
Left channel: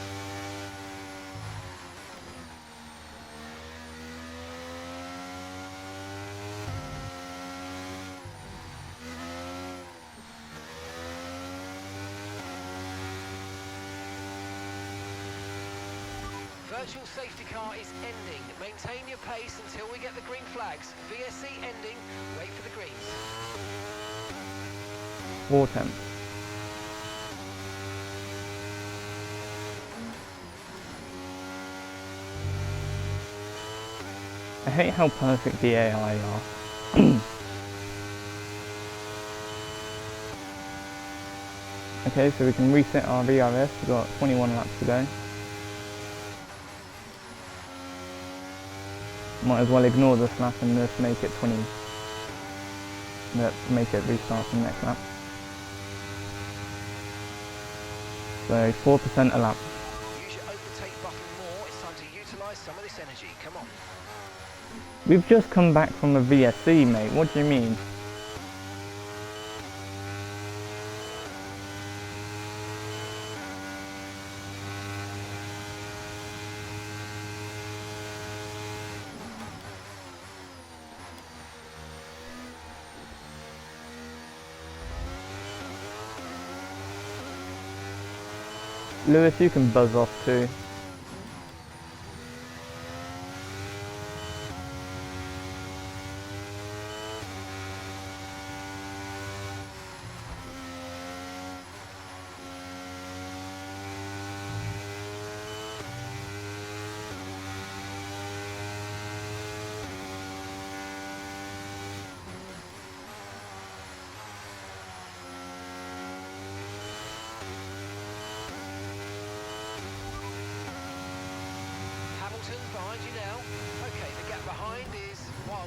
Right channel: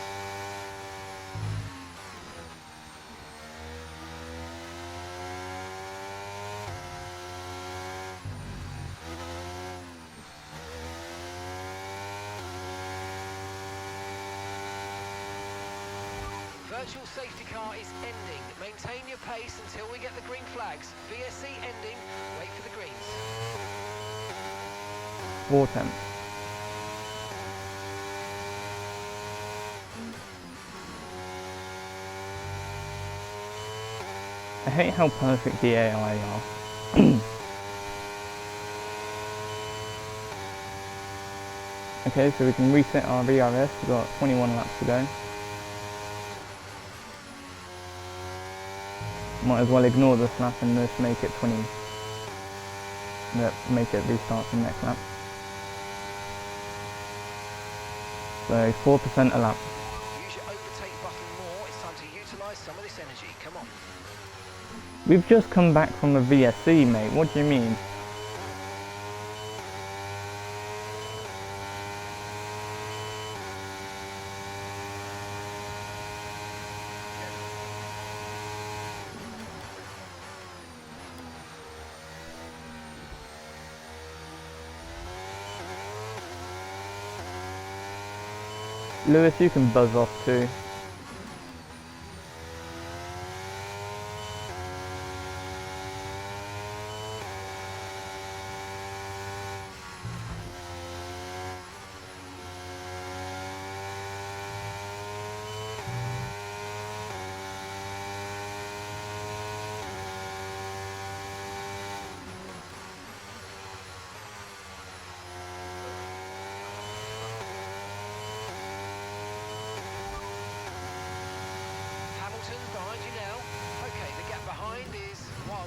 Virtual safety car is ending. Maintain your pace until we get the green flags. VSC ending. Wait for the greens. 4 tenths. I hate how perfect the AI are. Okay, so we can reset our VRS, we've got 21 laps to go. Might as well ignore this lap and just make it 20. Make it restart from next lap. So 4% a lap. Use your overtake button more. It's time to utilise some of this energy. Come on. We've just come back from a VSC, mate. What do you mean? Lewis, you can buzz off too. Hamilton's behind you now. Okay, the gap behind is 1.5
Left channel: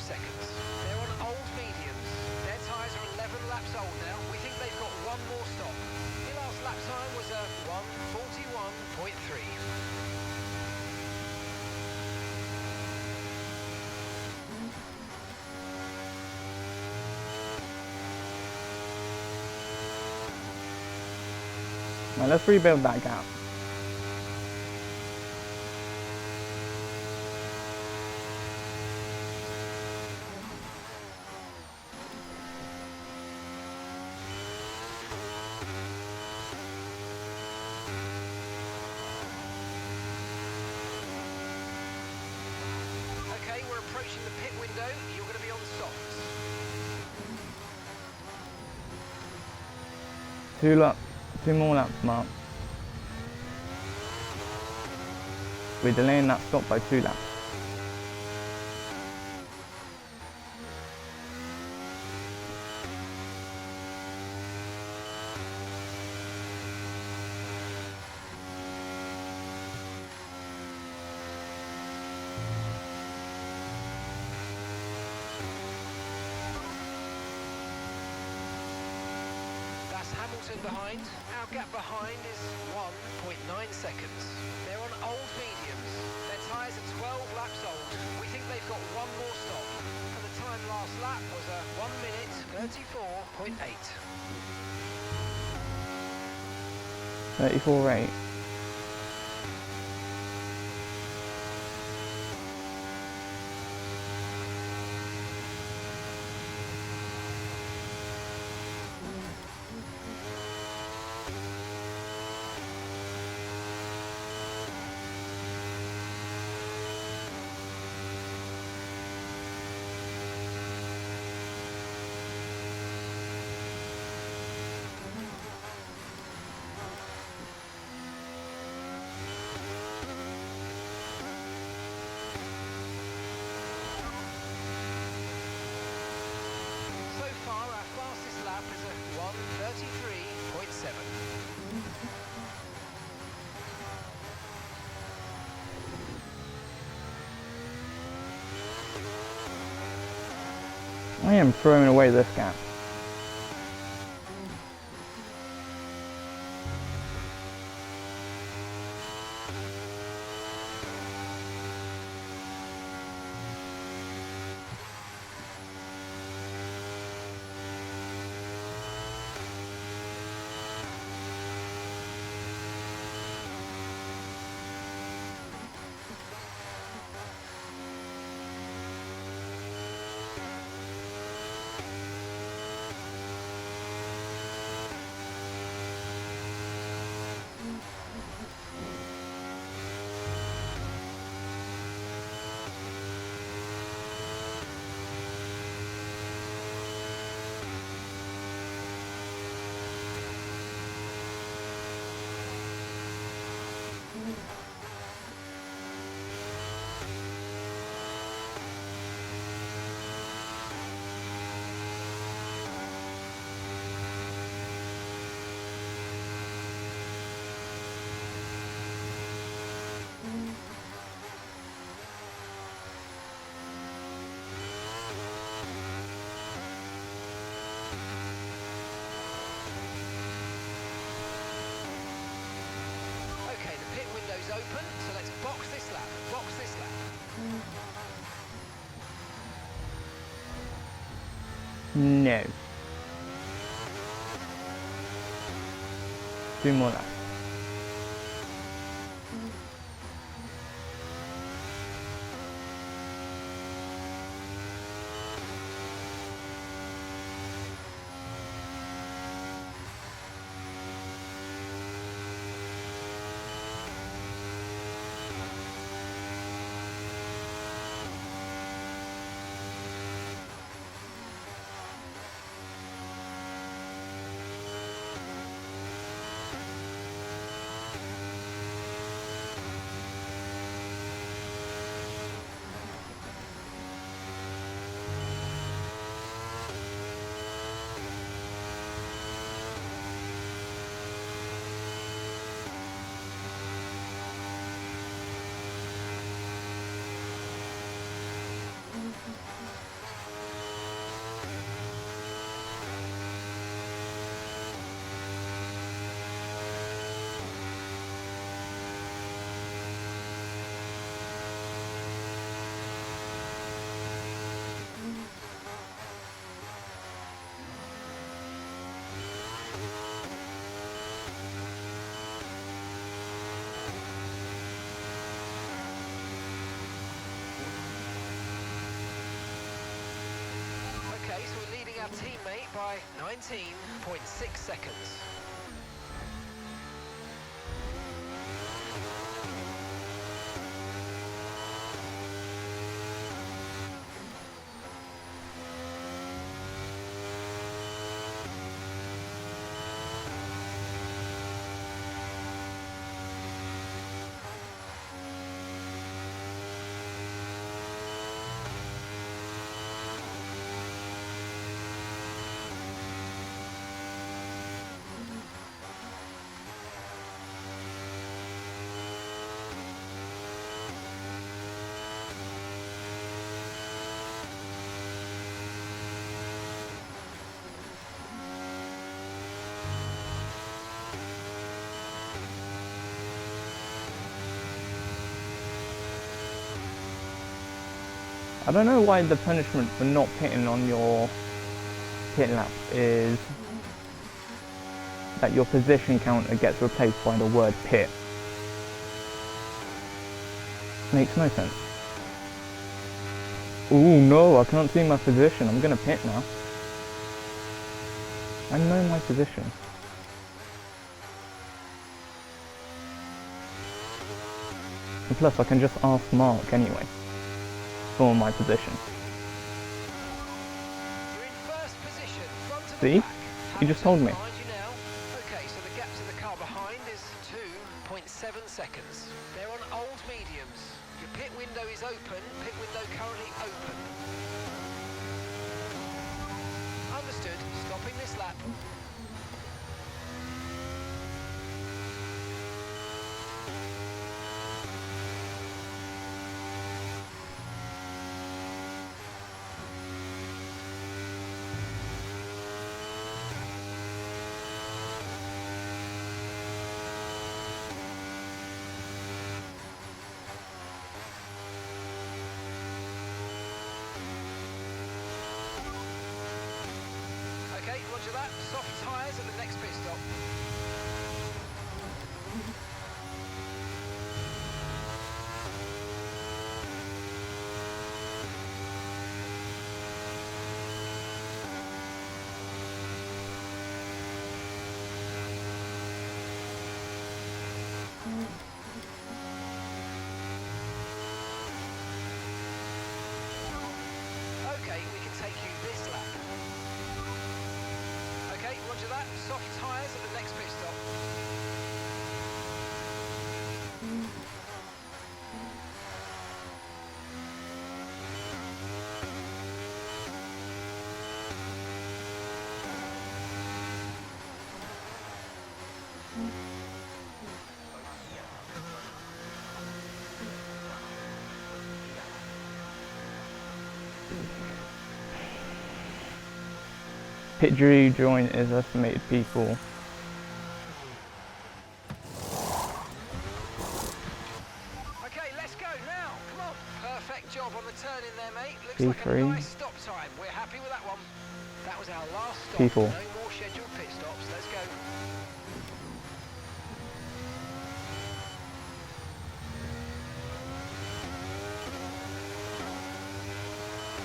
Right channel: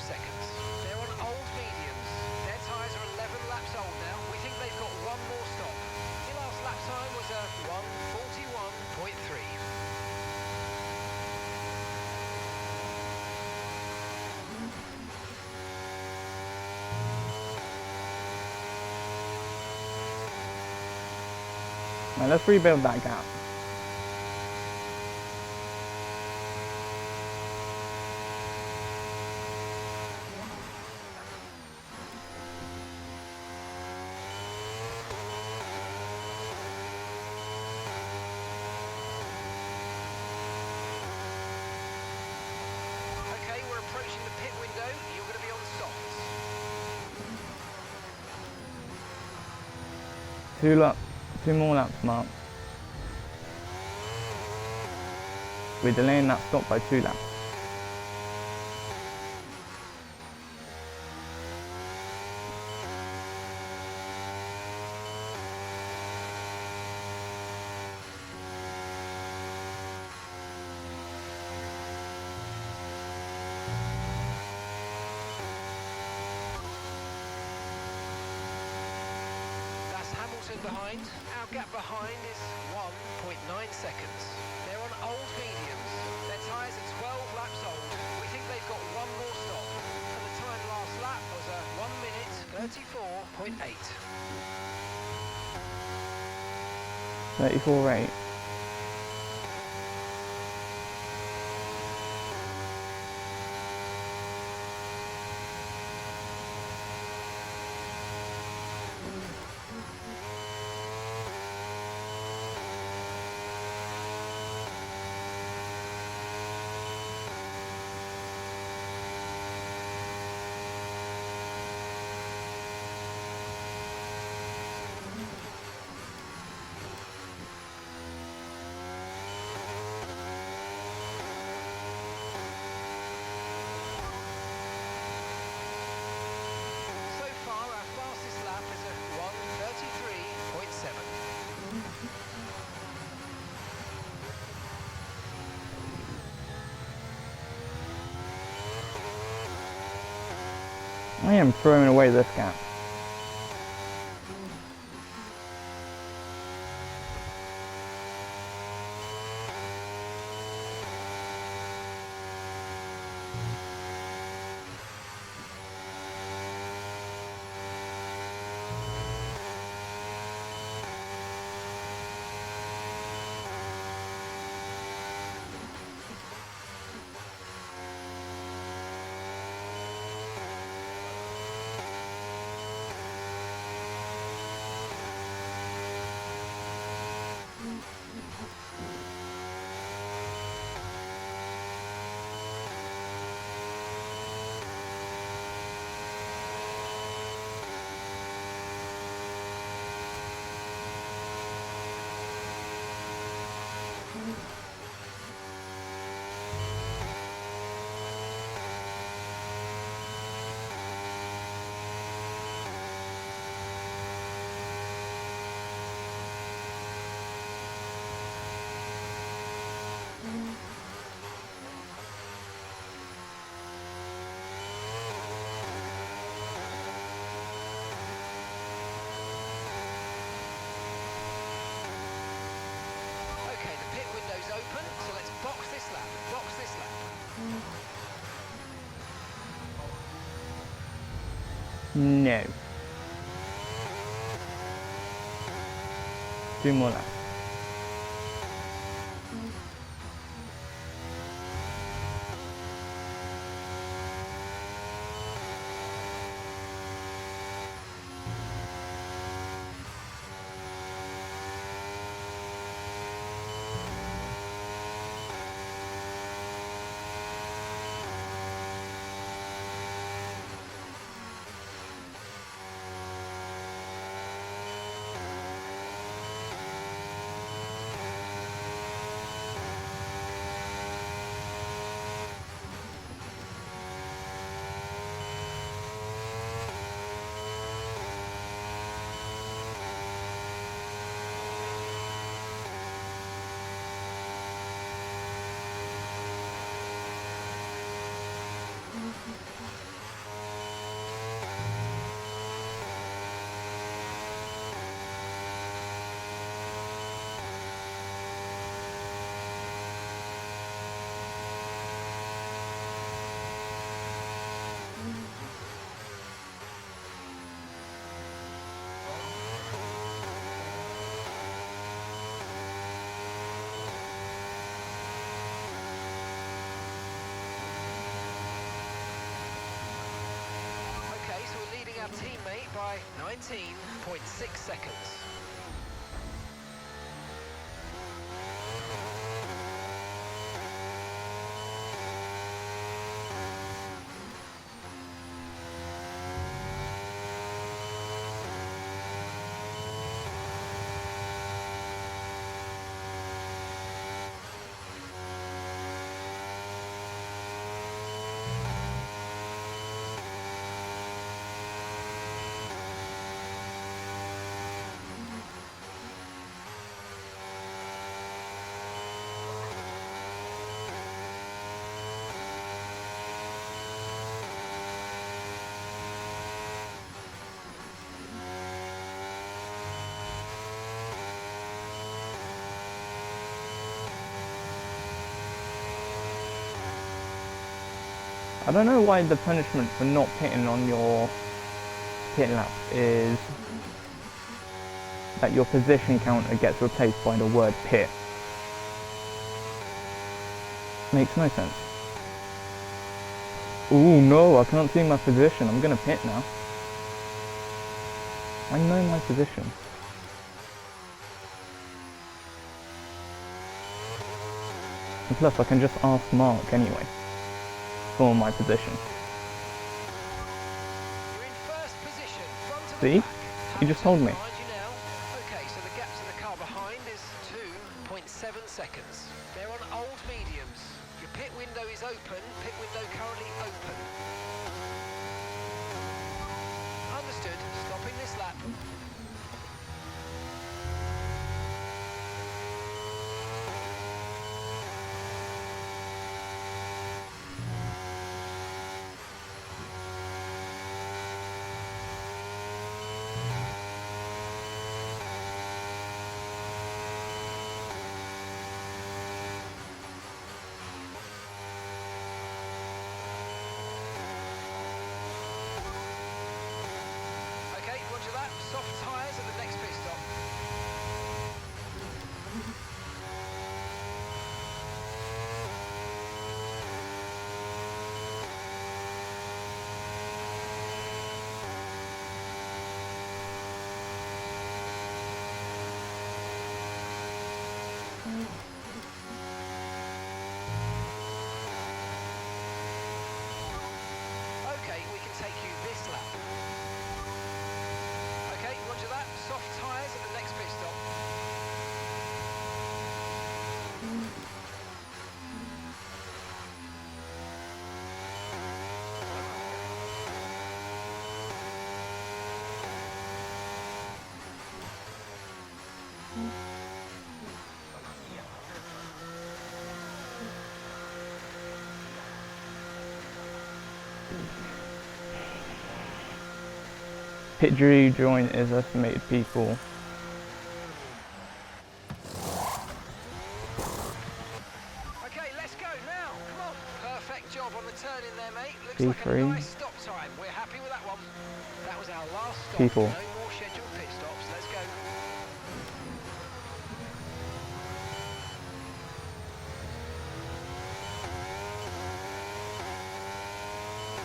seconds. They're on old mediums. Their tyres are 11 laps old now. We think they've got one more stop. Your last lap time was a 1:41.3. Now let's rebuild that gap. Okay, we're approaching the pit window. You're going to be on softs. 2 more laps, Mark. We're delaying that stop by 2 laps. That's Hamilton behind. Our gap behind is 1.9 seconds. They're on old mediums. Their tyres are 12 laps old. We think they've got one more stop. And the time last lap was a 1:34.8. 34.8. So far, our fastest lap is a 1:33.7. I am throwing away this gap. open, so let's box this lap. Box this lap. No. 2 more laps. Okay, so we're leading our teammate by 19.6 seconds. I don't know why the punishment for not pitting on your pit lap is that your position counter gets replaced by the word pit. Makes no sense. Ooh, no, I can't see my position. I'm gonna pit now. I know my position. And plus, I can just ask Mark anyway for my position. You're in first position, front of See? the pack. You just told me. Behind you now. Okay, so the gap to the car behind is 2.7 seconds. They're on old mediums. Your pit window is open. Pit window currently open. Understood. Stopping this lap. Okay, roger that. Soft tyres at the next pit stop. Okay, we can take you this lap. Okay, roger that. Soft tyres at the next pit stop. Pit Drew join is estimated people. job on the turn in there, mate. Looks like a P3. nice stop time. We're happy with that one. That was our last stop. P4. No more scheduled pit stops. Let's go.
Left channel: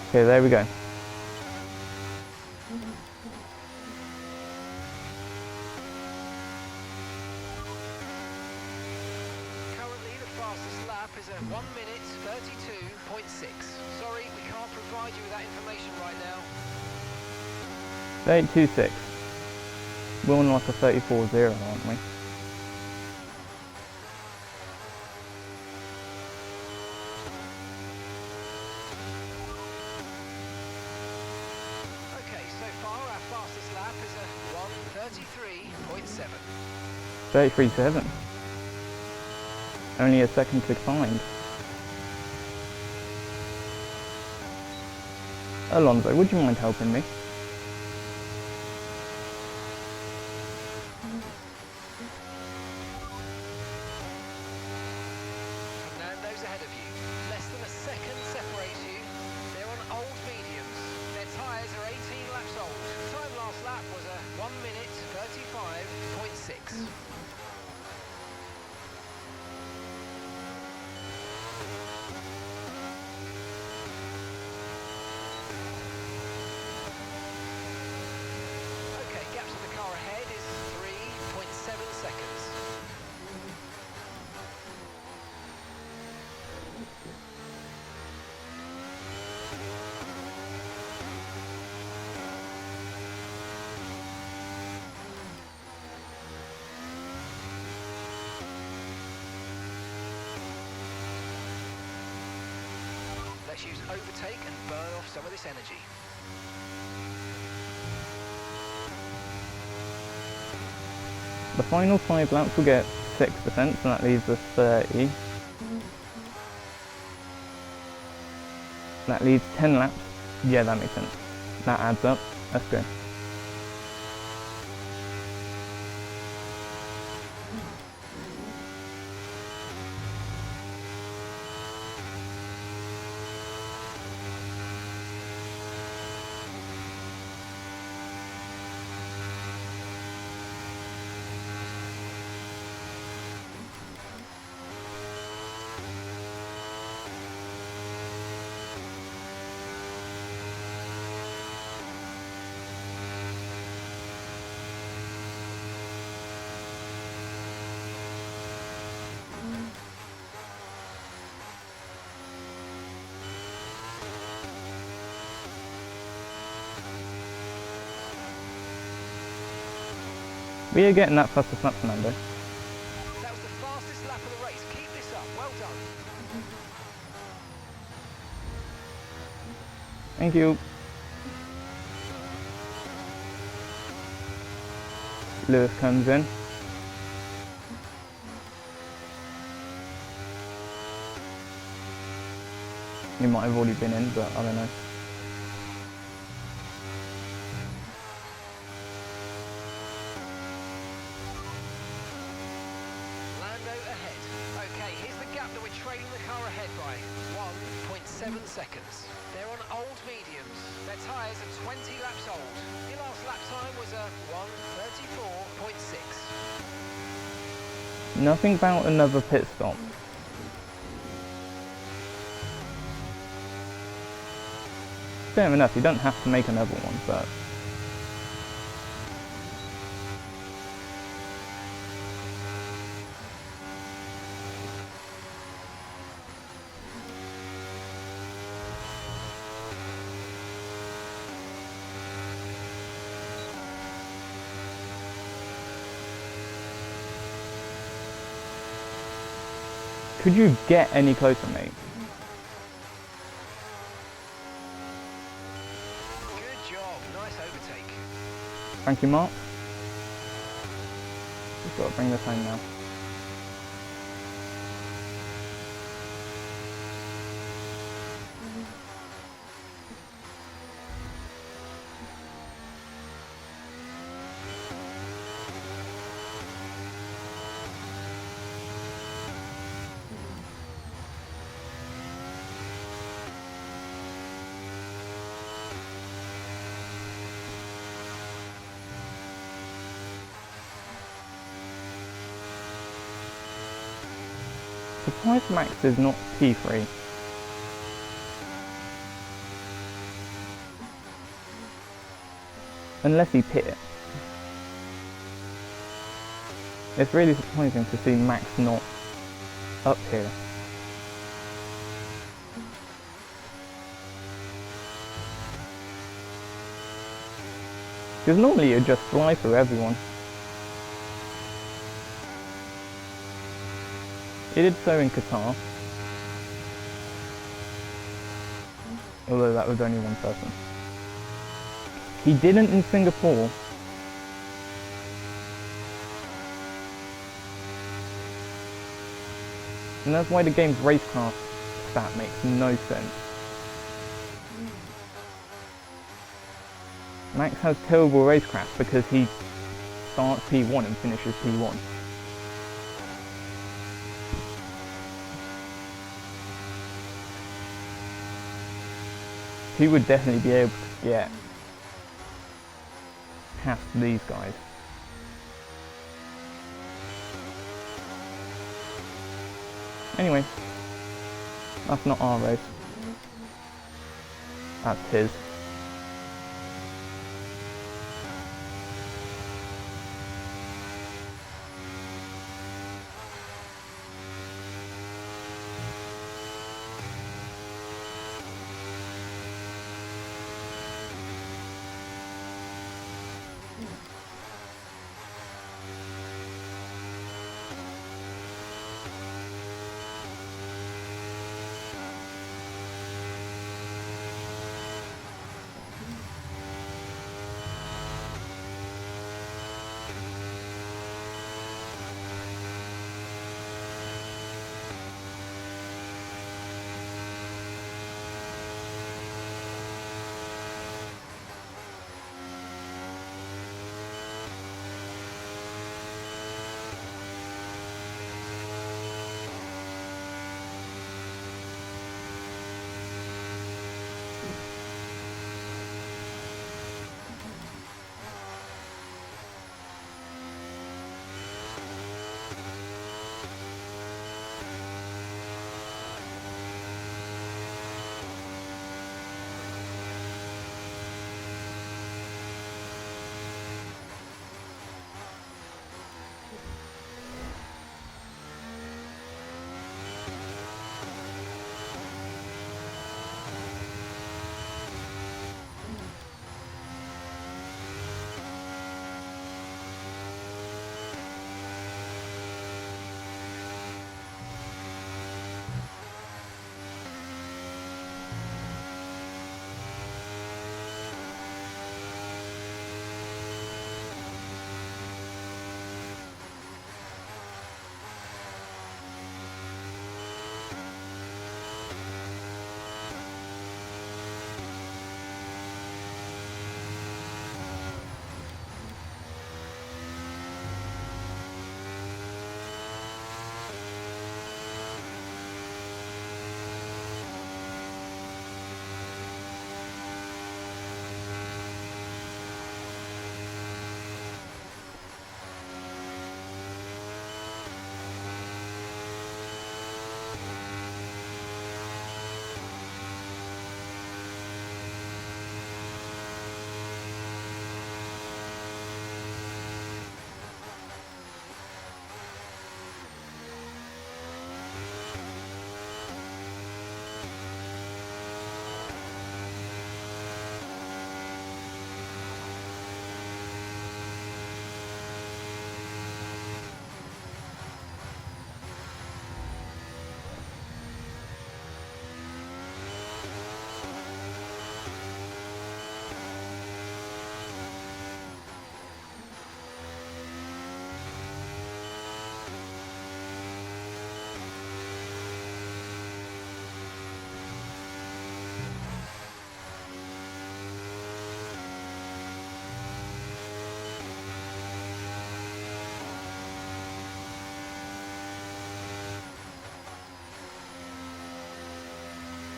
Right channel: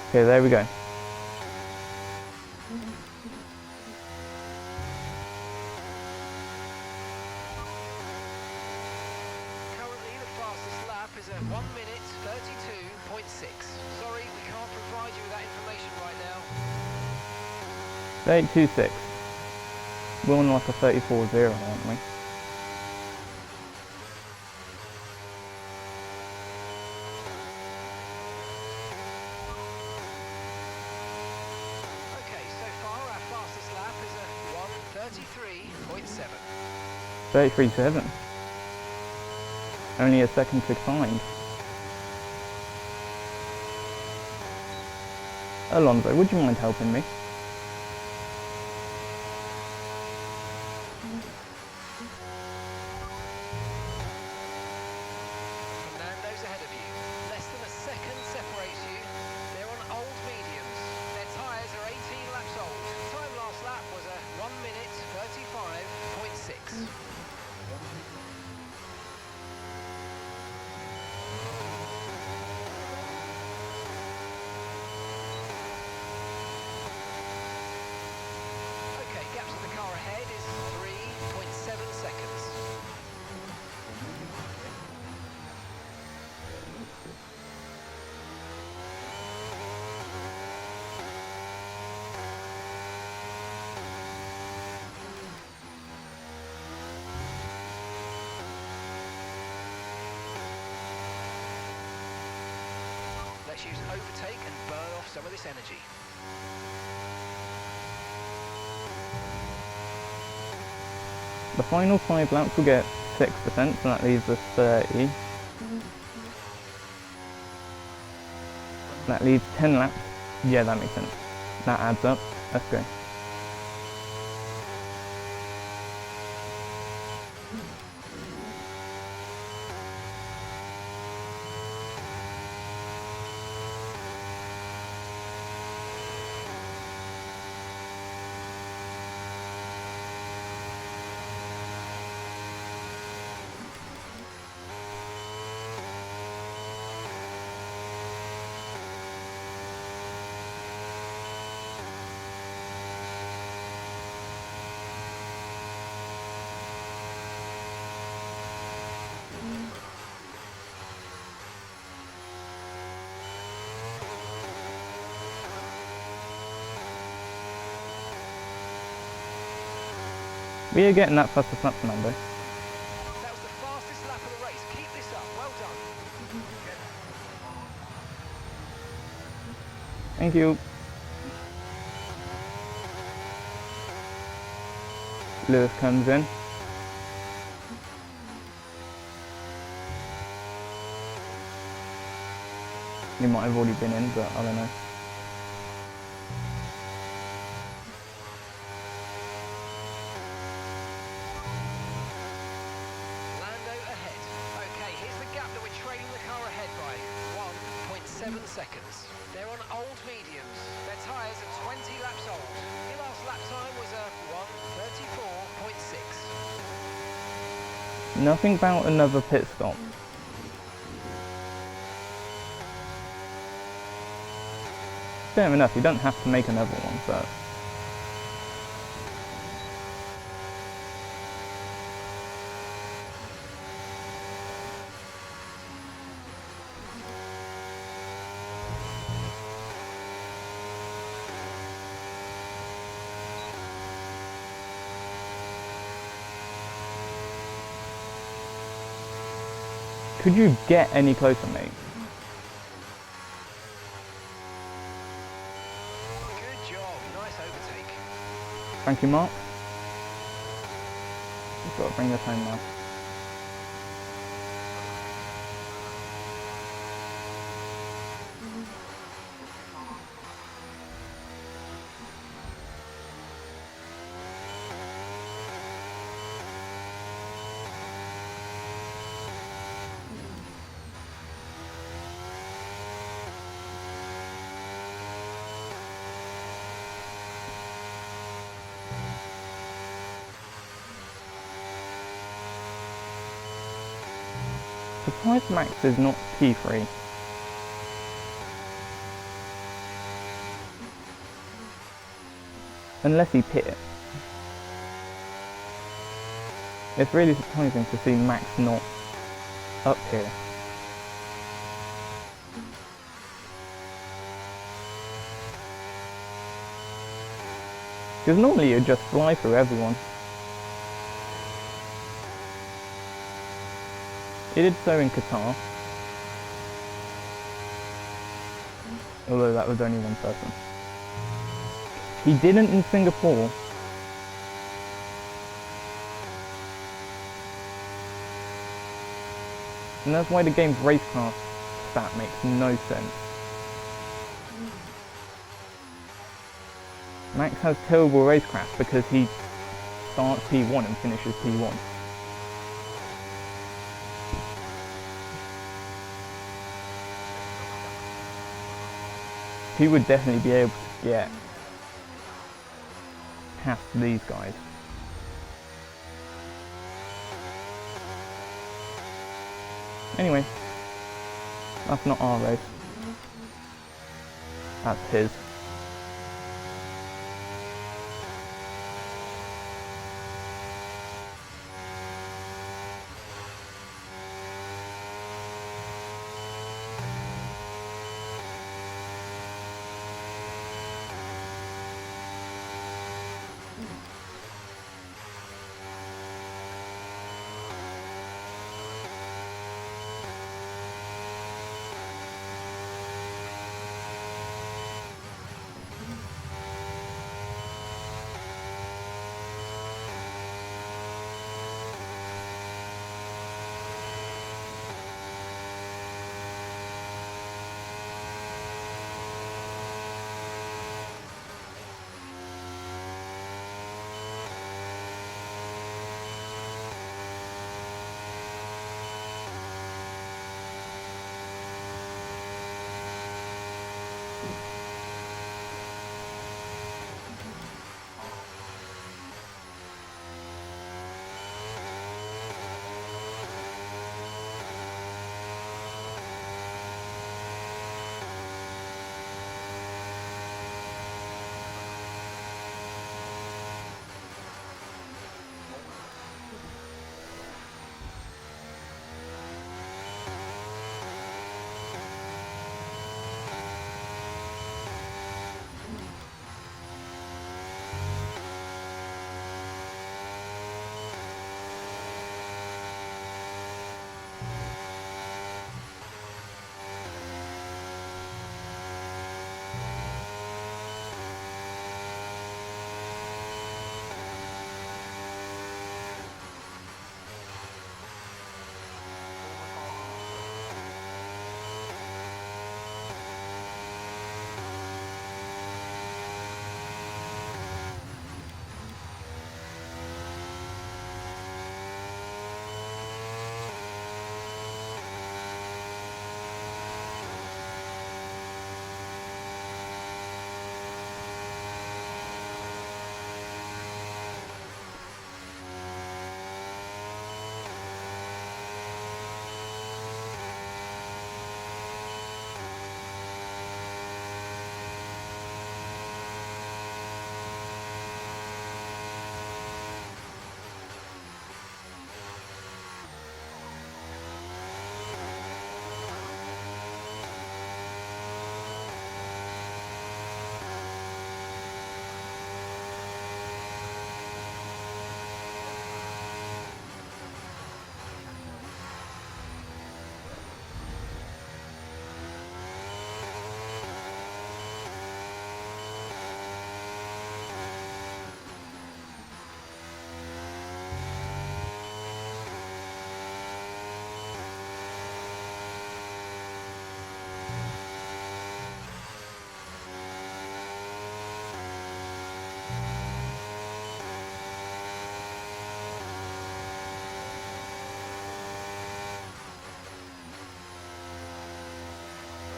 Okay, there we go. Currently, the fastest lap is at 1 minute 32.6. Sorry, we can't provide you with that information right now. 32.6. We're on like a 34.0, aren't we? Okay, so far our fastest lap is a 1:33.7. 33.7. Only a second behind. Alonso, would you mind helping me? Fernando's ahead of you. Less than a second separates you. They're on old mediums. Their tyres are 18 laps old. Time last lap was a 1 minute 35.6. Okay, gap to the car ahead is 3.7 seconds. Let's use overtake and burn off some of this energy. The final 5 laps will get 6%, so that leaves us 30. That leaves 10 laps. Yeah, that makes sense. That adds up. Let's go. We are getting that fastest lap, Fernando. That was the fastest lap of the race. Keep this up. Well done. Thank you. Lewis comes in. He might have already been in, but I don't know. Lando ahead. Okay, here's the gap that we're trailing the car ahead by. 1.7 seconds. They're on old mediums. Their tyres are 20 laps old. Your last lap time was a 1:34.6. Nothing about another pit stop. Fair enough, you don't have to make another one, but... Could you get any closer, mate? Good job. Nice overtake. Thank you, Mark. We've got to bring this home now. Surprised Max is not P3. Unless he pit. It's really surprising to see Max not up here. Because normally you just fly through everyone. He did so in Qatar. Although that was only one person. He didn't in Singapore. And that's why the game's racecraft stat makes no sense. Max has terrible racecraft because he starts P1 and finishes P1. He would definitely be able to get past these guys. Anyway, that's not our race. That's his.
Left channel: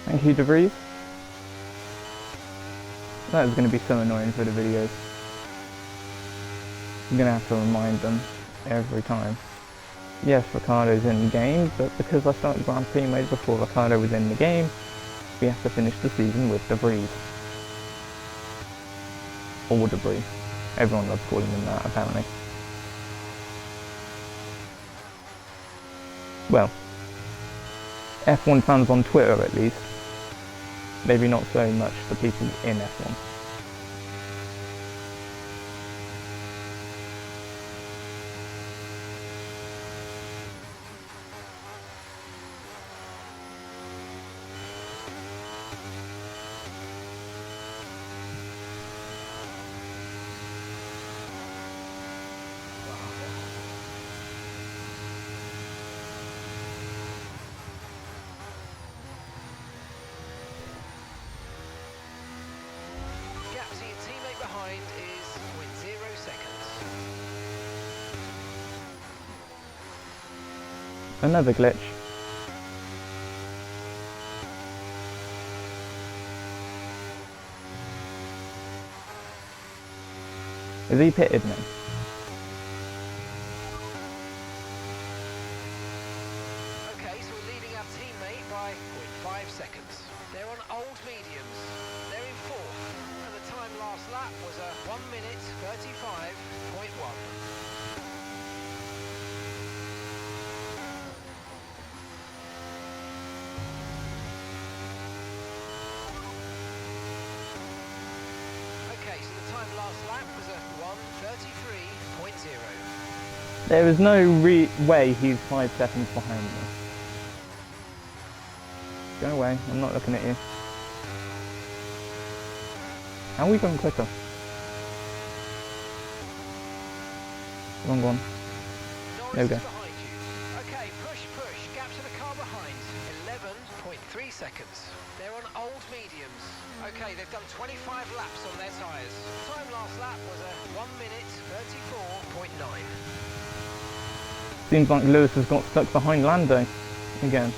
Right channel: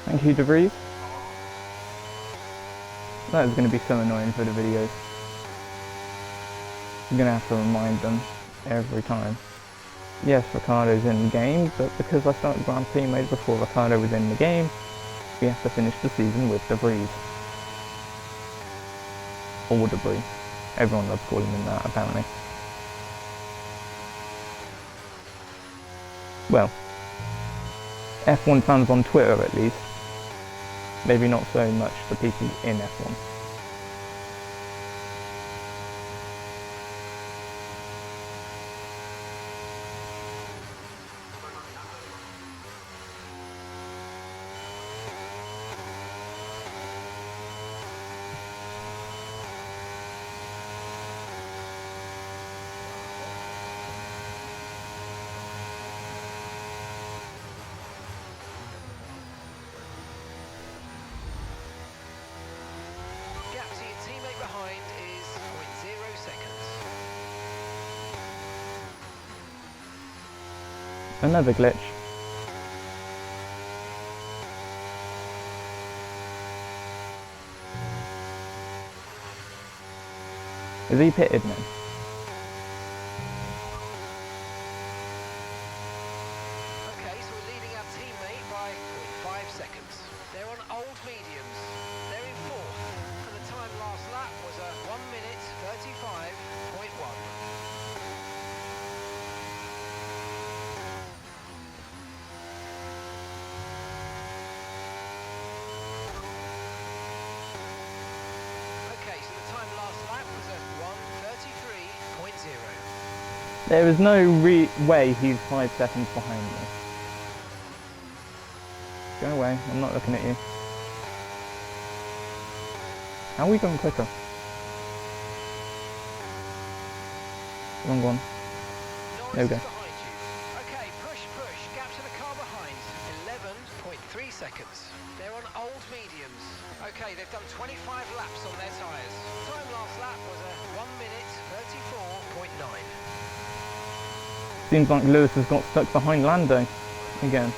Thank you, DeVries. That is going to be so annoying for the videos. I'm going to have to remind them every time. yes, Ricciardo's in the game, but because I started Grand Prix mode before Ricciardo was in the game, we have to finish the season with debris. Or debris. Everyone loves calling him that, apparently. Well, F1 fans on Twitter at least. Maybe not so much the people in F1. Gap to your teammate behind is 0.0 seconds. Another glitch. Is he pitted now? Okay, so we're leading our teammate by 0.5 seconds. They're on old mediums. They're in fourth, and the time last lap was a 1 minute 35.1. Okay, so the time last lap was a 1:33.0. There is no way he's 5 seconds behind me. Go away, I'm not looking at you. How are we going quicker? Wrong one. Norris There we go. is behind you. Okay, push. Gap to the car behind. 11.3 seconds. They're on old mediums. Okay, they've done 25 laps on their tyres. Time last lap was a 1 minute 34.9. Seems like Lewis has got stuck behind Lando again.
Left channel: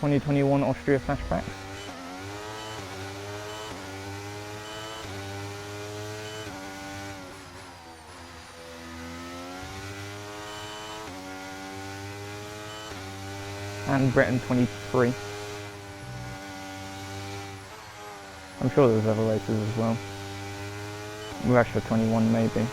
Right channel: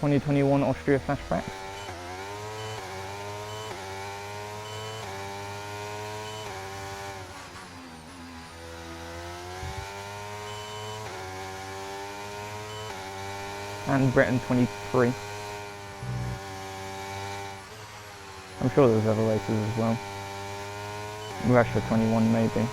(2021) Austria flashbacks. And Britain 23. I'm sure there's other races as well. Russia 21 maybe.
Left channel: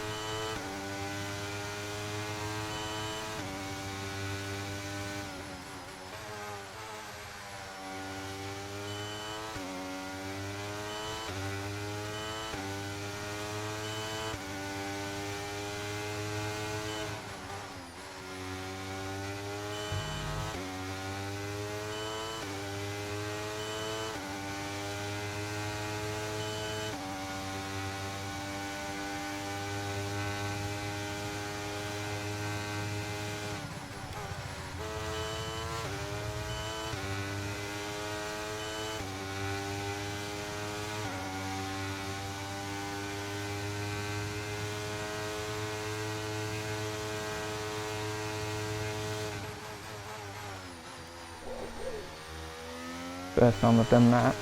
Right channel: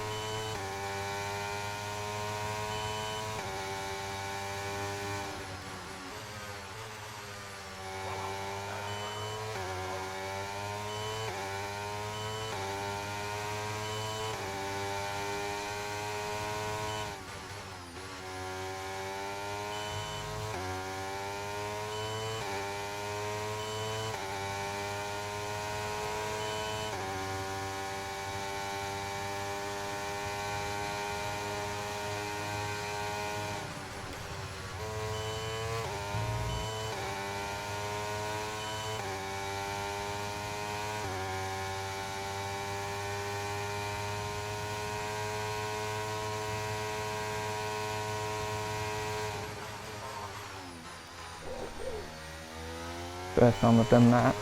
First time I've done that.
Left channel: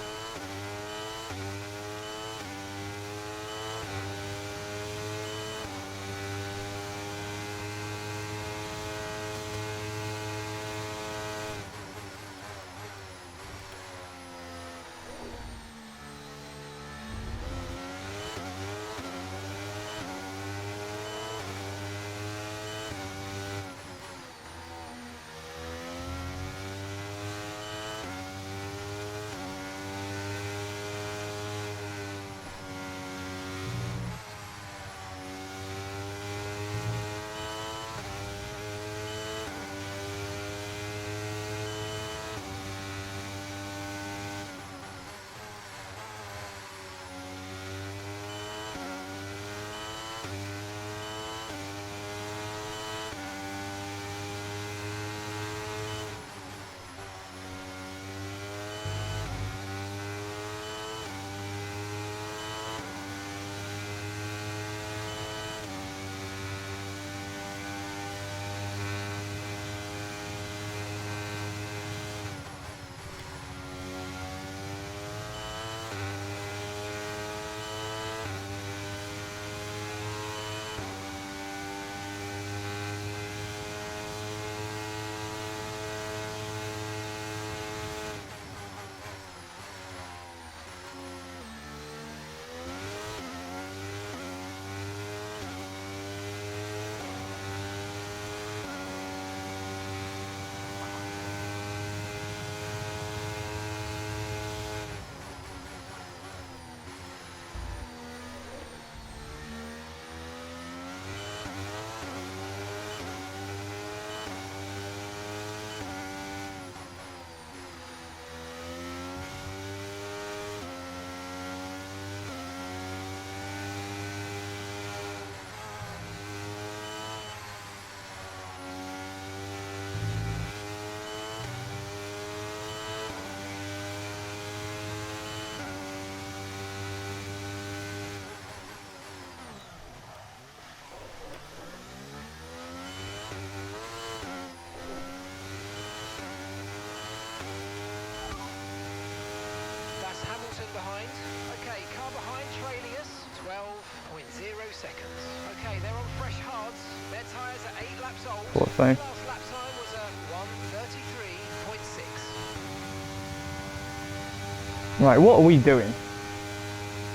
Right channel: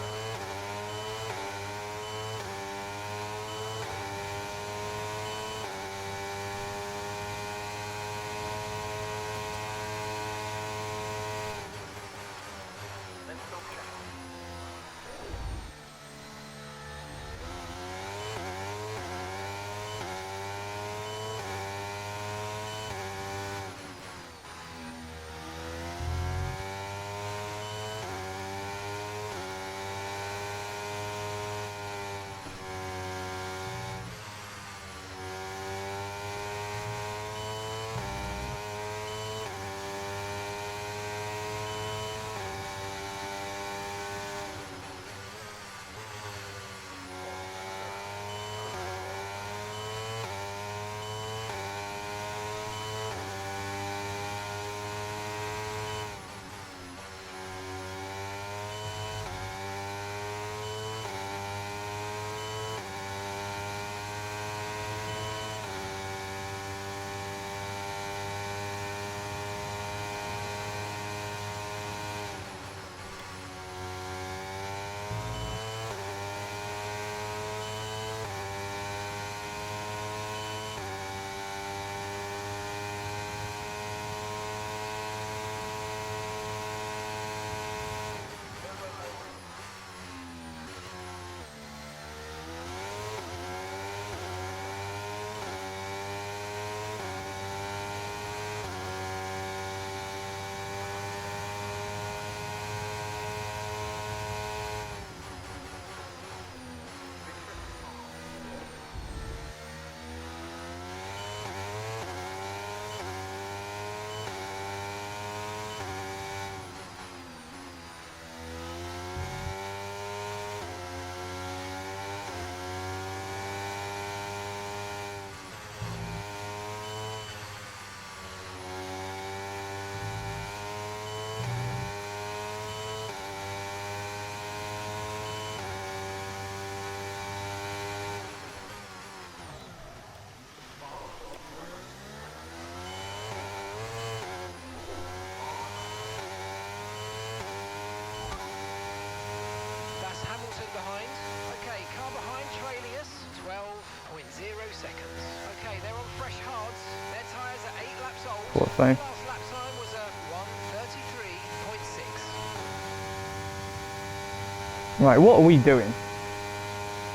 Okay, they're on fresh hards. Their tyres are 8 laps old. Thought so. Their last lap time was a 1:33.6. Right, what are we doing?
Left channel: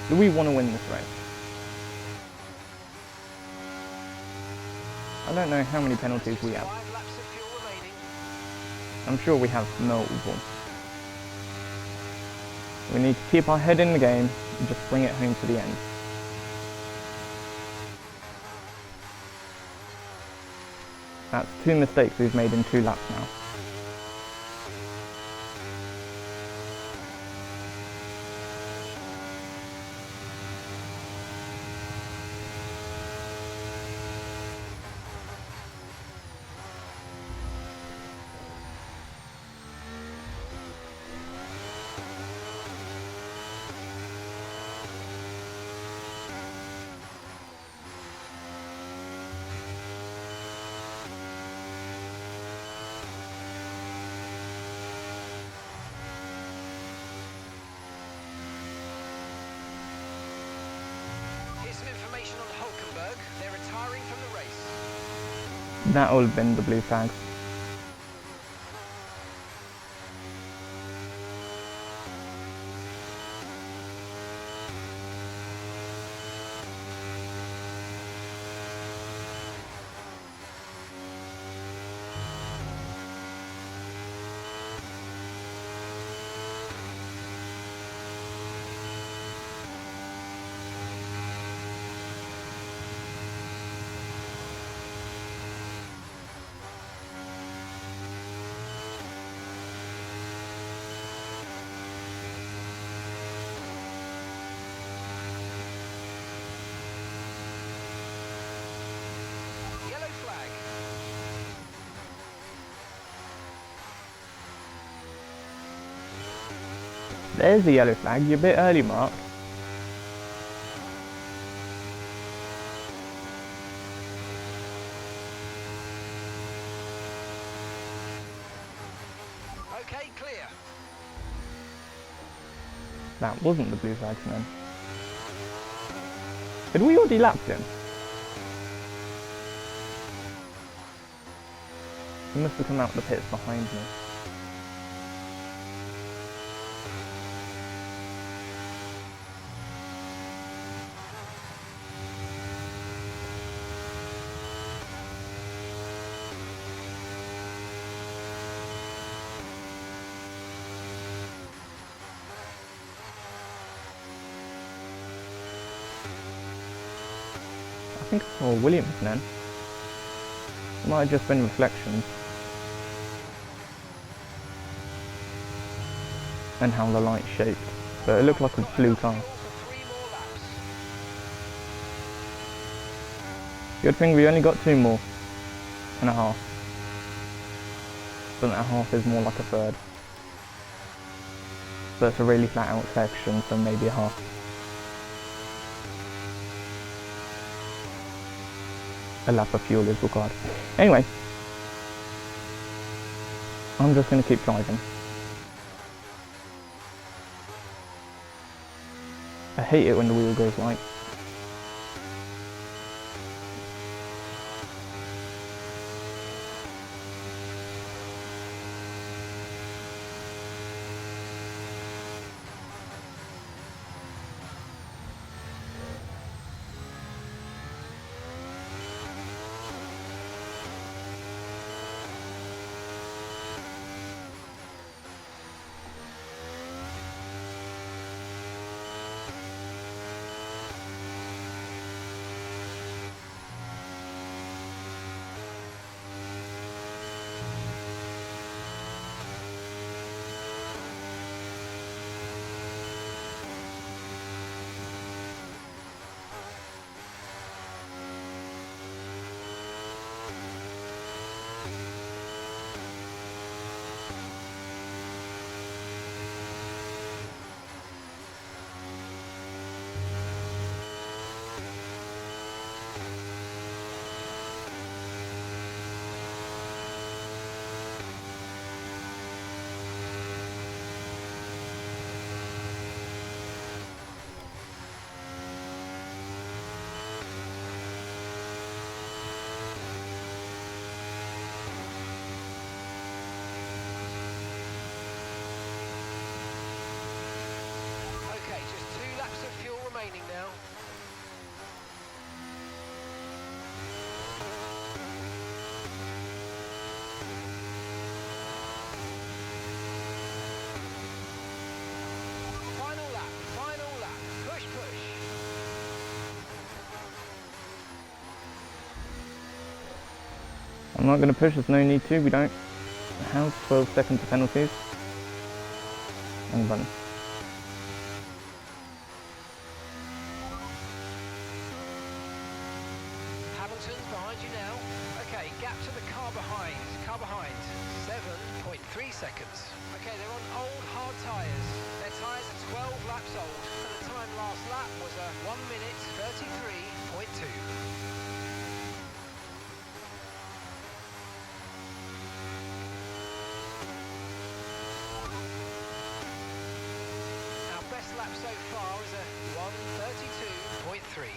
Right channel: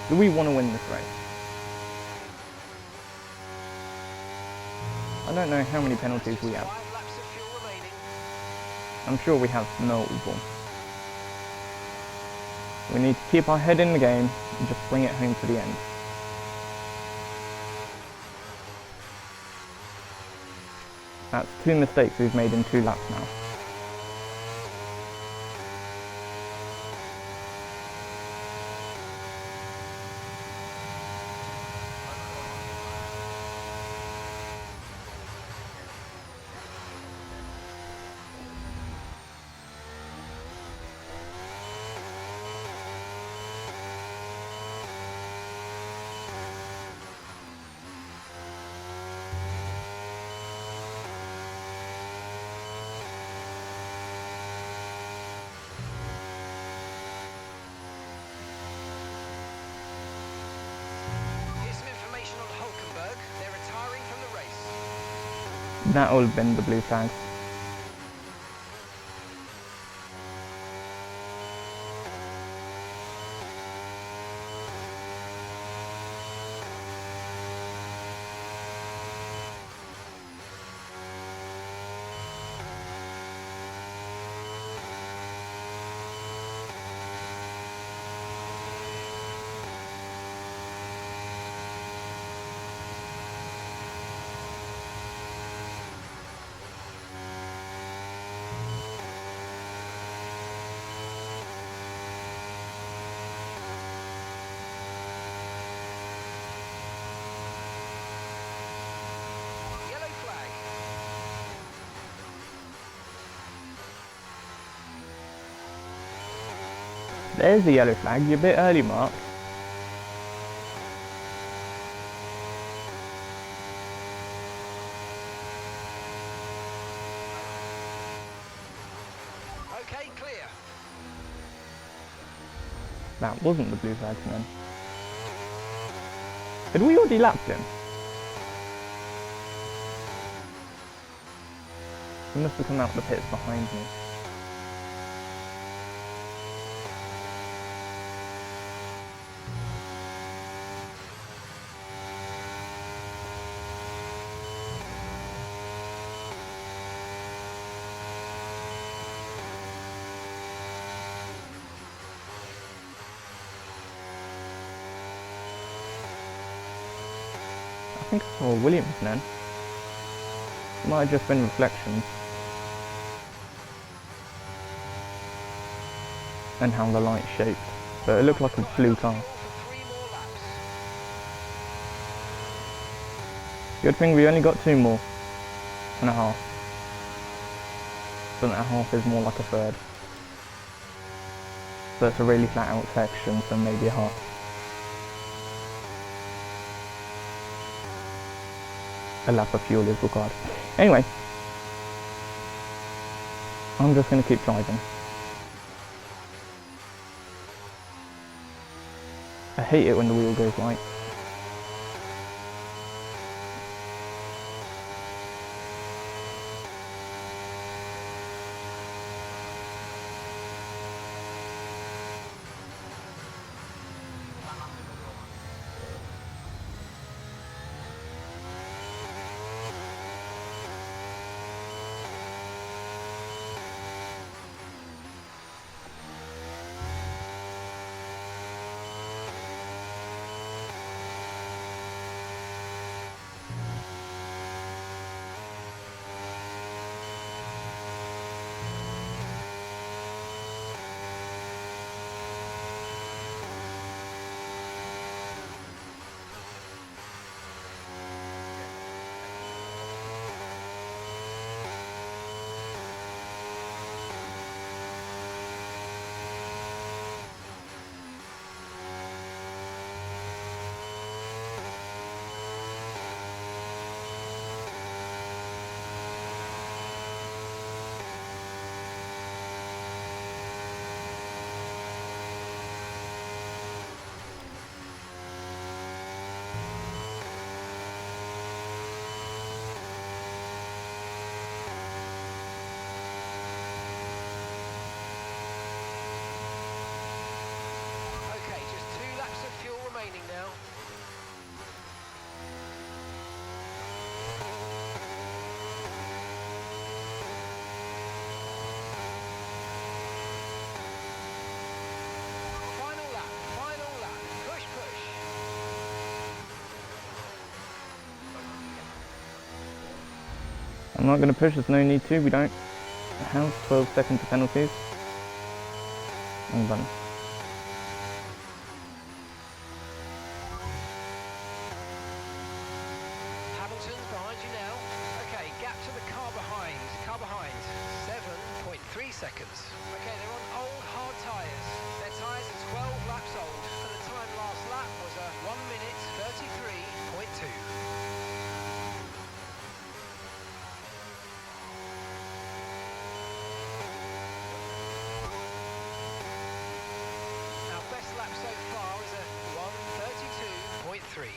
Do we want to win this race? I don't know how many penalties we have. 5 laps of fuel remaining. I'm sure we have multiple. We need to keep our head in the game and just bring it home to the end. That's 2 mistakes we've made in 2 laps now. Here's some information on Hulkenberg. They're retiring from the race. That will have been the blue flag. Yellow flag. There's the yellow flag. You're a bit early, Mark. Okay, clear. That wasn't the blue flag then. Had we already lapped him? He must have come out the pits behind me. I think I saw Williams then. It might have just been reflections. And how the light's shaped. But it looked like a blue car. For 3 more laps. Good thing we only got 2 more and a half. But that half is more like a third. So it's a really flat out section, so maybe a half. A lap of fuel is required. Anyway, I'm just going to keep driving. I hate it when the wheel goes white. I'm not going to push, there's no need to, we don't have 12 seconds of penalties. Wrong button. Hamilton's behind you now. Okay, gap to the car behind. 7.3 seconds. Okay, they're on old hard tyres. Their tyres are 12 laps old, and the time last lap was a 1 minute 33.2. Our best lap so far is a 1:32.3.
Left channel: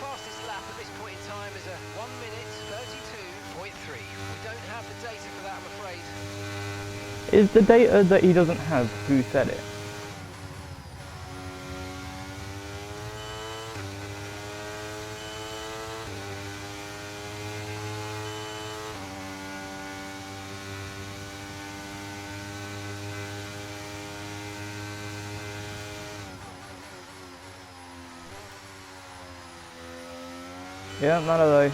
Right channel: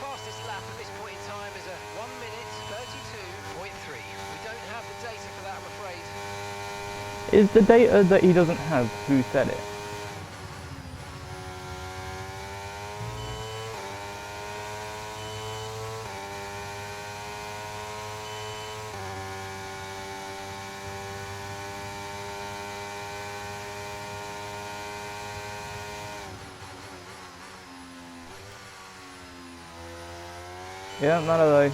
Fastest lap at this point in time is a 1 minute 32.3. We don't have the data for that, I'm afraid. Is the data that he doesn't have, who said it? Yeah, none of those.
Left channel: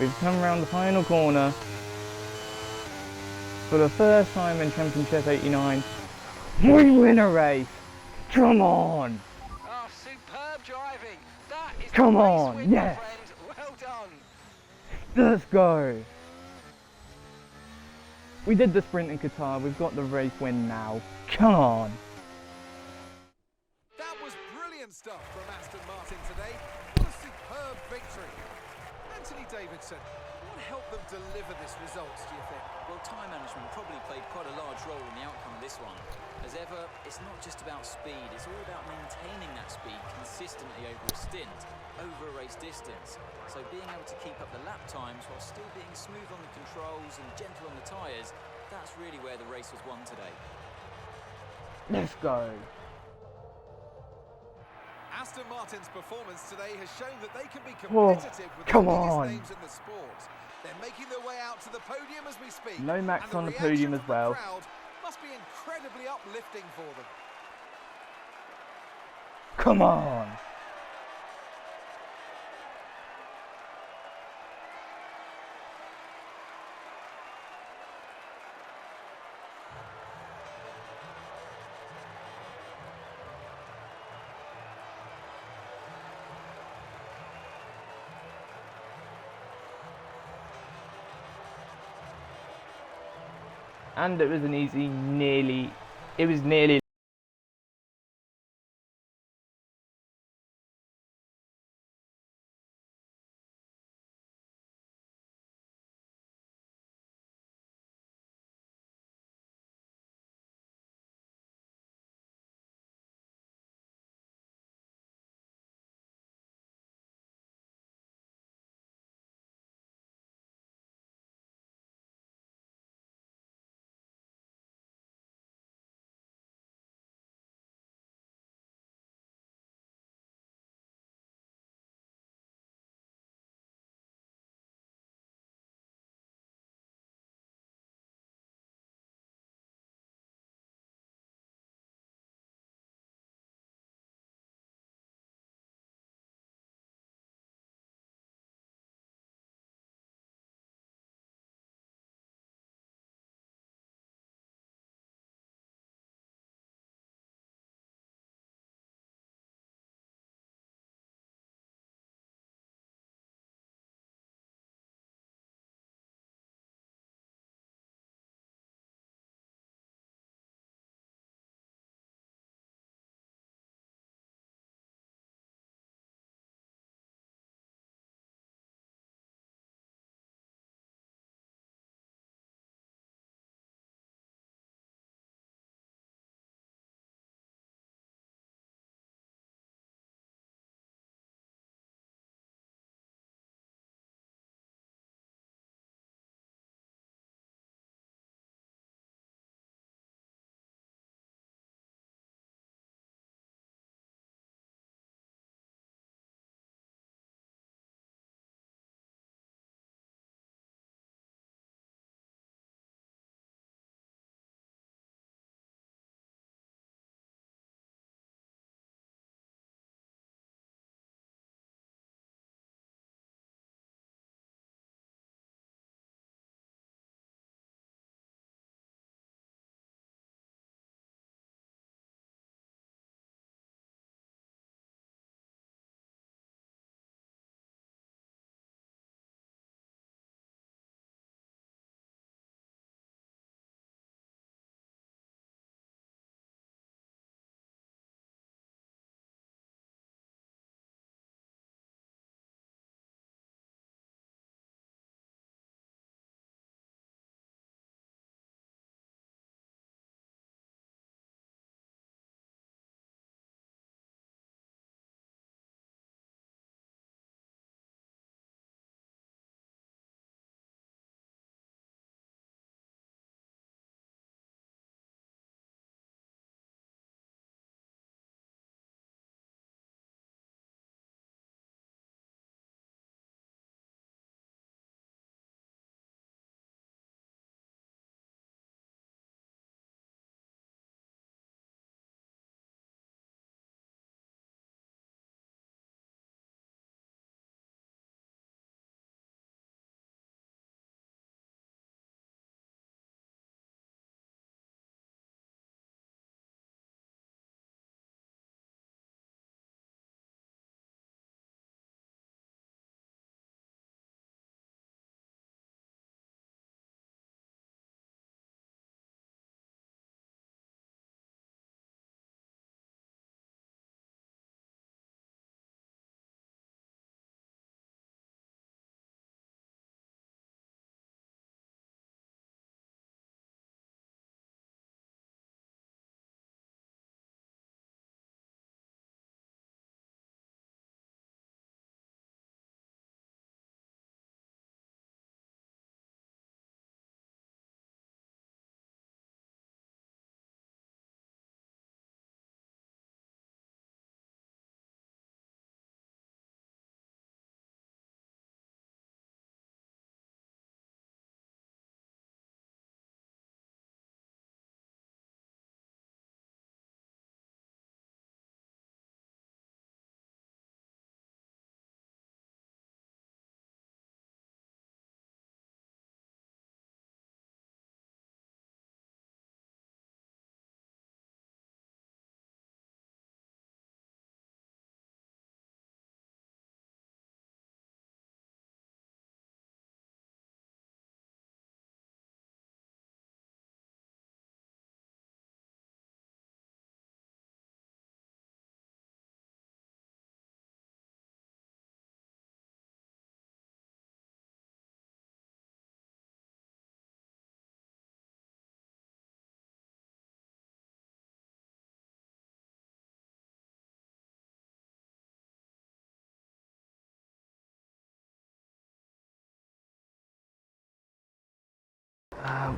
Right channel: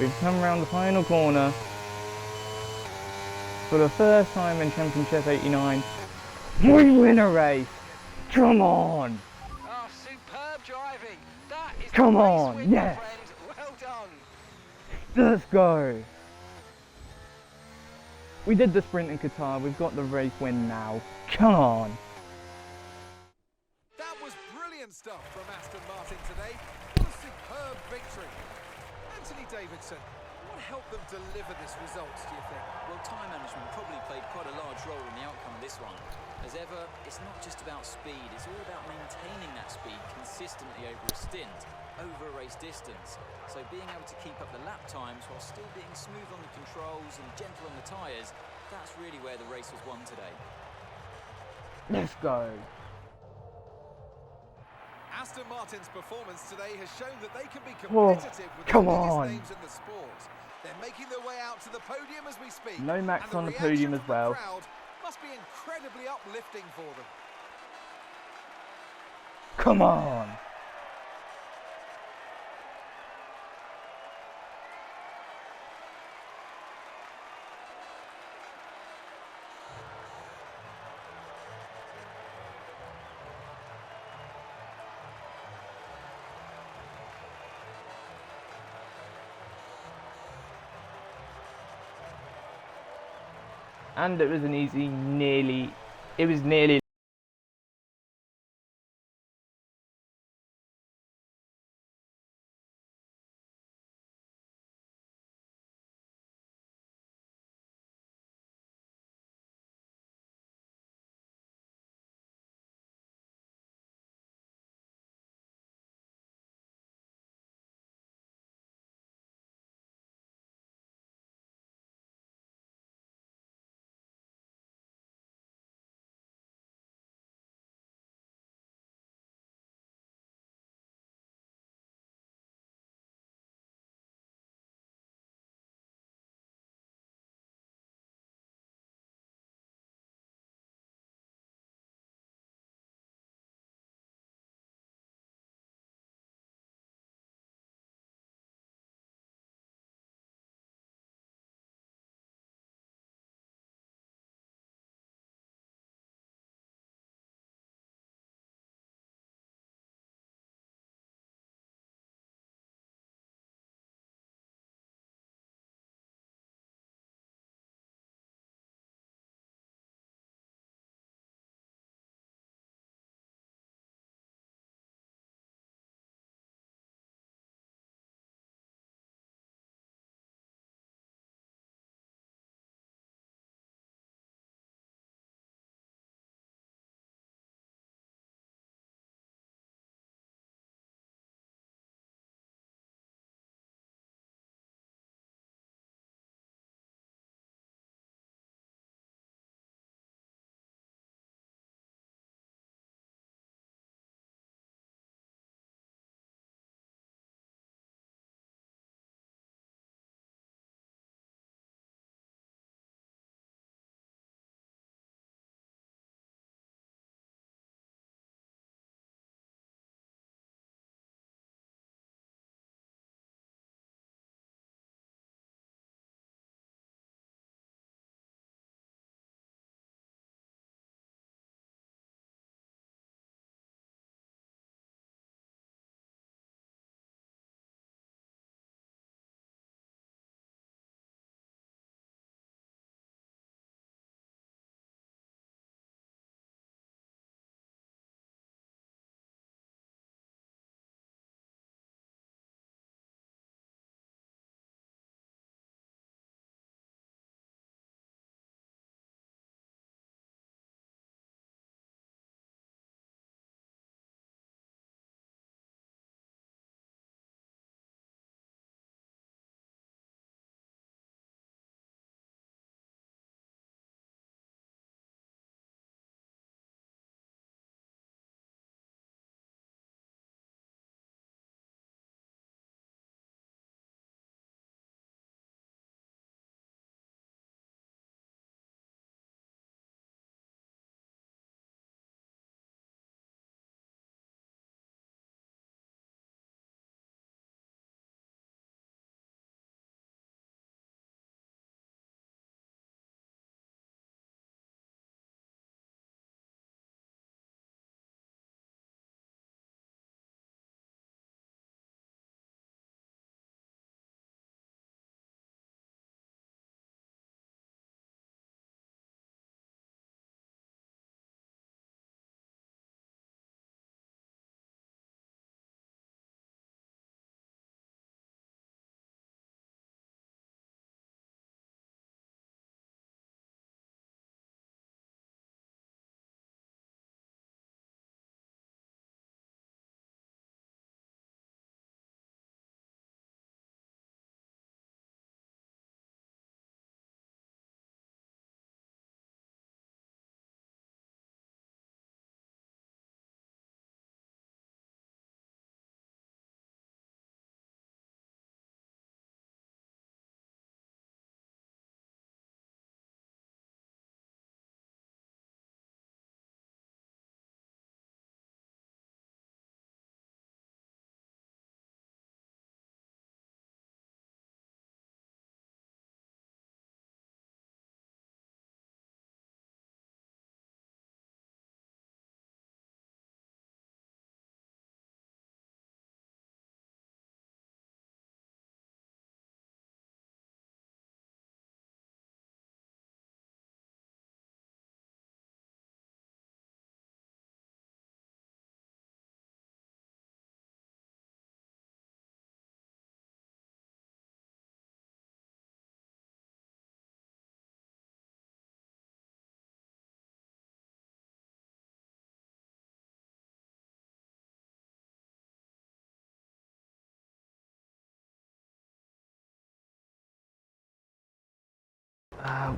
We've come around the final corner. For the first time in Championship 89, we win a race! Come on! Oh, superb driving! That is Come the race on, win, my yes. friend. Well done! Let's go! We did the sprint in Qatar, we've got the race win now. Come on! That was brilliant stuff from Aston Martin today. What a superb victory. Anthony Davidson, what helped them deliver this result, do you think? Well, time management probably played quite a large role in the outcome of this one. As ever, it's not just about speed, it's all about maintaining that speed consistently over a stint, over a race distance. So being able to keep up the lap times while still being smooth on the controls and gentle on the tyres, that's really where the race was won today. Let's go! Aston Martin's performance today has shown that they can be Oh, competitive with come the biggest on. names in the sport. They're making their way out to the podium as we speak. No Max and on the reaction podium as from the well. crowd must be incredibly uplifting for them. Come on! And it was an easy, nearly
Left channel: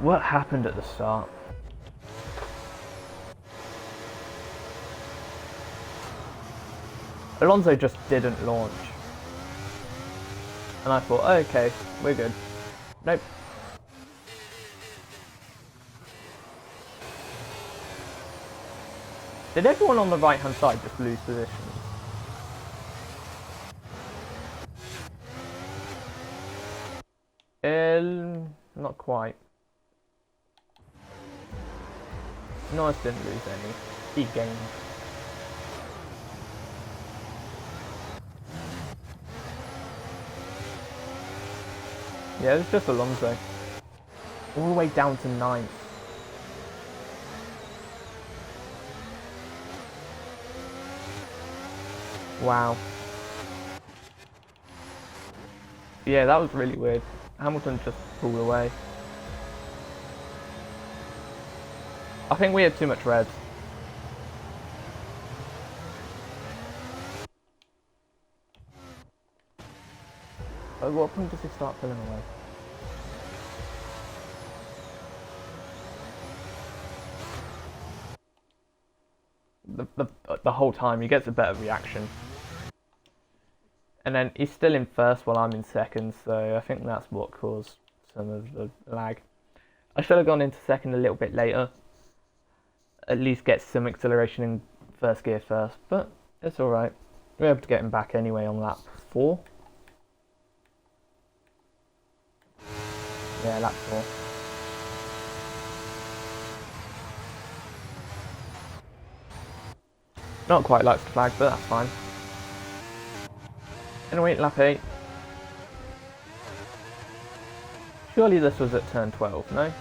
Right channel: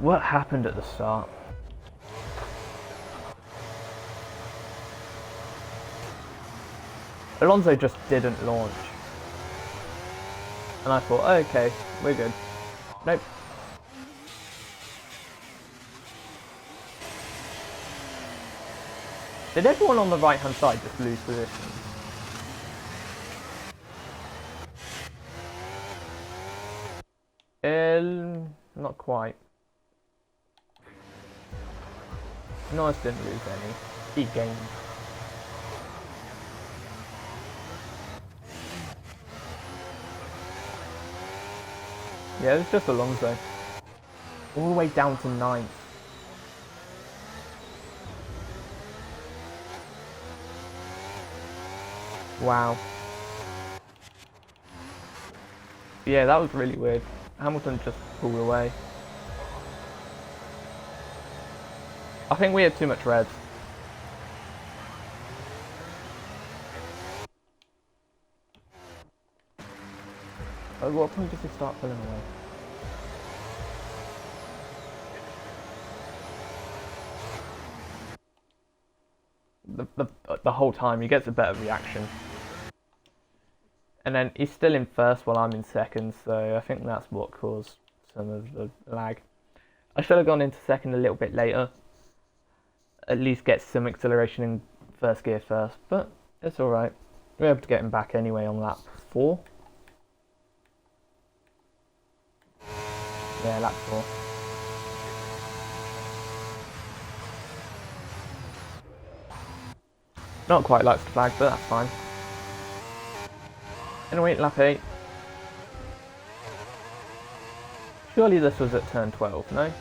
What happened at the start? Alonso just didn't launch. And I thought, oh, okay, we're good. Nope. Did everyone on the right hand side just lose position? Not quite. Norris didn't lose any. He gained. Yeah, it was just Alonso. All the way down to 9th. Wow. Yeah, that was really weird. Hamilton just pulled away. I think we had too much reds. At what point does he start pulling away? The whole time he gets a better reaction. And then he's still in first while I'm in second, so I think that's what caused some of the lag. I should have gone into second a little bit later. At least get some acceleration in first gear first, but it's alright. We're able to get him back anyway on lap 4. Yeah, lap 4. Not quite likes the flag, but that's fine. Anyway, lap 8. Surely this was at turn 12, no?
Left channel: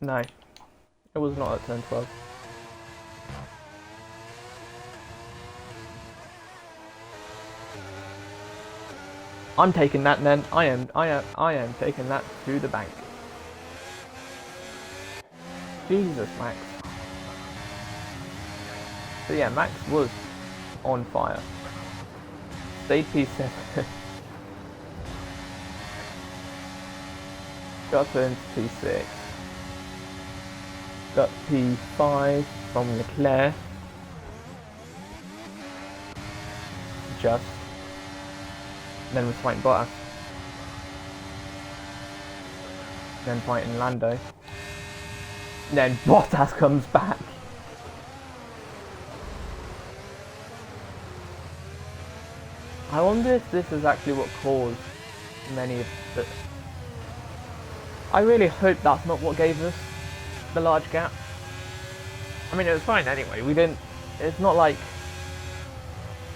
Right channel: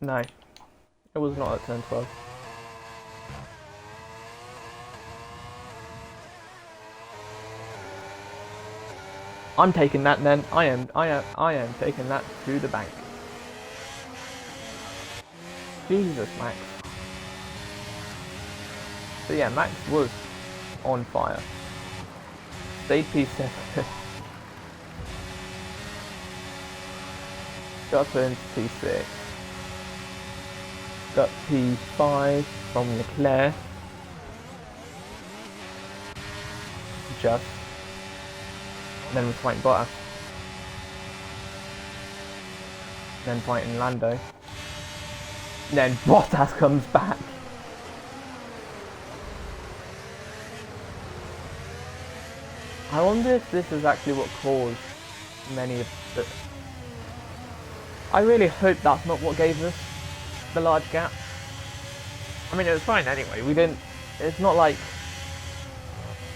No, it was not at turn 12. I'm taking that then. I am taking that to the bank. Jesus, Max. So yeah, Max was on fire. Stayed P7. Got into P6. Got P5 from Leclerc. Just. Then was fighting Bottas. Then fighting Lando. Then Bottas comes back. I wonder if this is actually what caused many of the... I really hope that's not what gave us the large gap. I mean, it was fine anyway. We didn't... It's not like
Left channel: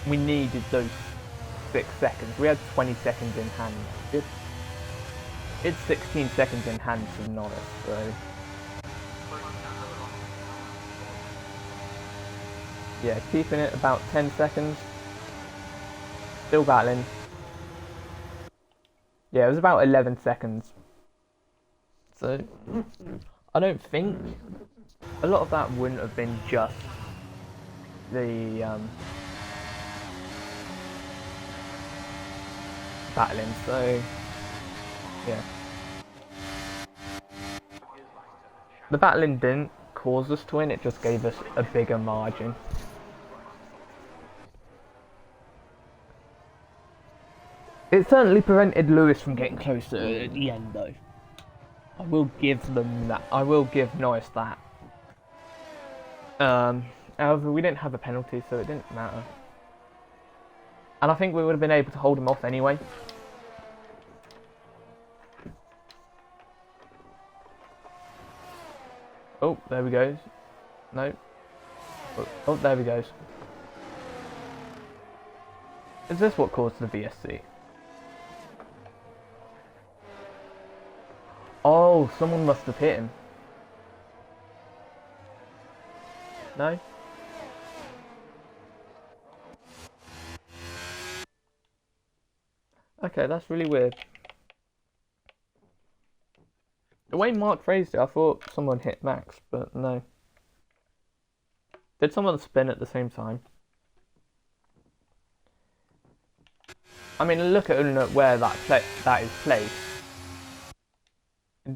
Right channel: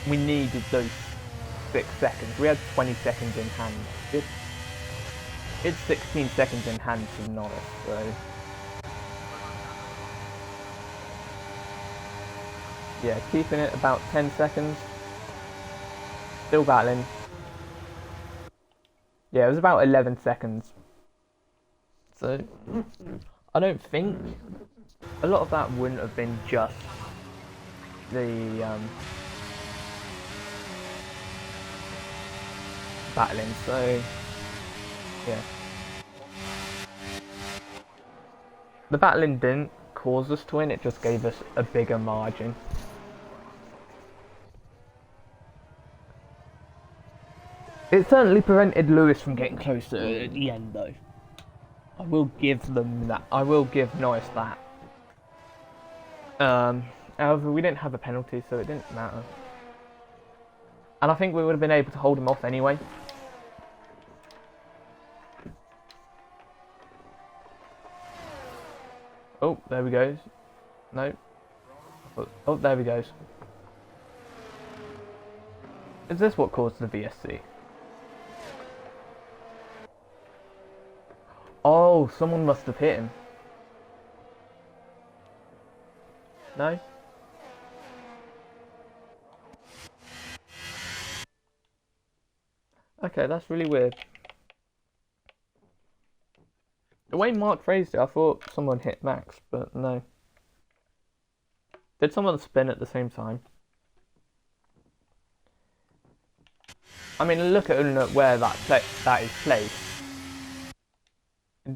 we needed those 6 seconds. We had 20 seconds in hand. It's 16 seconds in hand to Norris, so... Yeah, keeping it about 10 seconds. Still battling. Yeah, it was about 11 seconds. So, I don't think... A lot of that wouldn't have been just the battling, so... Yeah. The battling didn't cause us to win, it just gave us a bigger margin. It certainly prevented Lewis from getting closer at the end, though. I will give them that. I will give Norris that. However, we didn't have a penalty, so it didn't matter. And I think we would have been able to hold him off anyway. Oh, there we goes. No. Oh, there we goes. Is this what caused the VSC? Oh, someone must have hit him. No? Okay, that's really weird. The way Mark phrased it, I thought someone hit Max, but no. Did someone spin at the same time? I mean, look at where that is placed.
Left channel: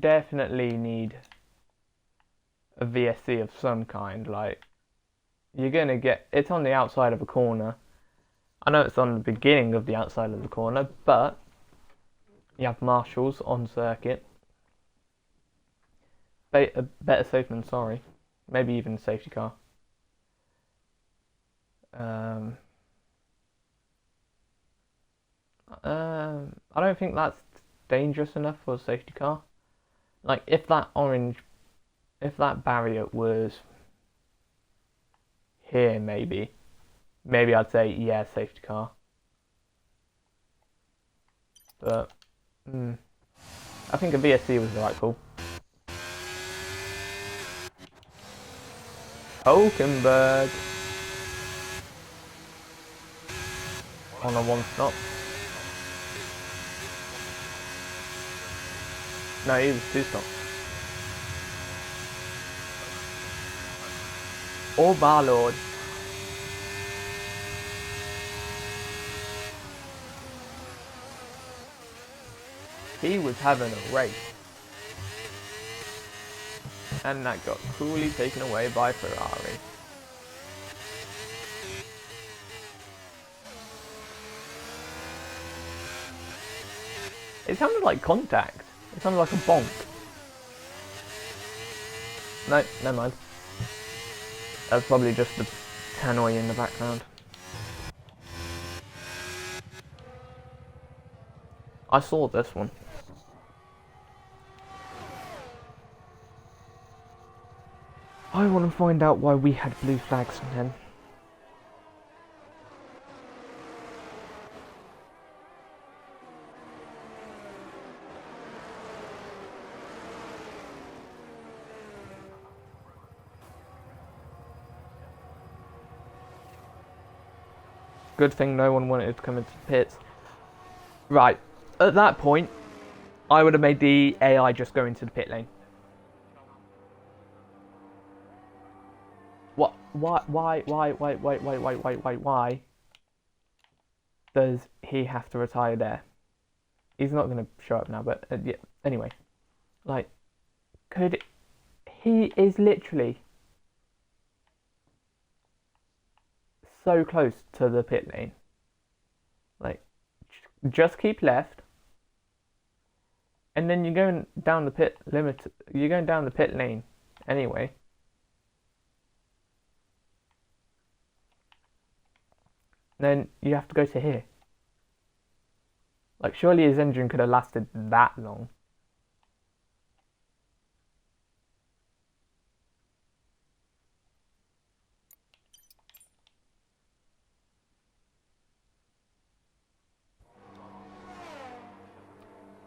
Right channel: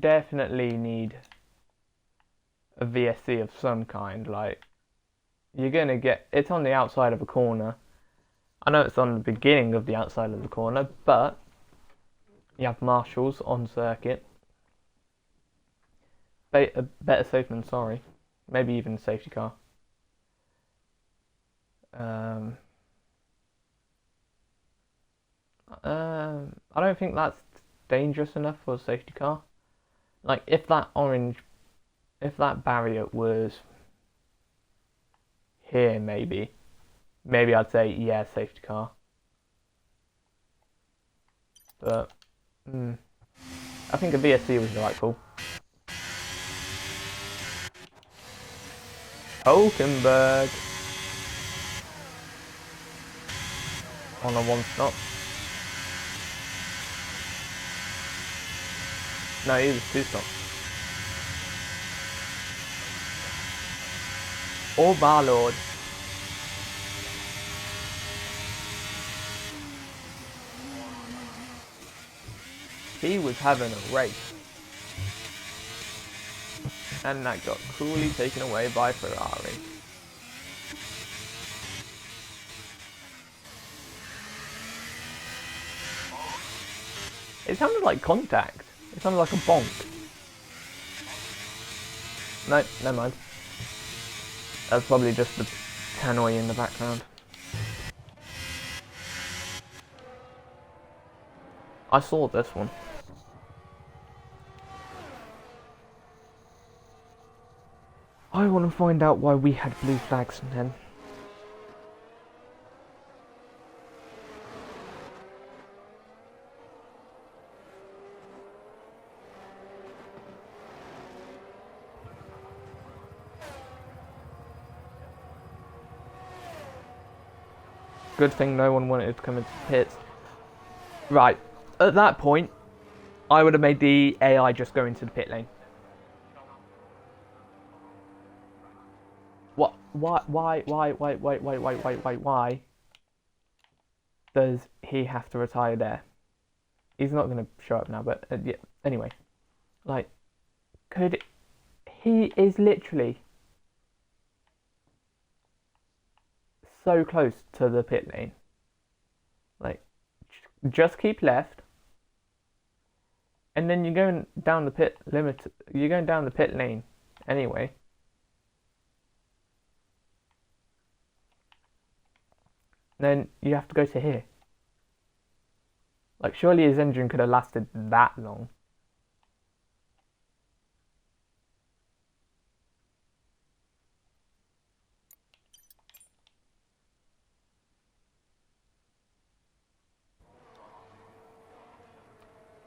Definitely need a VSC of some kind. Like, you're gonna get, it's on the outside of a corner. I know it's on the beginning of the outside of the corner, but you have marshals on circuit. Better safe than sorry. Maybe even a safety car. I don't think that's dangerous enough for a safety car. Like, if that barrier was here, maybe I'd say, yeah, safety car. But, I think a VSC was the right call. Hulkenberg on a one stop. No, he was two stops. Oh my lord. He was having a race. And that got cruelly taken away by Ferrari. It sounded like contact. It sounded like a bonk. No, never mind. That's probably just the tannoy in the background. I saw this one. I want to find out why we had blue flags then. Good thing no one wanted to come into the pits. Right, at that point, I would have made the AI just go into the pit lane. What? Why does he have to retire there? He's not going to show up now, but yeah, anyway. Like, he is literally so close to the pit lane. Like, just keep left, and then you're going down the pit limit. You're going down the pit lane anyway. Then you have to go to here. Like, surely his engine could have lasted that long.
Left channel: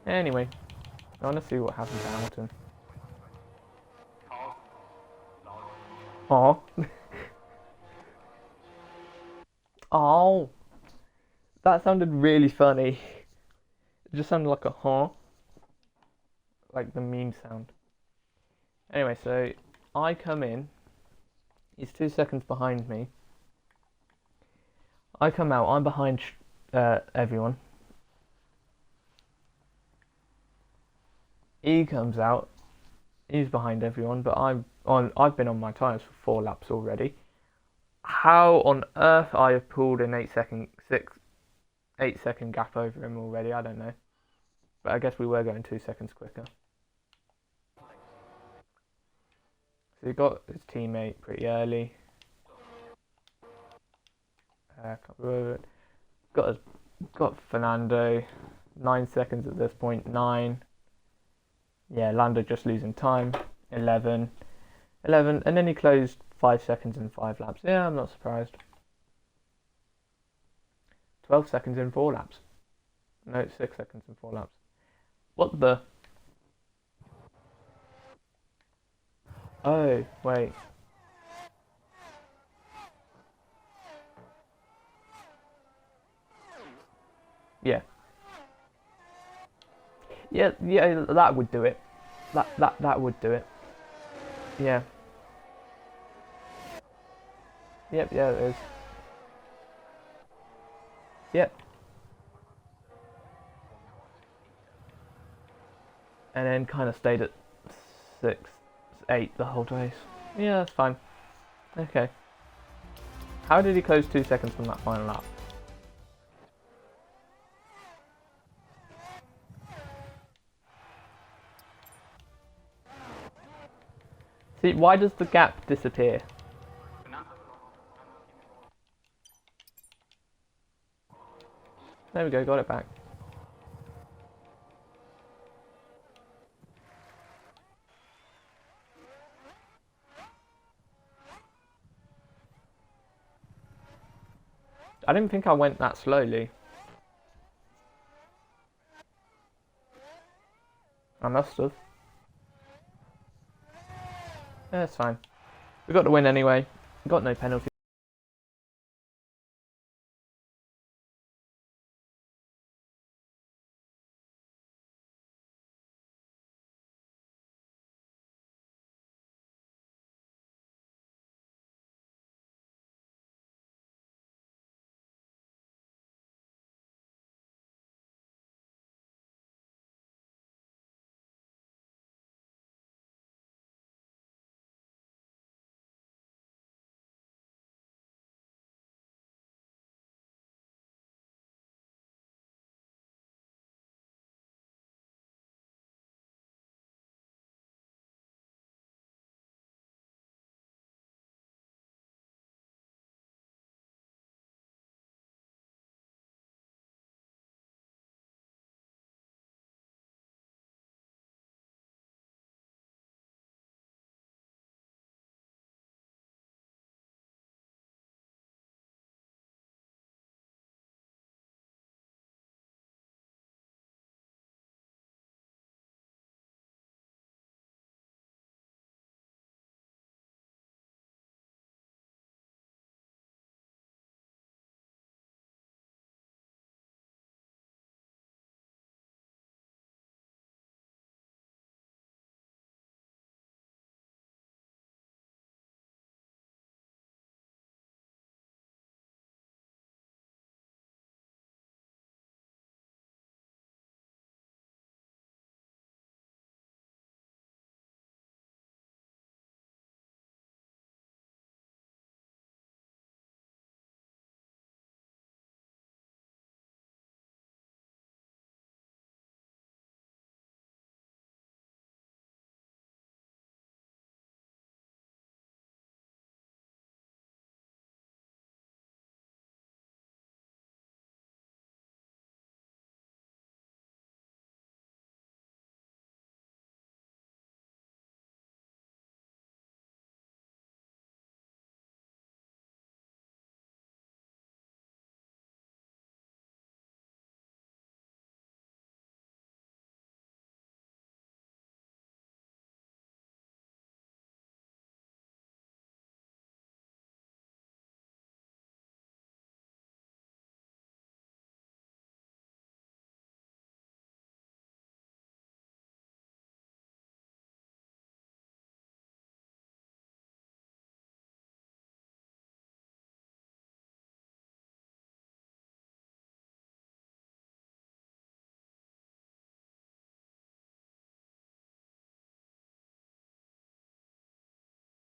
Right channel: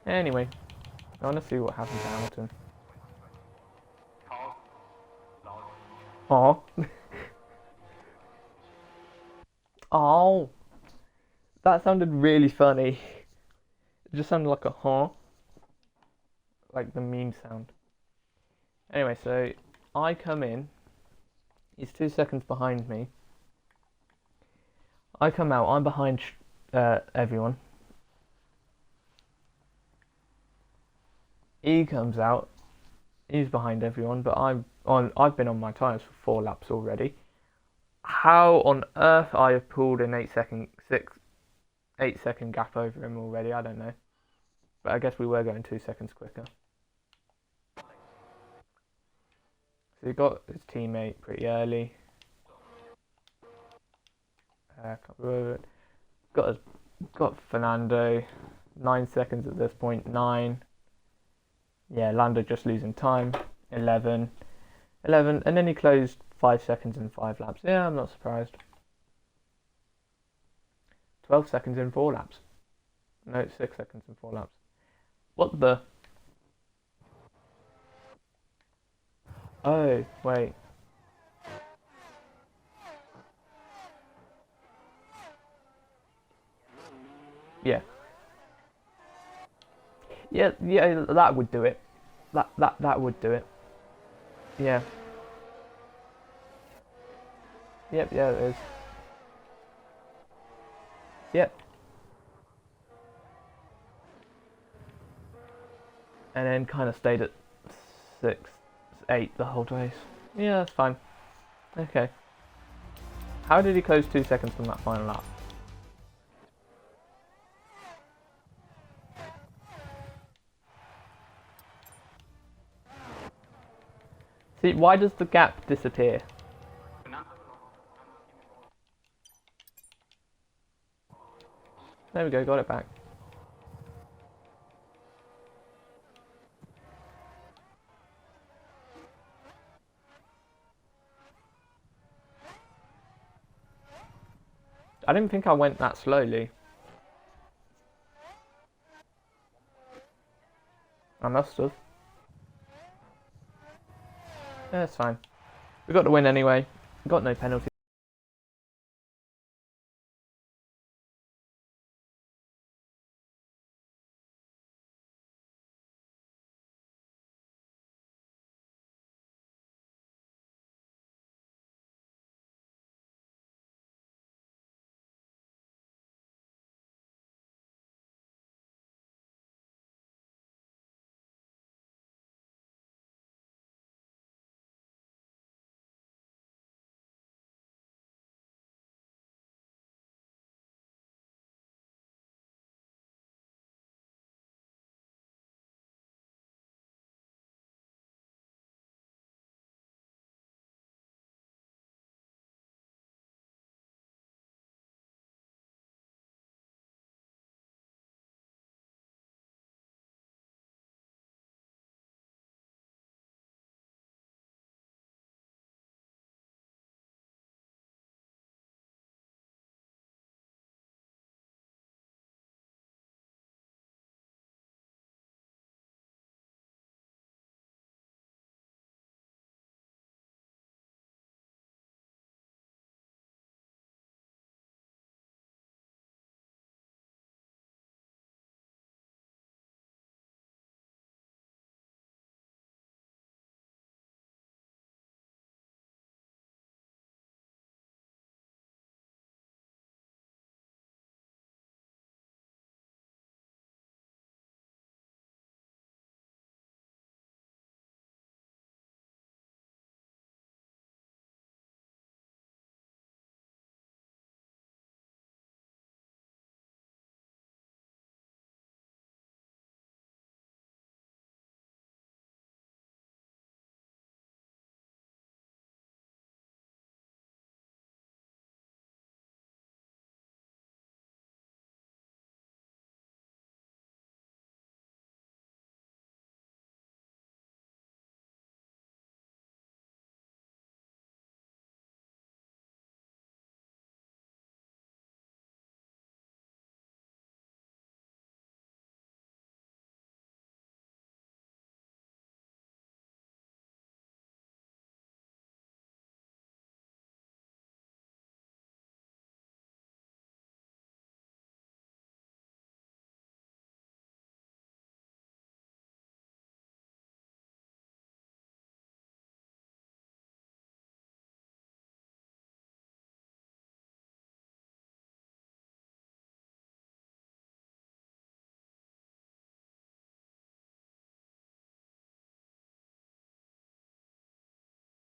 Anyway, I want to see what happened to Hamilton. Oh. Oh. That sounded really funny. It just sounded like a huh. Like the meme sound. Anyway, so I come in. He's 2 seconds behind me. I come out. I'm behind everyone. He comes out. He's behind everyone, but I've been on my tyres for 4 laps already. How on earth I have pulled an 8 second gap over him already, I don't know. But I guess we were going 2 seconds quicker. So he got his teammate pretty early. Got Fernando. 9 seconds at this point. 9. Yeah, Lando just losing time. 11, and then he closed 5 seconds in 5 laps. Yeah, I'm not surprised. 12 seconds in 4 laps. No, 6 seconds in 4 laps. What the? Oh, wait. Yeah. Yeah, that would do it. That would do it. Yeah. Yep, yeah, it is. Yep. And then kind of stayed at 6, 8 the whole race. Yeah, that's fine. Okay. How did he close 2 seconds from that final lap? See, why does the gap disappear? There we go, got it back. I didn't think I went that slowly. I must have. Yeah, it's fine. We got the win anyway. Got no penalty.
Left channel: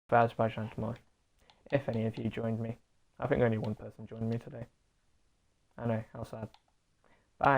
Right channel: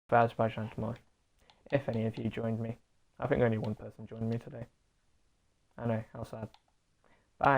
For Azerbaijan tomorrow. If any of you joined me. I think only one person joined me today. I know, how sad. Bye.